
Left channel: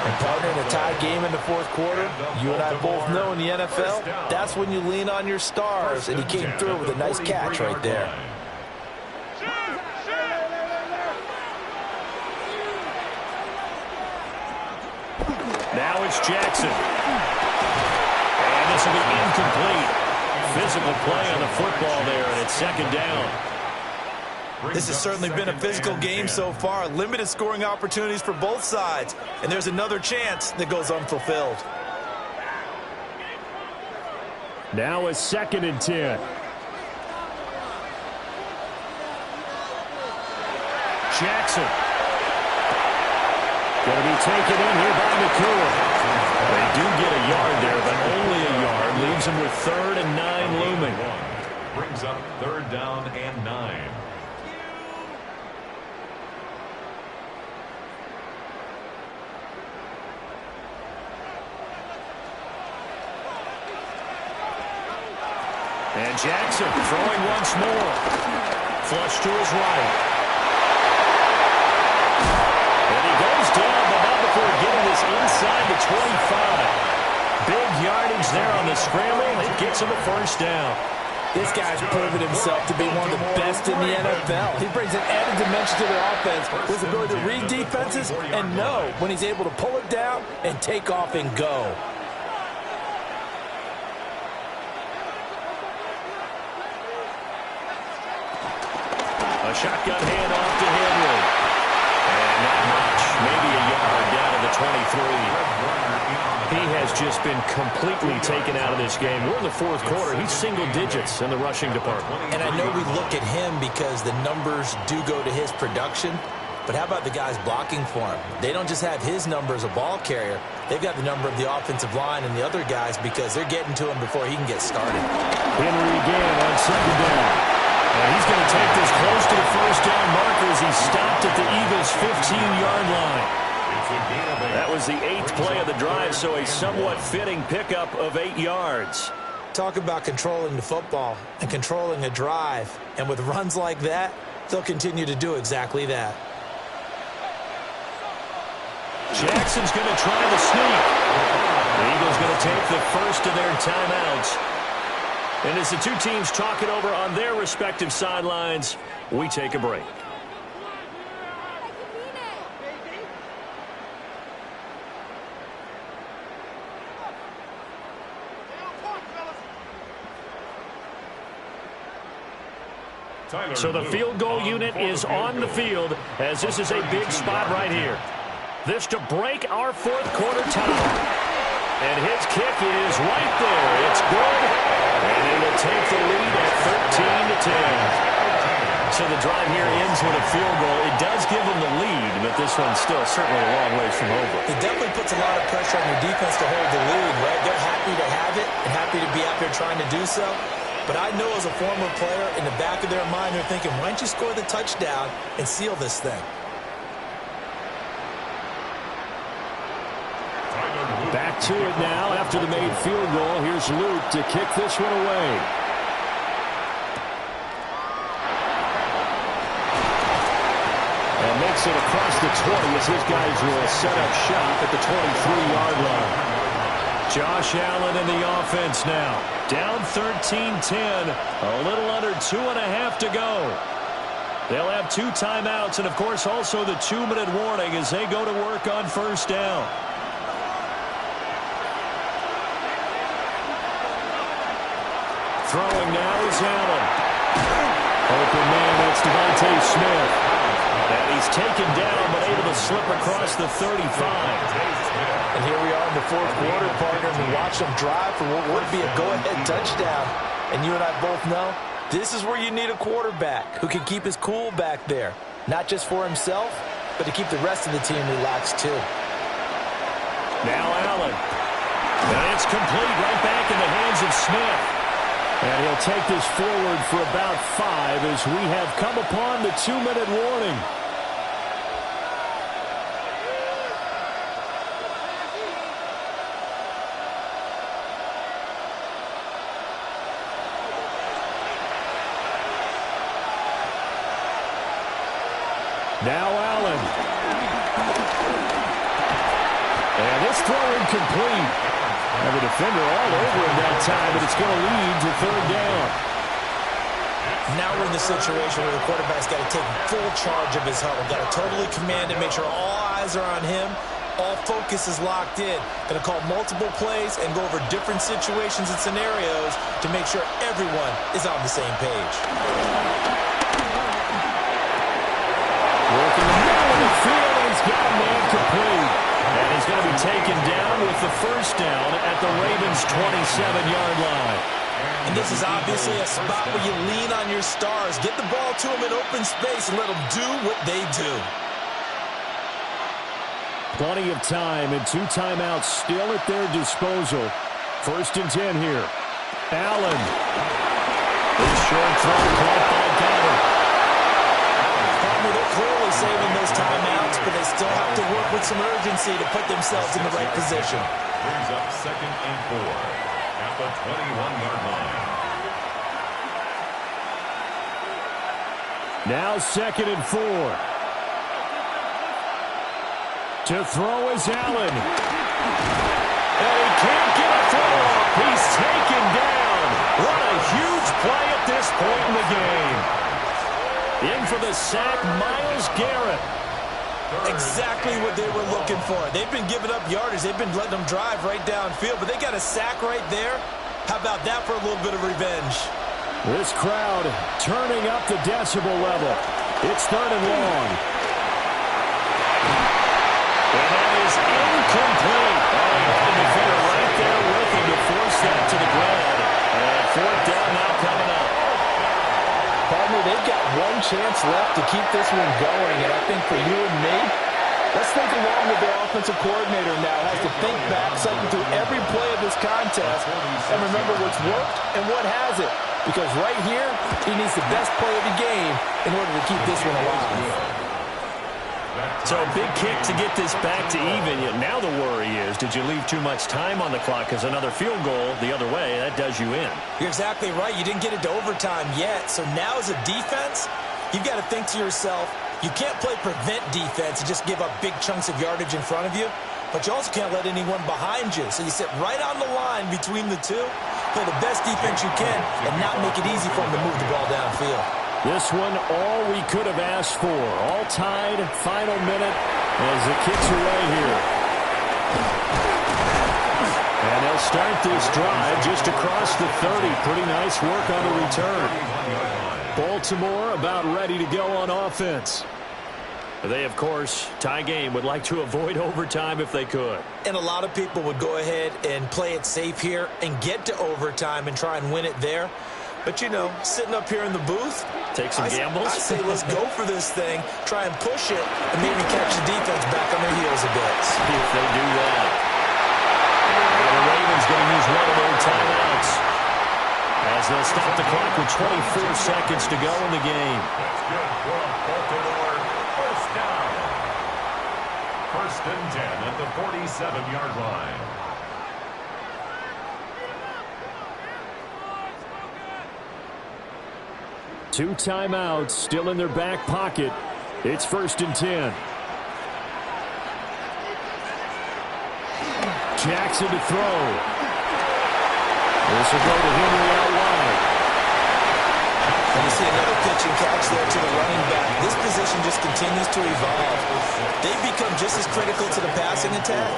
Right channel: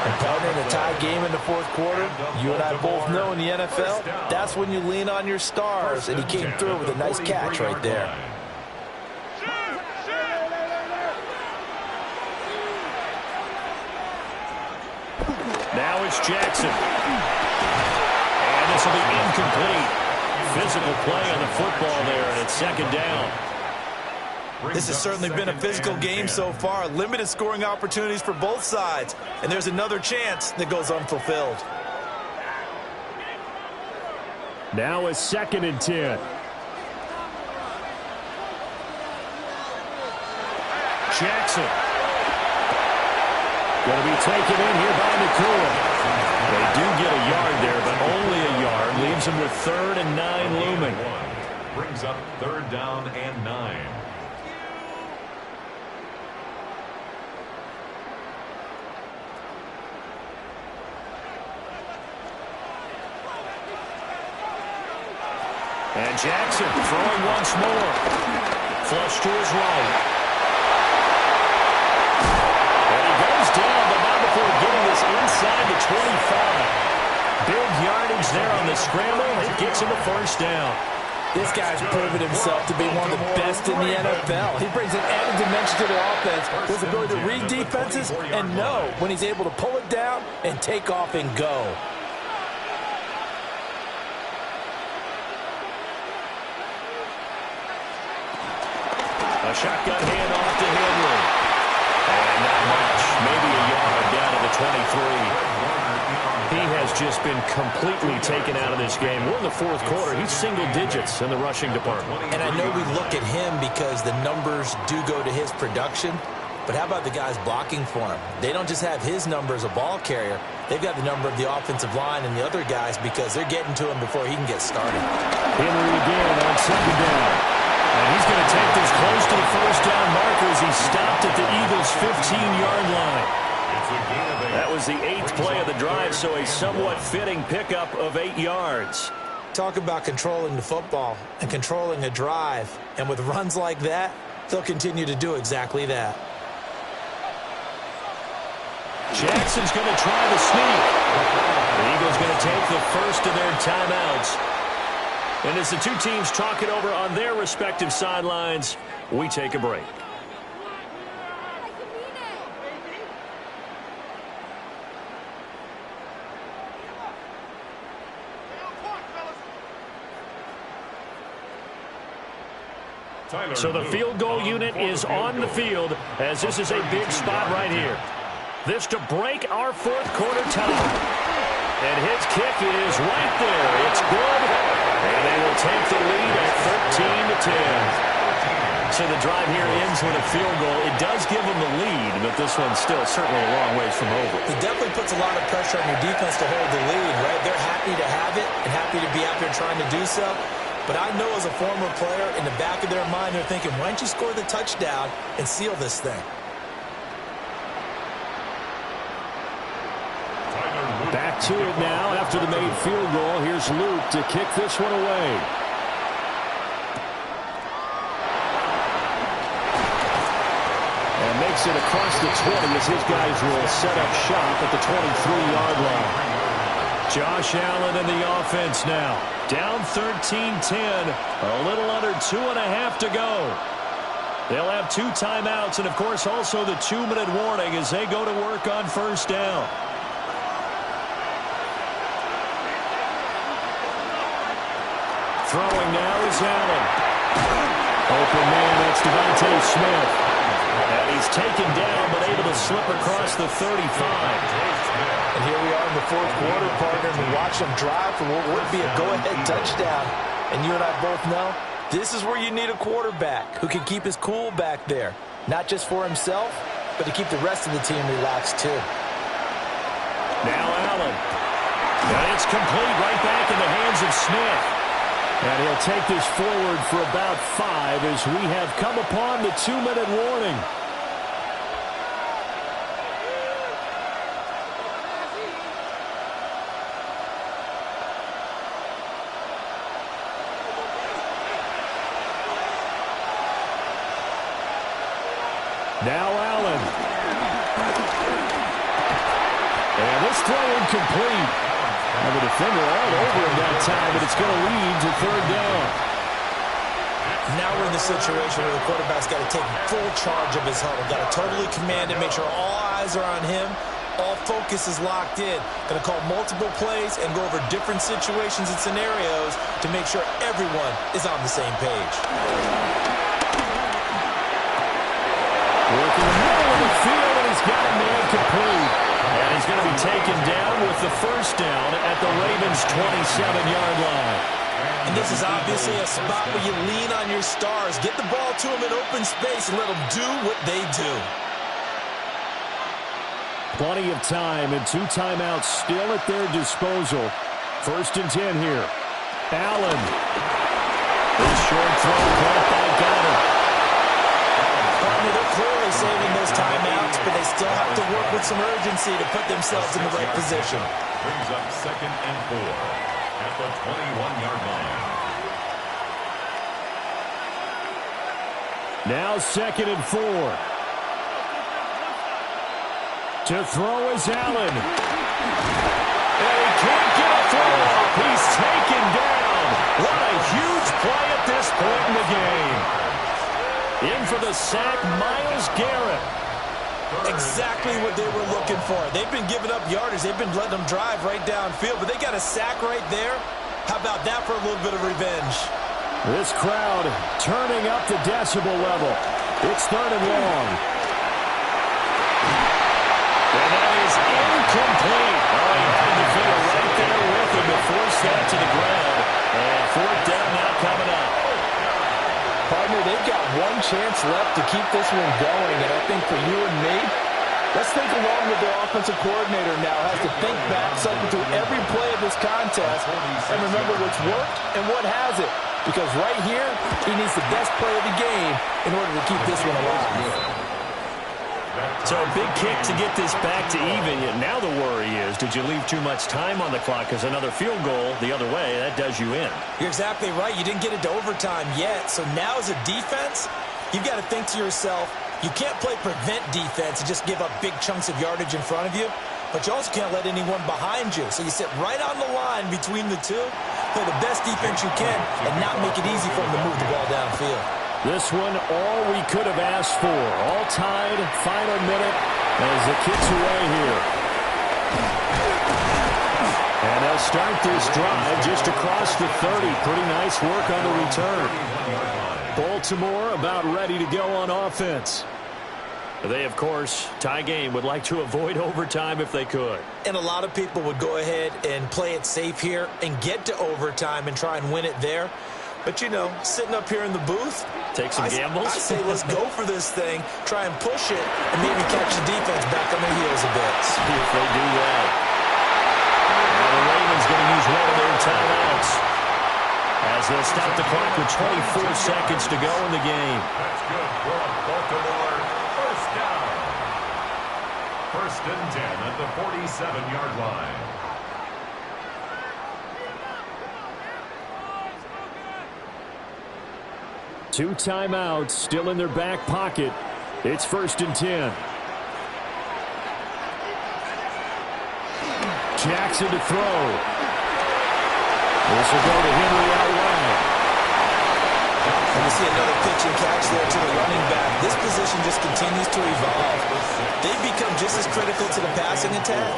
And partner, in a tie game in the 4th quarter, you and I both know in the NFL, that's when you lean on your stars, and he came through with a nice catch right there. Now it's Jackson. And this will be incomplete. Physical play on the football there, and it's 2nd down. This has certainly been a physical game so far. Limited scoring opportunities for both sides. And there's another chance that goes unfulfilled. Now a 2nd and 10. Jackson. Going to be taken in here by Nakua. They do get a yard there, but only a yard. Leaves them with 3rd and 9 looming. Brings up 3rd down and 9. And Jackson throwing once more. Flush to his right. And he goes down, but not before getting this inside the 25. Big yardage there on the scramble. It gets him a 1st down. This guy's proven himself to be one of the best in the NFL. He brings an added dimension to their offense with his ability to read defenses and know when he's able to pull it down and take off and go. A shotgun handoff to Henry. And not much, maybe a yard down to the 23. He has just been completely taken out of this game. We're in the fourth quarter. He's single digits in the rushing department. And I know we look at him because the numbers do go to his production. But how about the guys blocking for him? They don't just have his number as a ball carrier. They've got the number of the offensive line and the other guys because they're getting to him before he can get started. Henry again on second down. And he's going to take this close to the first down marker as he stopped at the Eagles' 15-yard line. That was the 8th play of the drive, so a somewhat fitting pickup of 8 yards. Talk about controlling the football and controlling a drive. And with runs like that, they'll continue to do exactly that. Jackson's going to try the sneak. The Eagles going to take the first of their timeouts. And as the two teams talk it over on their respective sidelines, we take a break. So the field goal unit is on the field as this is a big spot right here. This to break our fourth quarter tie. And his kick is right there. It's good. And they will take the lead at 13-10. So the drive here ends with a field goal. It does give them the lead, but this one's still certainly a long ways from over. It definitely puts a lot of pressure on your defense to hold the lead, right? They're happy to have it and happy to be out there trying to do so. But I know as a former player, in the back of their mind, they're thinking, why don't you score the touchdown and seal this thing? Back to it now after the made field goal. Here's Luke to kick this one away. And makes it across the 20 as his guys will set up shop at the 23-yard line. Josh Allen in the offense now. Down 13-10. A little under 2.5 to go. They'll have 2 timeouts and, of course, also the 2-minute warning as they go to work on first down. Throwing now is Allen. Open man, that's Devontae Smith. And he's taken down but able to slip across the 35. And here we are in the fourth quarter, partner, and watch them drive for what would be a go-ahead touchdown. And you and I both know this is where you need a quarterback who can keep his cool back there. Not just for himself, but to keep the rest of the team relaxed too. Now Allen. And it's complete right back in the hands of Smith. And he'll take this forward for about 5 as we have come upon the 2-minute warning. Now Allen. And this throw incomplete. And the defender all over him that time, but it's going to lead to third down. Now we're in the situation where the quarterback's got to take full charge of his huddle. Got to totally command it, make sure all eyes are on him. All focus is locked in. Going to call multiple plays and go over different situations and scenarios to make sure everyone is on the same page. Working the middle of the field, and he's got a man complete. And he's going to be taken down with the first down at the Ravens' 27-yard line. And this is obviously a spot where you lean on your stars. Get the ball to them in open space and let them do what they do. Plenty of time and 2 timeouts still at their disposal. 1st and 10 here. Allen. This short throw caught by Goddard. Partner, they're clearly saving those timeouts, but they still have to work with some urgency to put themselves in the right position. Brings up 2nd and 4 at the 21-yard line. Now 2nd and 4. To throw is Allen. And he can't get a throw off. He's taken down. What a huge play at this point in the game. In for the sack, Myles Garrett. Exactly what they were looking for. They've been giving up yardage. They've been letting them drive right downfield, but they got a sack right there. How about that for a little bit of revenge? This crowd turning up the decibel level. It's 3rd and long. And that is incomplete. Oh, he had a defender right there with him to force that to the ground. And 4th down now coming up. Partner, they've got one chance left to keep this one going. And I think for you and me, let's think along with their offensive coordinator now. Has to think back, cycle through every play of this contest, and remember what's worked and what hasn't. Because right here, he needs the best play of the game in order to keep this one alive. So a big kick to get this back to even. Yet now the worry is, did you leave too much time on the clock? Because another field goal the other way, that does you in. You're exactly right. You didn't get it to overtime yet. So now as a defense, you've got to think to yourself, you can't play prevent defense and just give up big chunks of yardage in front of you. But you also can't let anyone behind you. So you sit right on the line between the two, play the best defense you can, and not make it easy for them to move the ball downfield. This one, all we could have asked for. All tied, final minute as the kick's away here. And they'll start this drive just across the 30. Pretty nice work on the return. Baltimore about ready to go on offense. They, of course, tie game, would like to avoid overtime if they could. And a lot of people would go ahead and play it safe here and get to overtime and try and win it there. But, you know, sitting up here in the booth, take some gambles. I say let's go for this thing, try and push it, and maybe catch the defense back on their heels a bit. See if they do that. Now the Ravens going to use one of their timeouts as they'll stop the clock with 24 seconds to go in the game. That's good for a Baltimore first down. 1st and 10 at the 47-yard line. Two timeouts still in their back pocket. It's 1st and 10. Jackson to throw. This will go to Henry out wide. And we see another pitch and catch there to the running back. This position just continues to evolve. They've become just as critical to the passing attack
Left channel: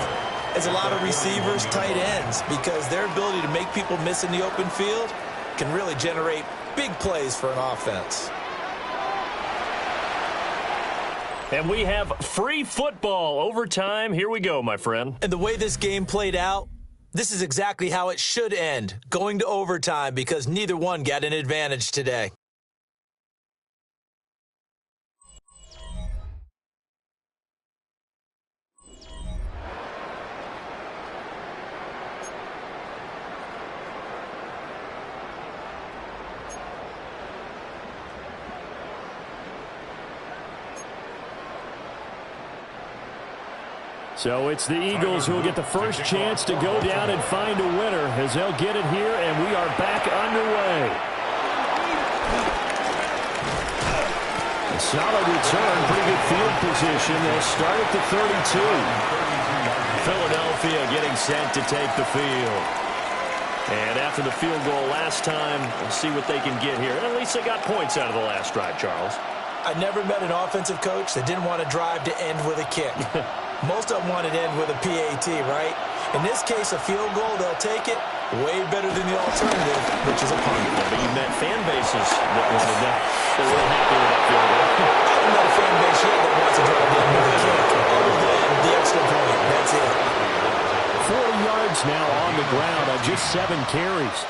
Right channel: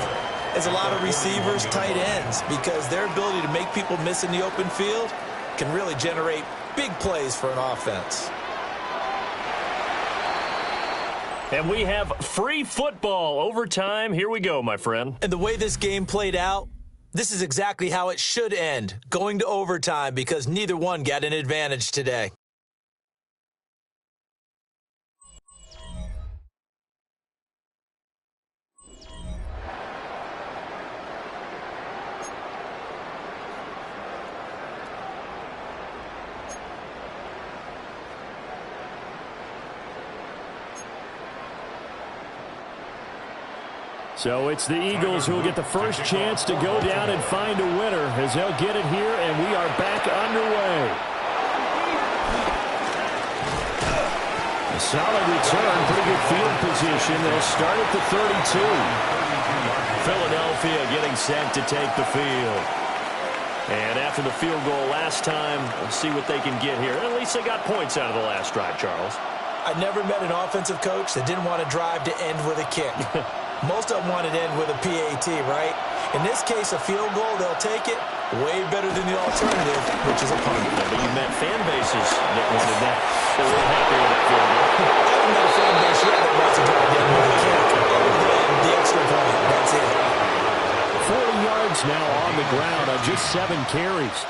as a lot of receivers, tight ends, because their ability to make people miss in the open field can really generate big plays for an offense. And we have free football overtime. Here we go, my friend. And the way this game played out, this is exactly how it should end, going to overtime, because neither one got an advantage today. So it's the Eagles who will get the first chance to go down and find a winner as they'll get it here, and we are back underway. A solid return, pretty good field position. They'll start at the 32. Philadelphia getting set to take the field. And after the field goal last time, we'll see what they can get here. At least they got points out of the last drive, Charles. I never met an offensive coach that didn't want to drive to end with a kick. Most of them want it to end with a PAT, right? In this case, a field goal, they'll take it. Way better than the alternative, which is a punt. Yeah, but you met fan bases that wanted that. They're real happy with that field goal. I haven't met a fan base yet that wants to drive down with a kick, other than the extra point. That's it. 40 yards now on the ground on just 7 carries.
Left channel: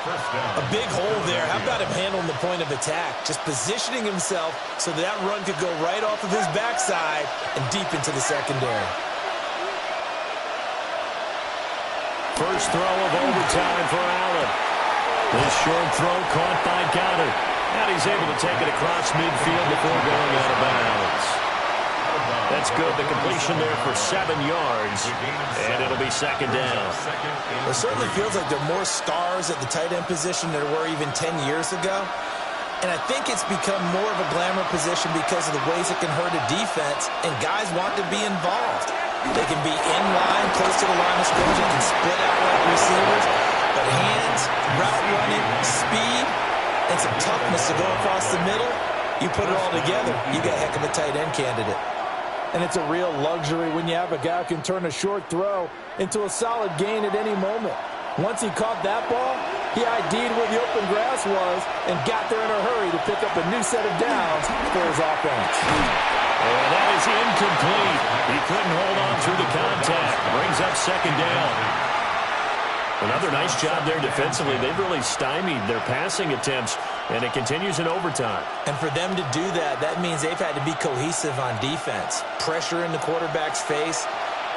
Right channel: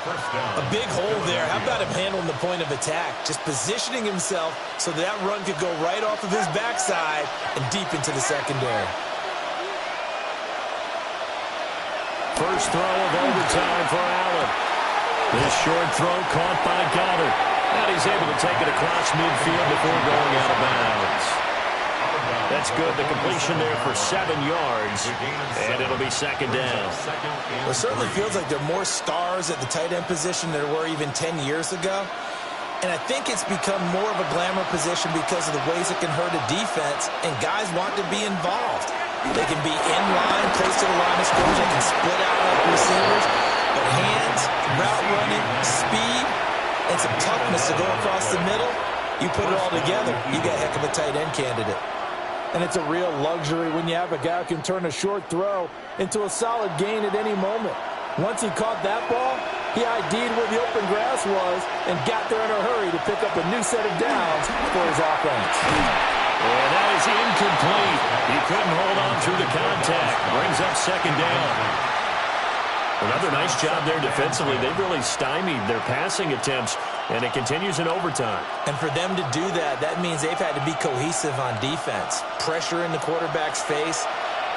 A big hole there. How about him handling the point of attack? Just positioning himself so that run could go right off of his backside and deep into the secondary. First throw of overtime for Allen. This short throw caught by Goddard. And he's able to take it across midfield before going out of bounds. That's good. The completion there for 7 yards. And it'll be 2nd down. It certainly feels like there are more stars at the tight end position than there were even 10 years ago. And I think it's become more of a glamour position because of the ways it can hurt a defense, and guys want to be involved. They can be in line, close to the line of scrimmage. They can split out like receivers. But hands, route running, speed, and some toughness to go across the middle, you put it all together, you got a heck of a tight end candidate. And it's a real luxury when you have a guy who can turn a short throw into a solid gain at any moment. Once he caught that ball, He ID'd where the open grass was and got there in a hurry to pick up a new set of downs for his offense. And that is incomplete. He couldn't hold on through the contact. Brings up second down. Another nice job there defensively. They've really stymied their passing attempts, and it continues in overtime. And for them to do that, that means they've had to be cohesive on defense. Pressure in the quarterback's face.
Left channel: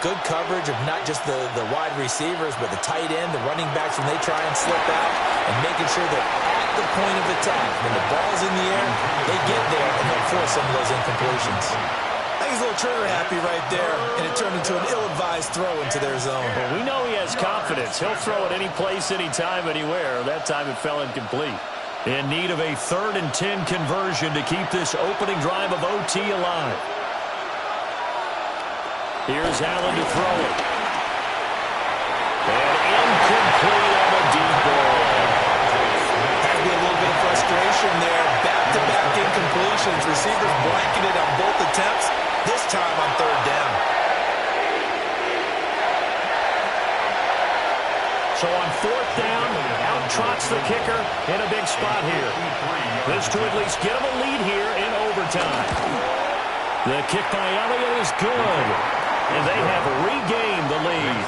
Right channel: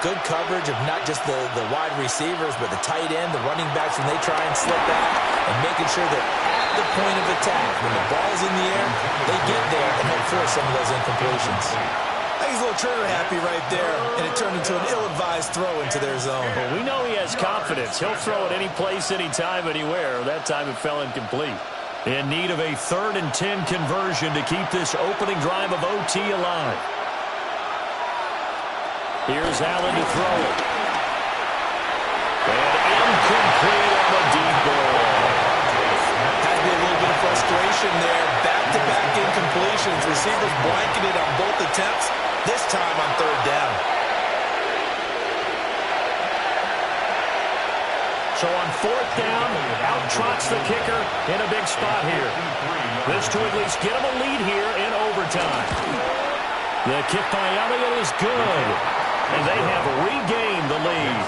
Good coverage of not just the wide receivers, but the tight end, the running backs when they try and slip out, and making sure they're at the point of attack. When the ball's in the air, they get there and help force some of those incompletions. I think he's a little trigger happy right there, and it turned into an ill-advised throw into their zone. Well, we know he has confidence. He'll throw it any place, anytime, anywhere. That time it fell incomplete. In need of a 3rd and 10 conversion to keep this opening drive of OT alive. Here's Allen to throw it. And incomplete on a deep ball. Has to be a little bit of frustration there. Back-to-back incompletions. Receivers blanketed on both attempts, this time on 3rd down. So on 4th down, out trots the kicker in a big spot here. This to at least get him a lead here in overtime. The kick by Elliott is good. And they have regained the lead.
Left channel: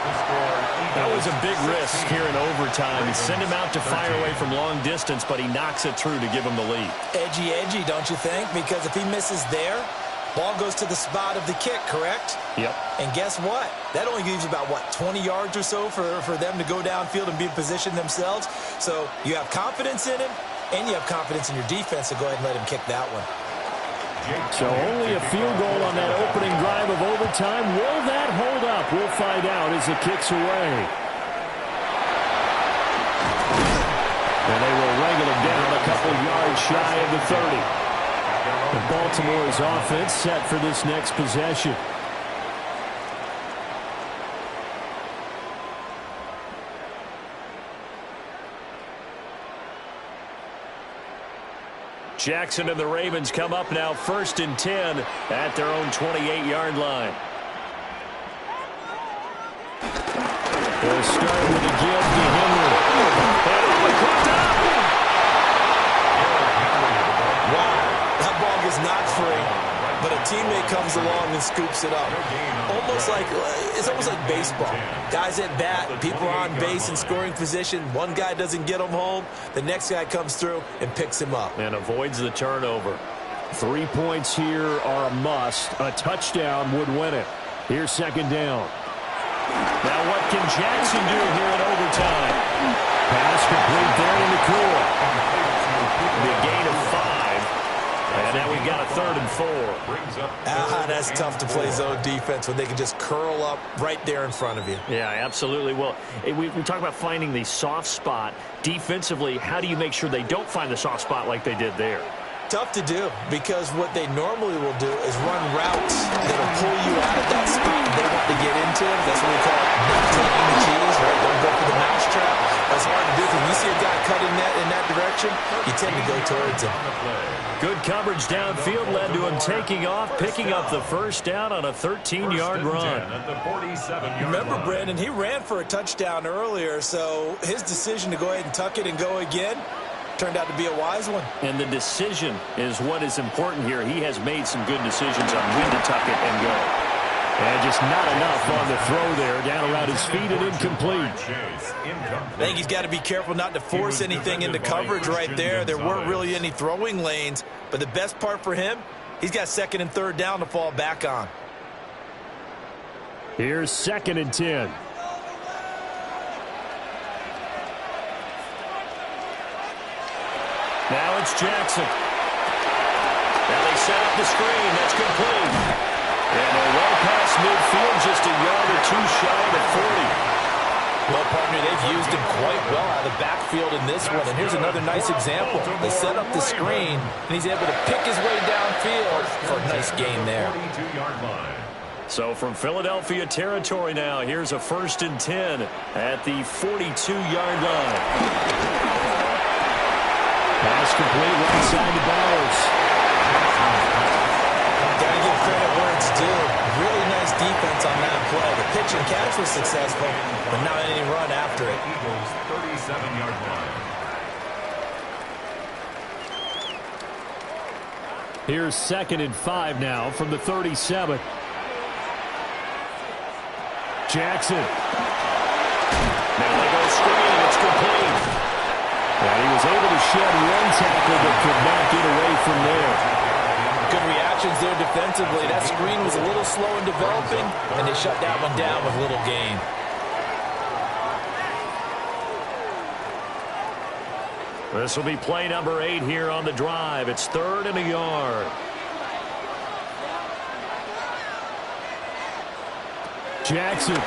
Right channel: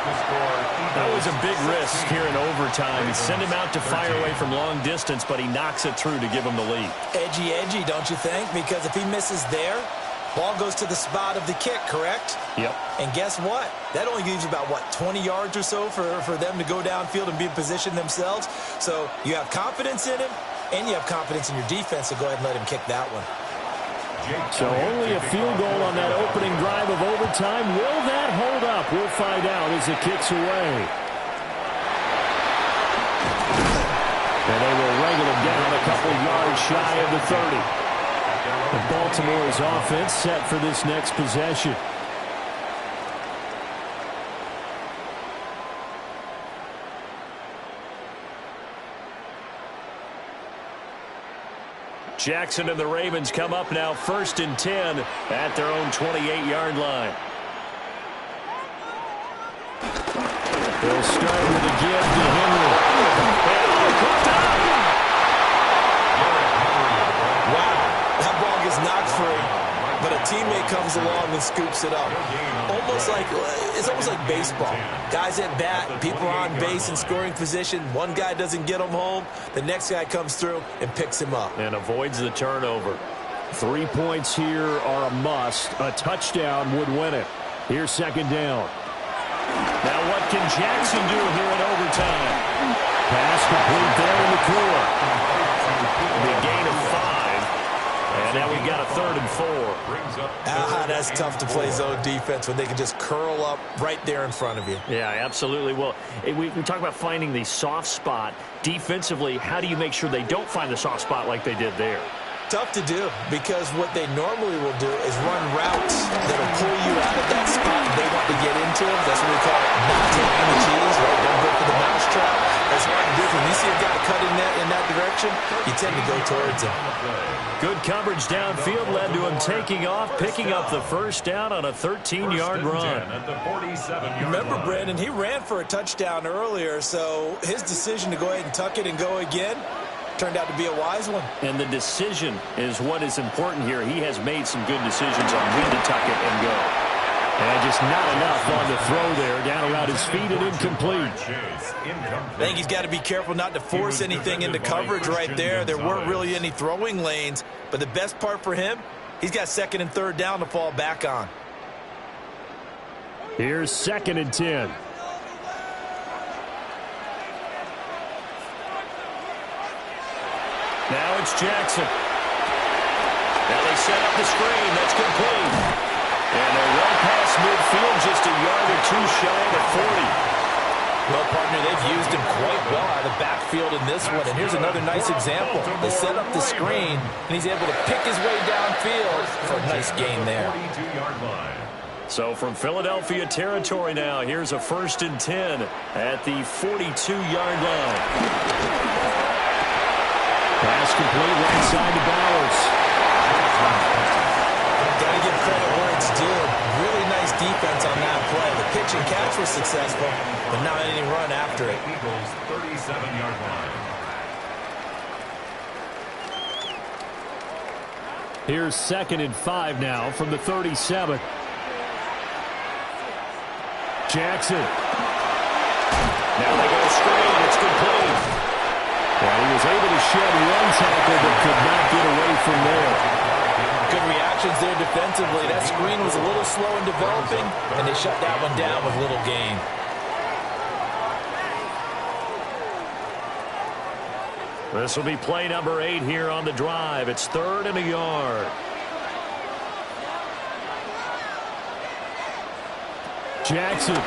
That was a big risk here in overtime. He sent him out to fire away from long distance, but he knocks it through to give him the lead. Edgy, don't you think? Because if he misses there, ball goes to the spot of the kick, correct? Yep. And guess what? That only leaves about, 20 yards or so for them to go downfield and be in position themselves. So you have confidence in him, and you have confidence in your defense to go ahead and let him kick that one. So only a field goal on that opening drive of overtime. Will that hold up? We'll find out as it kicks away. And they will wrangle him down a couple yards shy of the 30. And Baltimore's offense set for this next possession. Jackson and the Ravens come up now 1st and 10 at their own 28-yard line. They'll start with a give to Henry. And cooked up. Wow, that ball gets knocked free, but a teammate comes along and scoops it up. It's almost like baseball. Guys at bat, people are on base in scoring position. One guy doesn't get him home. The next guy comes through and picks him up. And avoids the turnover. 3 points here are a must. A touchdown would win it. Here's 2nd down. Now what can Jackson do here in overtime? Pass complete there in the Nakua. The gain of 5. And now we've got a 3rd and 4. That's tough to play zone defense when they can just curl up right there in front of you. Yeah, absolutely. Well, we talk about finding the soft spot. Defensively, how do you make sure they don't find the soft spot like they did there? Tough to do, because what they normally will do is run routes that'll pull you out of that spot they want to get into. That's what we call not taking the cheese, right? Don't go for the mousetrap. That's hard to do. When you see a guy cut in that direction, you tend to go towards him. Good coverage downfield led to him taking off, picking up the 1st down on a 13-yard run. Remember, Brandon, he ran for a touchdown earlier, so his decision to go ahead and tuck it and go again turned out to be a wise one. And the decision is what is important here. He has made some good decisions on when to tuck it and go. And just not enough on the throw there. Down around his feet and incomplete. I think he's got to be careful not to force anything into coverage right there. There weren't really any throwing lanes. But the best part for him, he's got 2nd and 3rd down to fall back on. Here's 2nd and 10. Now it's Jackson. Now they set up the screen. That's complete. And they're well past midfield, just a yard or 2 shy of the 40. Well, partner, they've used him quite well out of the backfield in this one. And here's another nice example. They set up the screen, and he's able to pick his way downfield for a nice gain there. So from Philadelphia territory now, here's a 1st and 10 at the 42-yard line. Pass complete right side to Bowers. Got to give credit where it's due. Really nice defense on that play. The pitch and catch was successful, but not any run after it. Eagles 37-yard line. Here's 2nd and 5 now from the 37. Jackson. Now they go screen. It's complete. And he was able to shed one tackle but could not get away from there. Good reactions there defensively. That screen was a little slow in developing, and they shut that one down with little gain. This will be play number 8 here on the drive. It's 3rd and a yard. Jackson.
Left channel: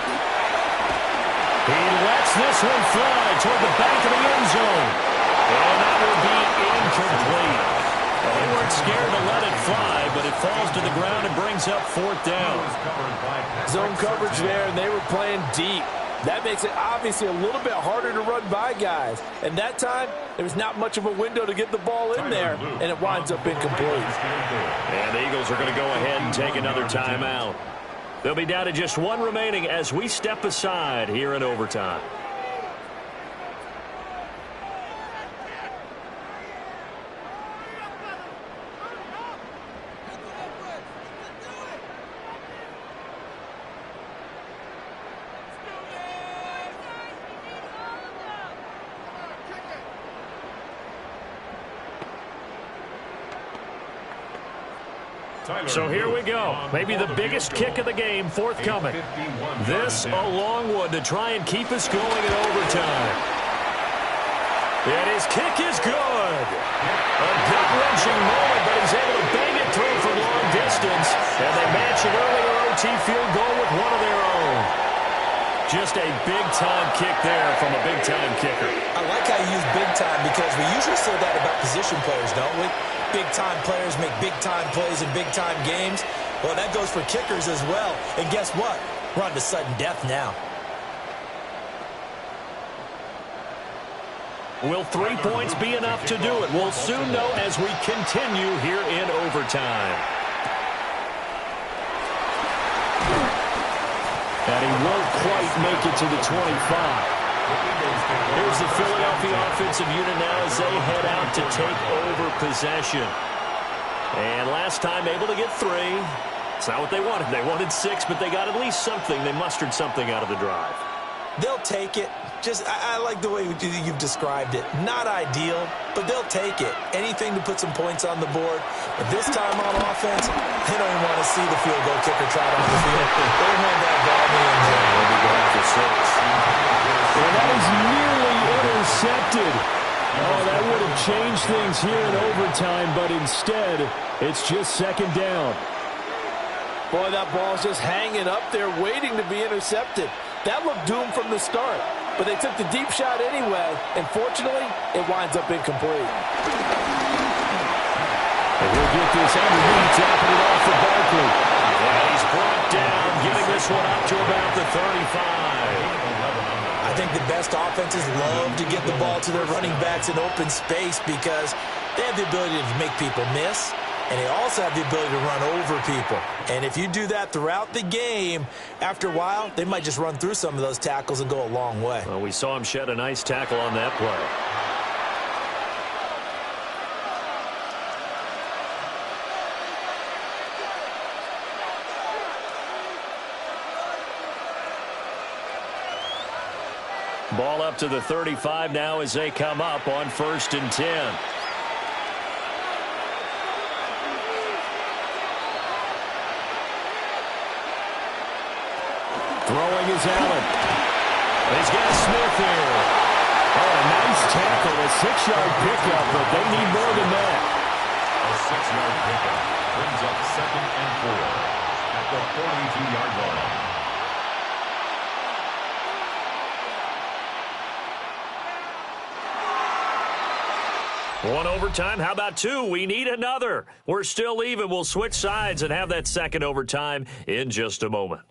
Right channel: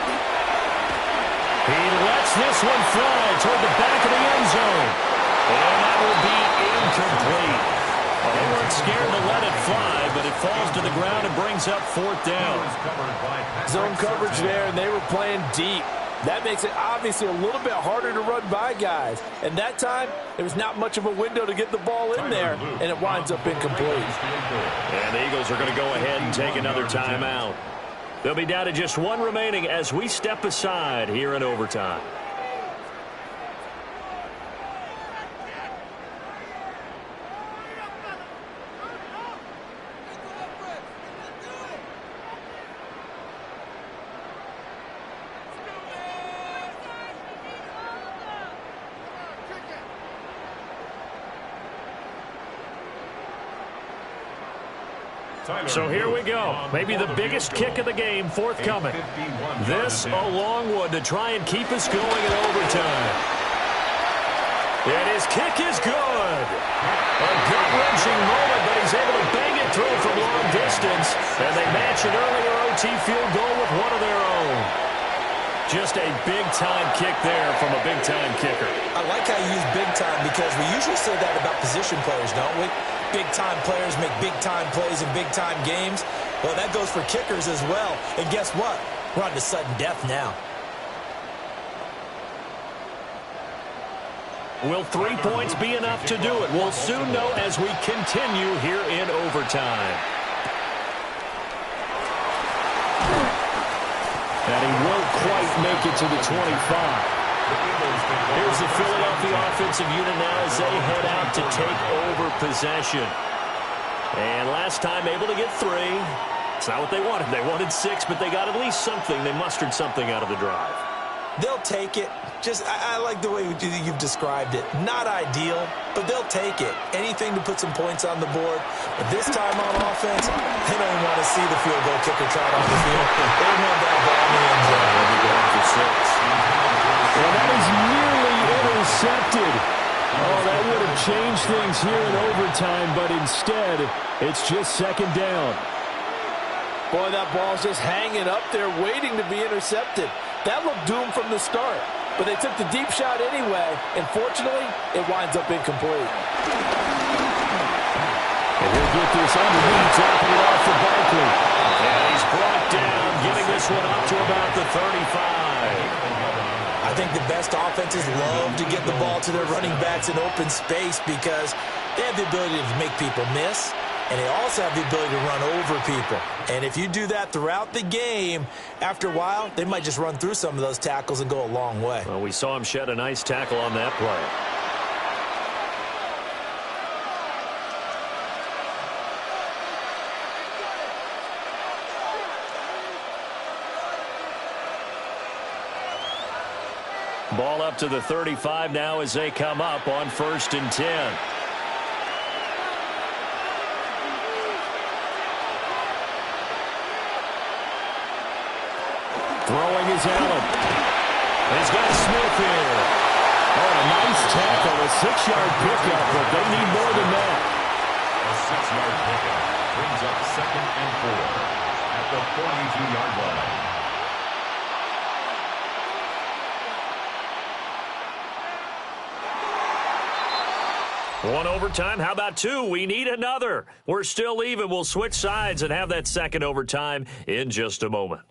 He lets this one fly toward the back of the end zone. And that will be incomplete. Well, they weren't scared to let it fly, but it falls to the ground and brings up 4th down. Zone coverage there, and they were playing deep. That makes it obviously a little bit harder to run by guys. And that time, there was not much of a window to get the ball in there, and it winds up incomplete. And the Eagles are going to go ahead and take another timeout. They'll be down to just one remaining as we step aside here in overtime. So here we go. Maybe the biggest kick of the game forthcoming. This a long one to try and keep us going in overtime. And his kick is good. A gut-wrenching moment, but he's able to bang it through from long distance. And they match an earlier OT field goal with one of their own. Just a big-time kick there from a big-time kicker. I like how you use big time because we usually say that about position players, don't we? Big-time players make big-time plays in big-time games. Well, that goes for kickers as well. And guess what? We're on to sudden death now. Will 3 points be enough to do it? We'll soon know as we continue here in overtime. And he won't quite make it to the 25. Here's the Philadelphia offensive unit now as they head out to take over possession. And last time able to get 3. It's not what they wanted. They wanted 6, but they got at least something. They mustered something out of the drive. They'll take it. I like the way you've described it. Not ideal, but they'll take it. Anything to put some points on the board. But this time on offense, they don't even want to see the field goal kicker trot on the field. They want that ball in the end zone. They'll be going for 6. And that is nearly intercepted. Oh, that would have changed things here in overtime, but instead, it's just 2nd down. Boy, that ball's just hanging up there waiting to be intercepted. That looked doomed from the start, but they took the deep shot anyway, and fortunately, it winds up incomplete. And he'll get this underneath, dropping it off for Barkley. And he's brought down, getting this one up to about the 35. I think the best offenses love to get the ball to their running backs in open space because they have the ability to make people miss, and they also have the ability to run over people. And if you do that throughout the game, after a while, they might just run through some of those tackles and go a long way. Well, we saw him shed a nice tackle on that play. Ball up to the 35 now as they come up on 1st and 10. Throwing is Allen. He's got Smith here. Oh, a nice tackle, a 6-yard pickup, but they need more than that. A 6-yard pickup brings up 2nd and 4 at the 42-yard line. One overtime. How about 2? We need another. We're still even. We'll switch sides and have that 2nd overtime in just a moment.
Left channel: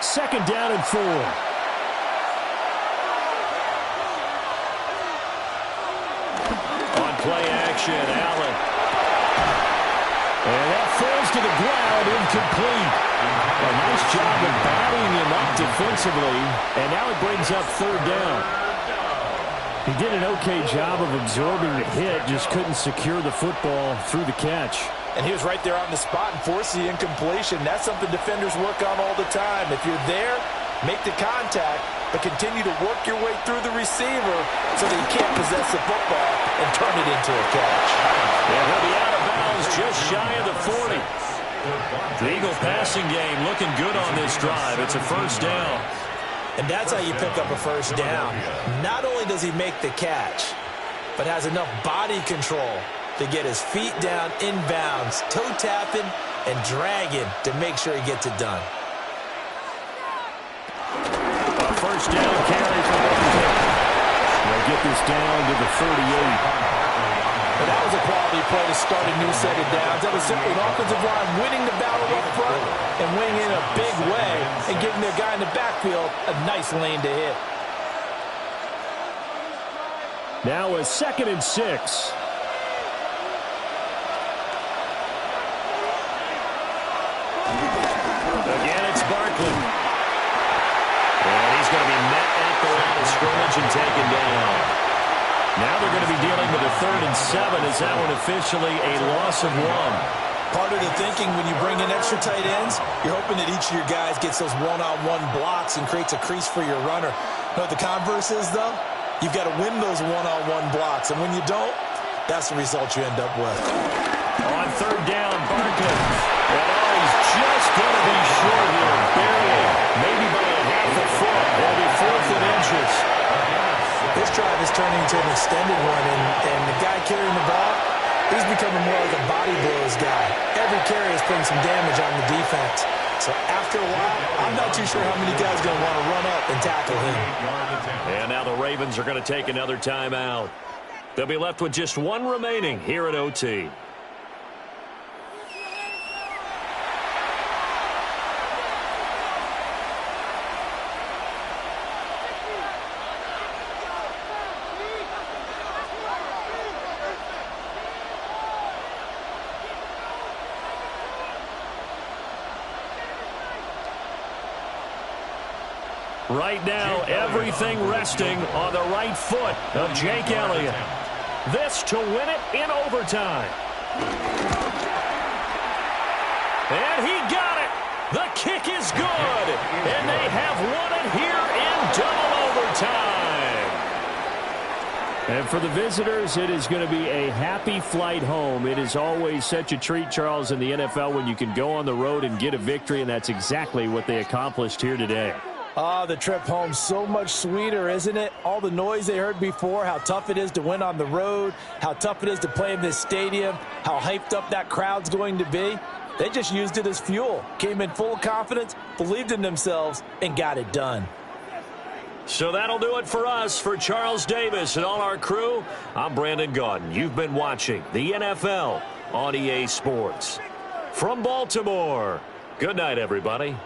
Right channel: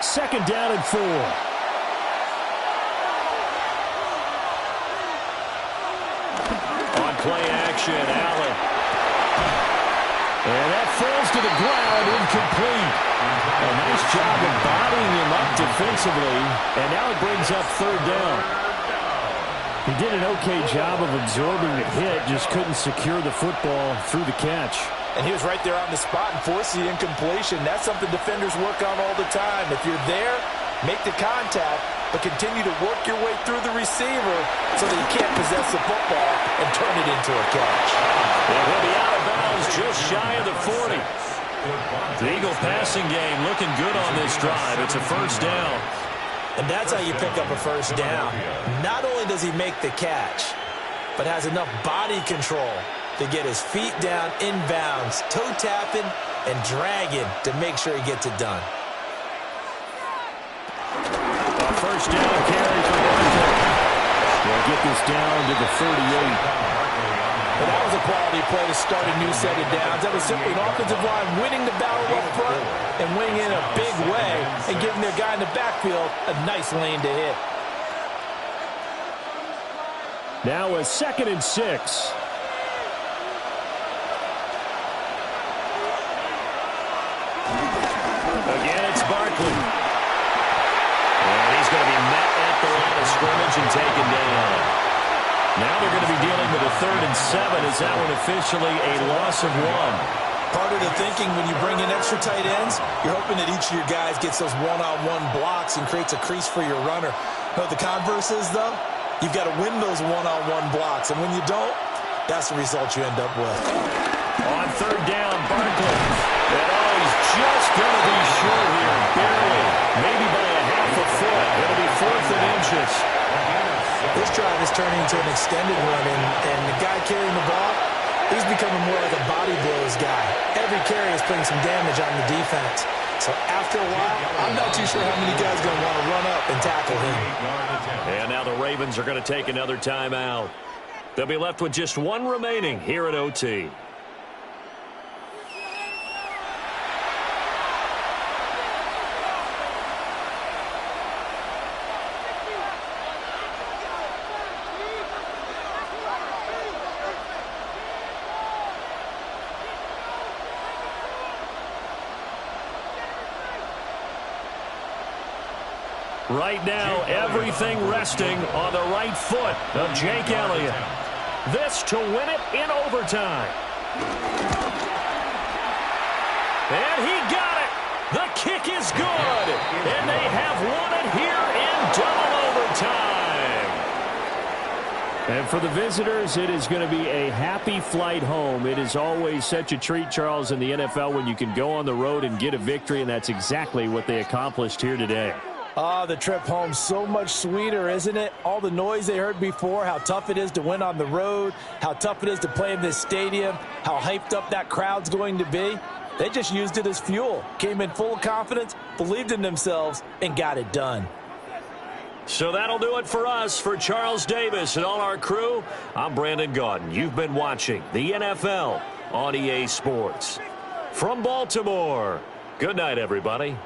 Second down and 4. play action. Allen. And that falls to the ground, incomplete. A nice job of bodying him up defensively. And now it brings up third down. He did an okay job of absorbing the hit, just couldn't secure the football through the catch. And he was right there on the spot and forced the incompletion. That's something defenders work on all the time. If you're there, make the contact, but continue to work your way through the receiver so that you can't possess the football and turn it into a catch. And he'll be out of bounds just shy of the 40. The Eagle passing game looking good on this drive. It's a first down. And that's how you pick up a first down. Not only does he make the catch, but has enough body control to get his feet down inbounds, toe tapping and dragging to make sure he gets it done. A first down carry for Barkley. They'll get this down to the 38. But that was a quality play to start a new set of downs. That was simply an offensive line winning the battle up front and winning in a big way and giving their guy in the backfield a nice lane to hit. Now a 2nd and 6. Again, it's Barkley. And he's going to be met at the line of scrimmage and taken down. Now they're going to be dealing with a 3rd and 7. Is that one officially a loss of 1? Part of the thinking when you bring in extra tight ends, you're hoping that each of your guys gets those one-on-one blocks and creates a crease for your runner. You know what the converse is, though? You've got to win those one-on-one blocks, and when you don't, that's the result you end up with. On 3rd down, Barkley. And he's just going to be short here, barely, maybe by a half a foot. It'll be 4th and inches. This drive is turning into an extended one, and the guy carrying the ball, he's becoming more like a body blows guy. Every carry is putting some damage on the defense. So after a while, I'm not too sure how many guys are going to want to run up and tackle him. And now the Ravens are going to take another timeout. They'll be left with just one remaining here at OT. Right now, everything resting on the right foot of Jake Elliott. This to win it in overtime. And he got it. The kick is good. And they have won it here in double overtime. And for the visitors, it is going to be a happy flight home. It is always such a treat, Charles, in the NFL when you can go on the road and get a victory, and that's exactly what they accomplished here today. The trip home so much sweeter, isn't it? All the noise they heard before, how tough it is to win on the road, how tough it is to play in this stadium, how hyped up that crowd's going to be. They just used it as fuel, came in full of confidence, believed in themselves, and got it done. So that'll do it for us. For Charles Davis and all our crew, I'm Brandon Gaudin. You've been watching the NFL on EA Sports. From Baltimore, good night, everybody.